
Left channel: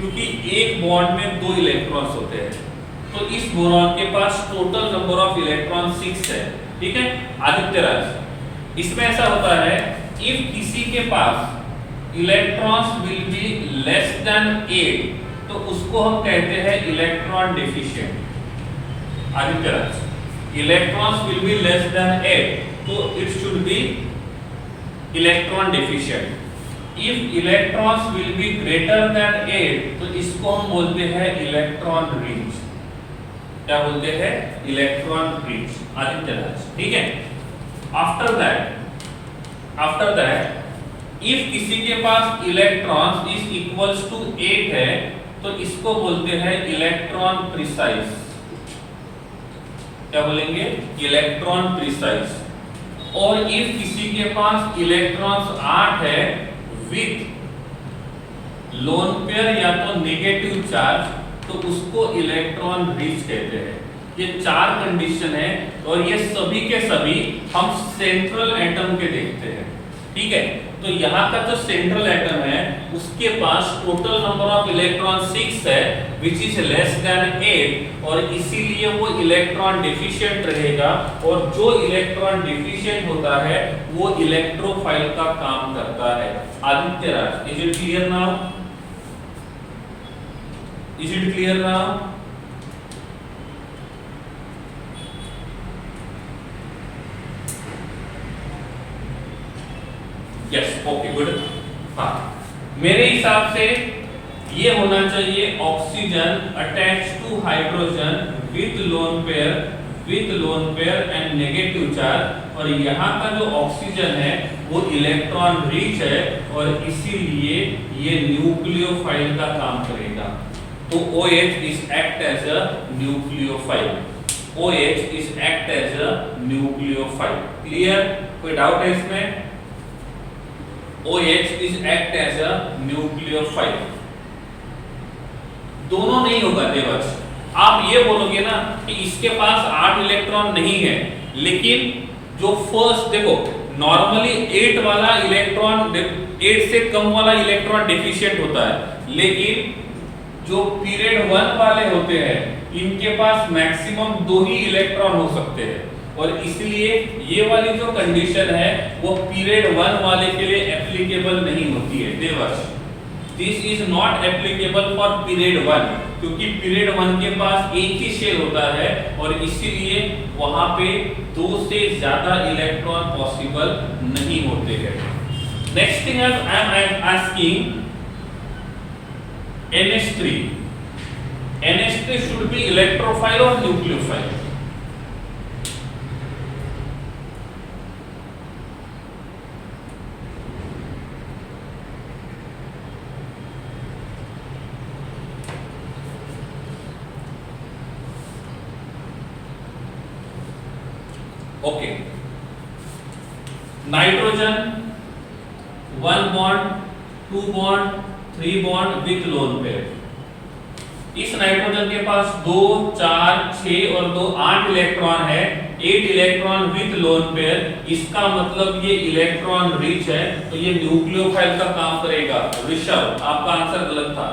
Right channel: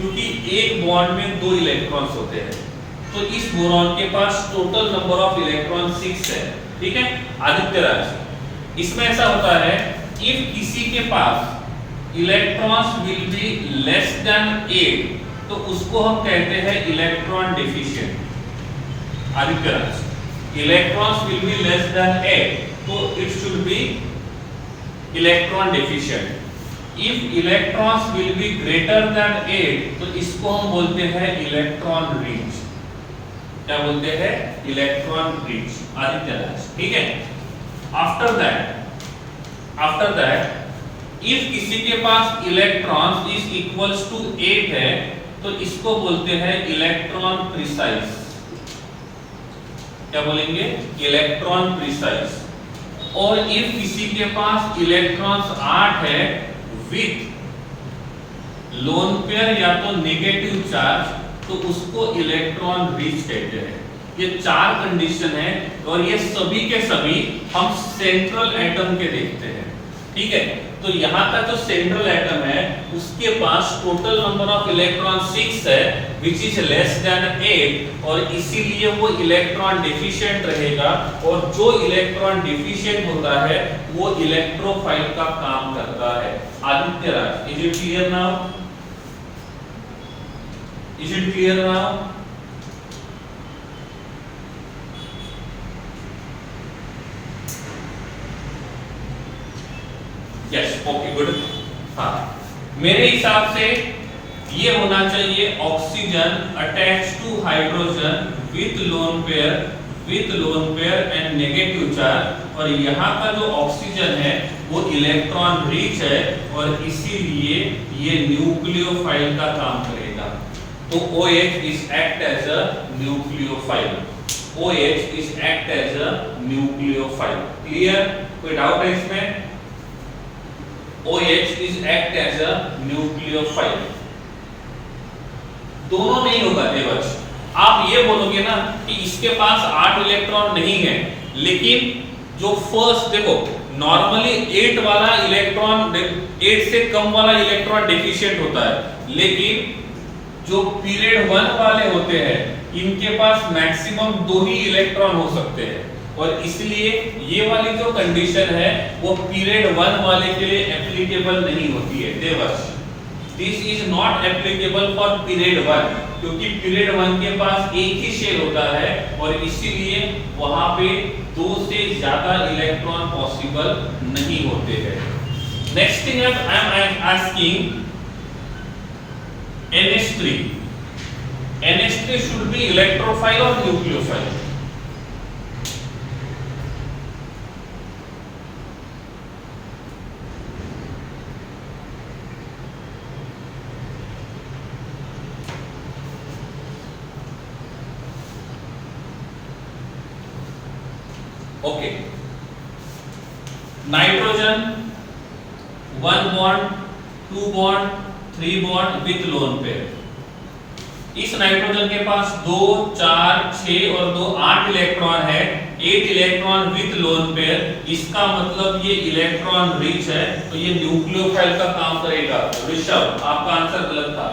क्योंकि एक बॉन्ड में 2 इलेक्ट्रॉन्स होते हैं। तो इस बोरॉन के पास टोटल नंबर ऑफ इलेक्ट्रॉन 6 है, ठीक है। आदित्य राज, इसमें ऐसा होता है इफ किसी के पास electrons will be less than 8 तो उसको हम कहते हैं electron deficient. Aditya Raj, electrons will be less than 8 तो it should be electron deficient. If electrons will be greater than 8 तो इसको हम बोलते हैं इलेक्ट्रॉन रिच। क्या बोलते हैं? Electron rich. आदित्य राज, ठीक है। आफ्टर दैट इफ किसी के पास इलेक्ट्रॉन्स इज इक्वल्स टू 8 है तो इसको बोलते हैं इलेक्ट्रॉन प्रिसाइज। क्या बोलेंगे? Electron precise. और इफ किसी के पास इलेक्ट्रॉन्स 8 है विथ लोन पेयर या तो नेगेटिव चार्ज तो उसको इलेक्ट्रॉन रिच कहते हैं। ये 4 कंडीशन है और ये सभी के सभी हम सेंट्रल एटम के देखते हैं, ठीक है। तो यहाँ का जो सेंट्रल एटम है उसके पास टोटल नंबर ऑफ इलेक्ट्रॉन 6 है विच इज लेस देन 8, और इसीलिए वो इलेक्ट्रॉन डिफिशिएंट रहेगा, और जो इलेक्ट्रॉन डिफिशिएंट होता है वो इलेक्ट्रोफाइल का काम करता है। Aditya Raj, is it clear now? Is it clear now? Yes, okay, good. हाँ, मेरे हिसाब से ये होना चाहिए oxygen attach to hydrogen with lone pair and negative charge, और यहाँ का जो ऑक्सीजन है वो इलेक्ट्रॉन रिच है और इसीलिए ये न्यूक्लियोफाइल का काम करेगा। तो OH is act as a nucleophile. OH is act as a nucleophile. Clear? कोई डाउट है इसमें? OH is act as a nucleophile. दोनों नहीं होगा देवश। आप ये बोलोगे ना कि इसके पास 8 इलेक्ट्रॉन नहीं है, लेकिन जो फर्स्ट देखो नॉर्मली 8 वाला इलेक्ट्रॉन 8 से कम वाला इलेक्ट्रॉन डेफिशिएंट होता है, लेकिन जो पीरियड 1 वाले होते हैं इनके पास मैक्सिमम 2 ही इलेक्ट्रॉन हो सकते हैं, और इसलिए ये वाली जो कंडीशन है वो पीरियड 1 वाले के लिए एप्लीकेबल नहीं होती है Devash. This is not applicable for period 1, क्योंकि पीरियड 1 के पास एक ही शेल होता है और इसीलिए वहां पे 2 से ज्यादा इलेक्ट्रॉन पॉसिबल नहीं होते हैं। Next thing I am asking NH3 should be electrophile or nucleophile? Okay. Nitrogen 1 bond, 2 bond, 3 bond with lone pair. इस नाइट्रोजन के पास 2, 4, 6 और 2 8 इलेक्ट्रॉन है, 8 इलेक्ट्रॉन विथ लोन पेयर। इसका मतलब ये इलेक्ट्रॉन रिच है, तो ये न्यूक्लियोफाइल का काम करेगा। ऋषभ, आपका आंसर गलत था।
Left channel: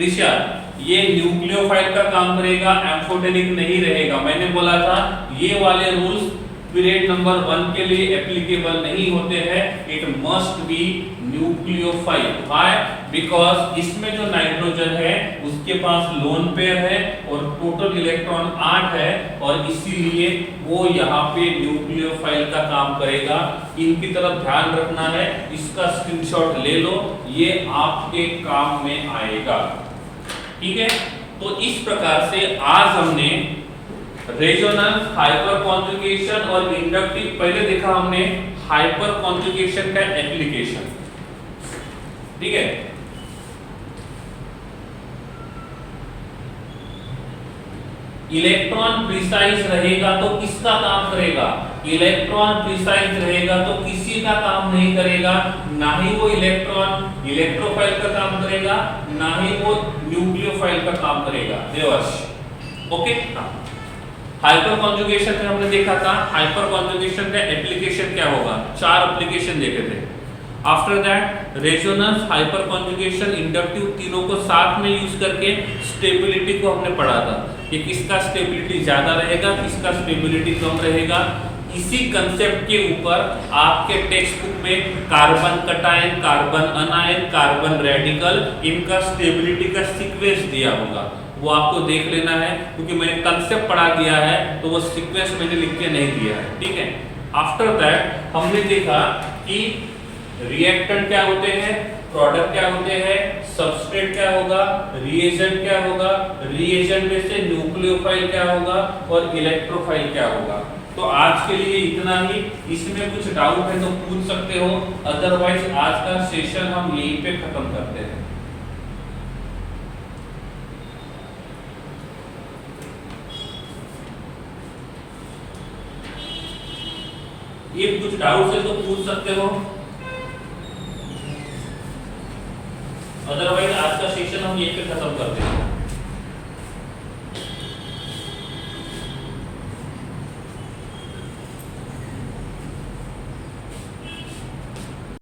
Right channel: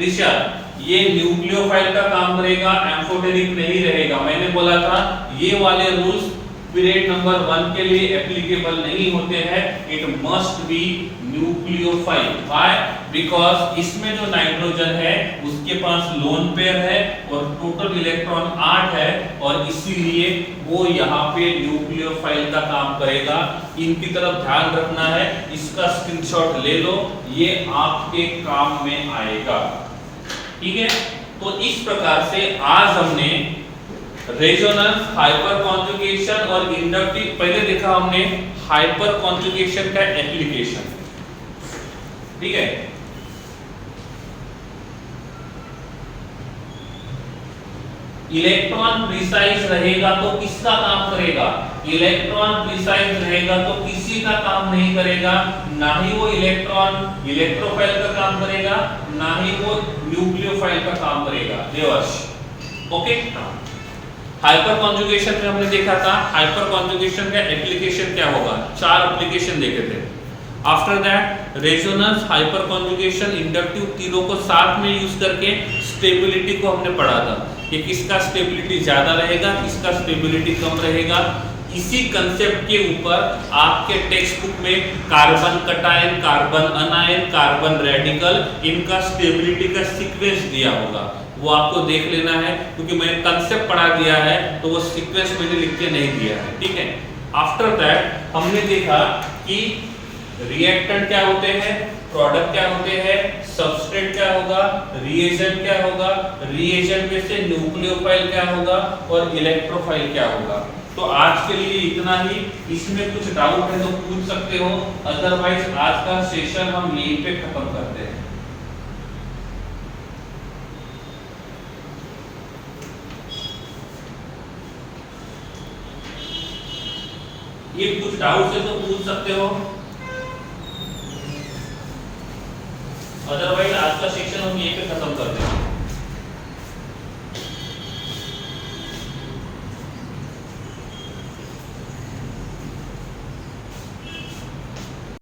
ऋषभ, ये न्यूक्लियोफाइल का काम करेगा, एम्फोटेरिक नहीं रहेगा। मैंने बोला था ये वाले रूल्स पीरियड नंबर 1 के लिए एप्लीकेबल नहीं होते हैं। It must be nucleophile. Why? Because इसमें जो नाइट्रोजन है उसके पास लोन पेयर है और टोटल इलेक्ट्रॉन 8 है, और इसीलिए वो यहाँ पे न्यूक्लियोफाइल का काम करेगा। इनकी तरफ ध्यान रखना है, इसका स्क्रीनशॉट ले लो, ये आपके काम में आएगा, ठीक है। तो इस प्रकार से आज हमने रेजोनेंस, हाइपर कॉन्जुगेशन और इंडक्टिव, पहले देखा हमने हाइपर कॉन्जुगेशन का एप्लीकेशन, ठीक है। इलेक्ट्रॉन प्रिसाइज रहेगा तो किसका काम करेगा? इलेक्ट्रॉन प्रिसाइज रहेगा तो किसी का काम नहीं करेगा, ना ही वो इलेक्ट्रॉन इलेक्ट्रोफाइल का काम करेगा, ना ही वो न्यूक्लियोफाइल का काम करेगा। देवश, ओके। हाइपर कॉन्जुगेशन में हमने देखा था हाइपर कॉन्जुगेशन का एप्लीकेशन क्या होगा, 4 एप्लीकेशन देखे थे। After that resonance, hyper conjugation, inductive, तीनों को साथ में यूज करके स्टेबिलिटी को हमने पढ़ा था कि किसका स्टेबिलिटी ज्यादा रहेगा, किसका स्टेबिलिटी कम रहेगा। इसी कंसेप्ट के ऊपर आपके टेक्स्ट बुक में carbon cation, carbon anion, carbon radical, इनका स्टेबिलिटी का सीक्वेंस दिया होगा, वो आपको देख लेना है, क्योंकि मैंने कंसेप्ट पढ़ा दिया है तो वो सीक्वेंस मैंने लिख के नहीं दिया है, ठीक है। आफ्टर दैट हमने देखा कि रिएक्टेंट क्या होते हैं, प्रोडक्ट क्या होते हैं, सबस्ट्रेट क्या होगा, रिएजेंट क्या होगा, रिएजेंट में से न्यूक्लियोफाइल क्या होगा और इलेक्ट्रोफाइल क्या होगा। तो आज के लिए इतना ही। इसमें कुछ डाउट है तो पूछ सकते हो, अदरवाइज आज का सेशन हम यहीं पे खत्म करते हैं। ये कुछ डाउट है तो पूछ सकते हो।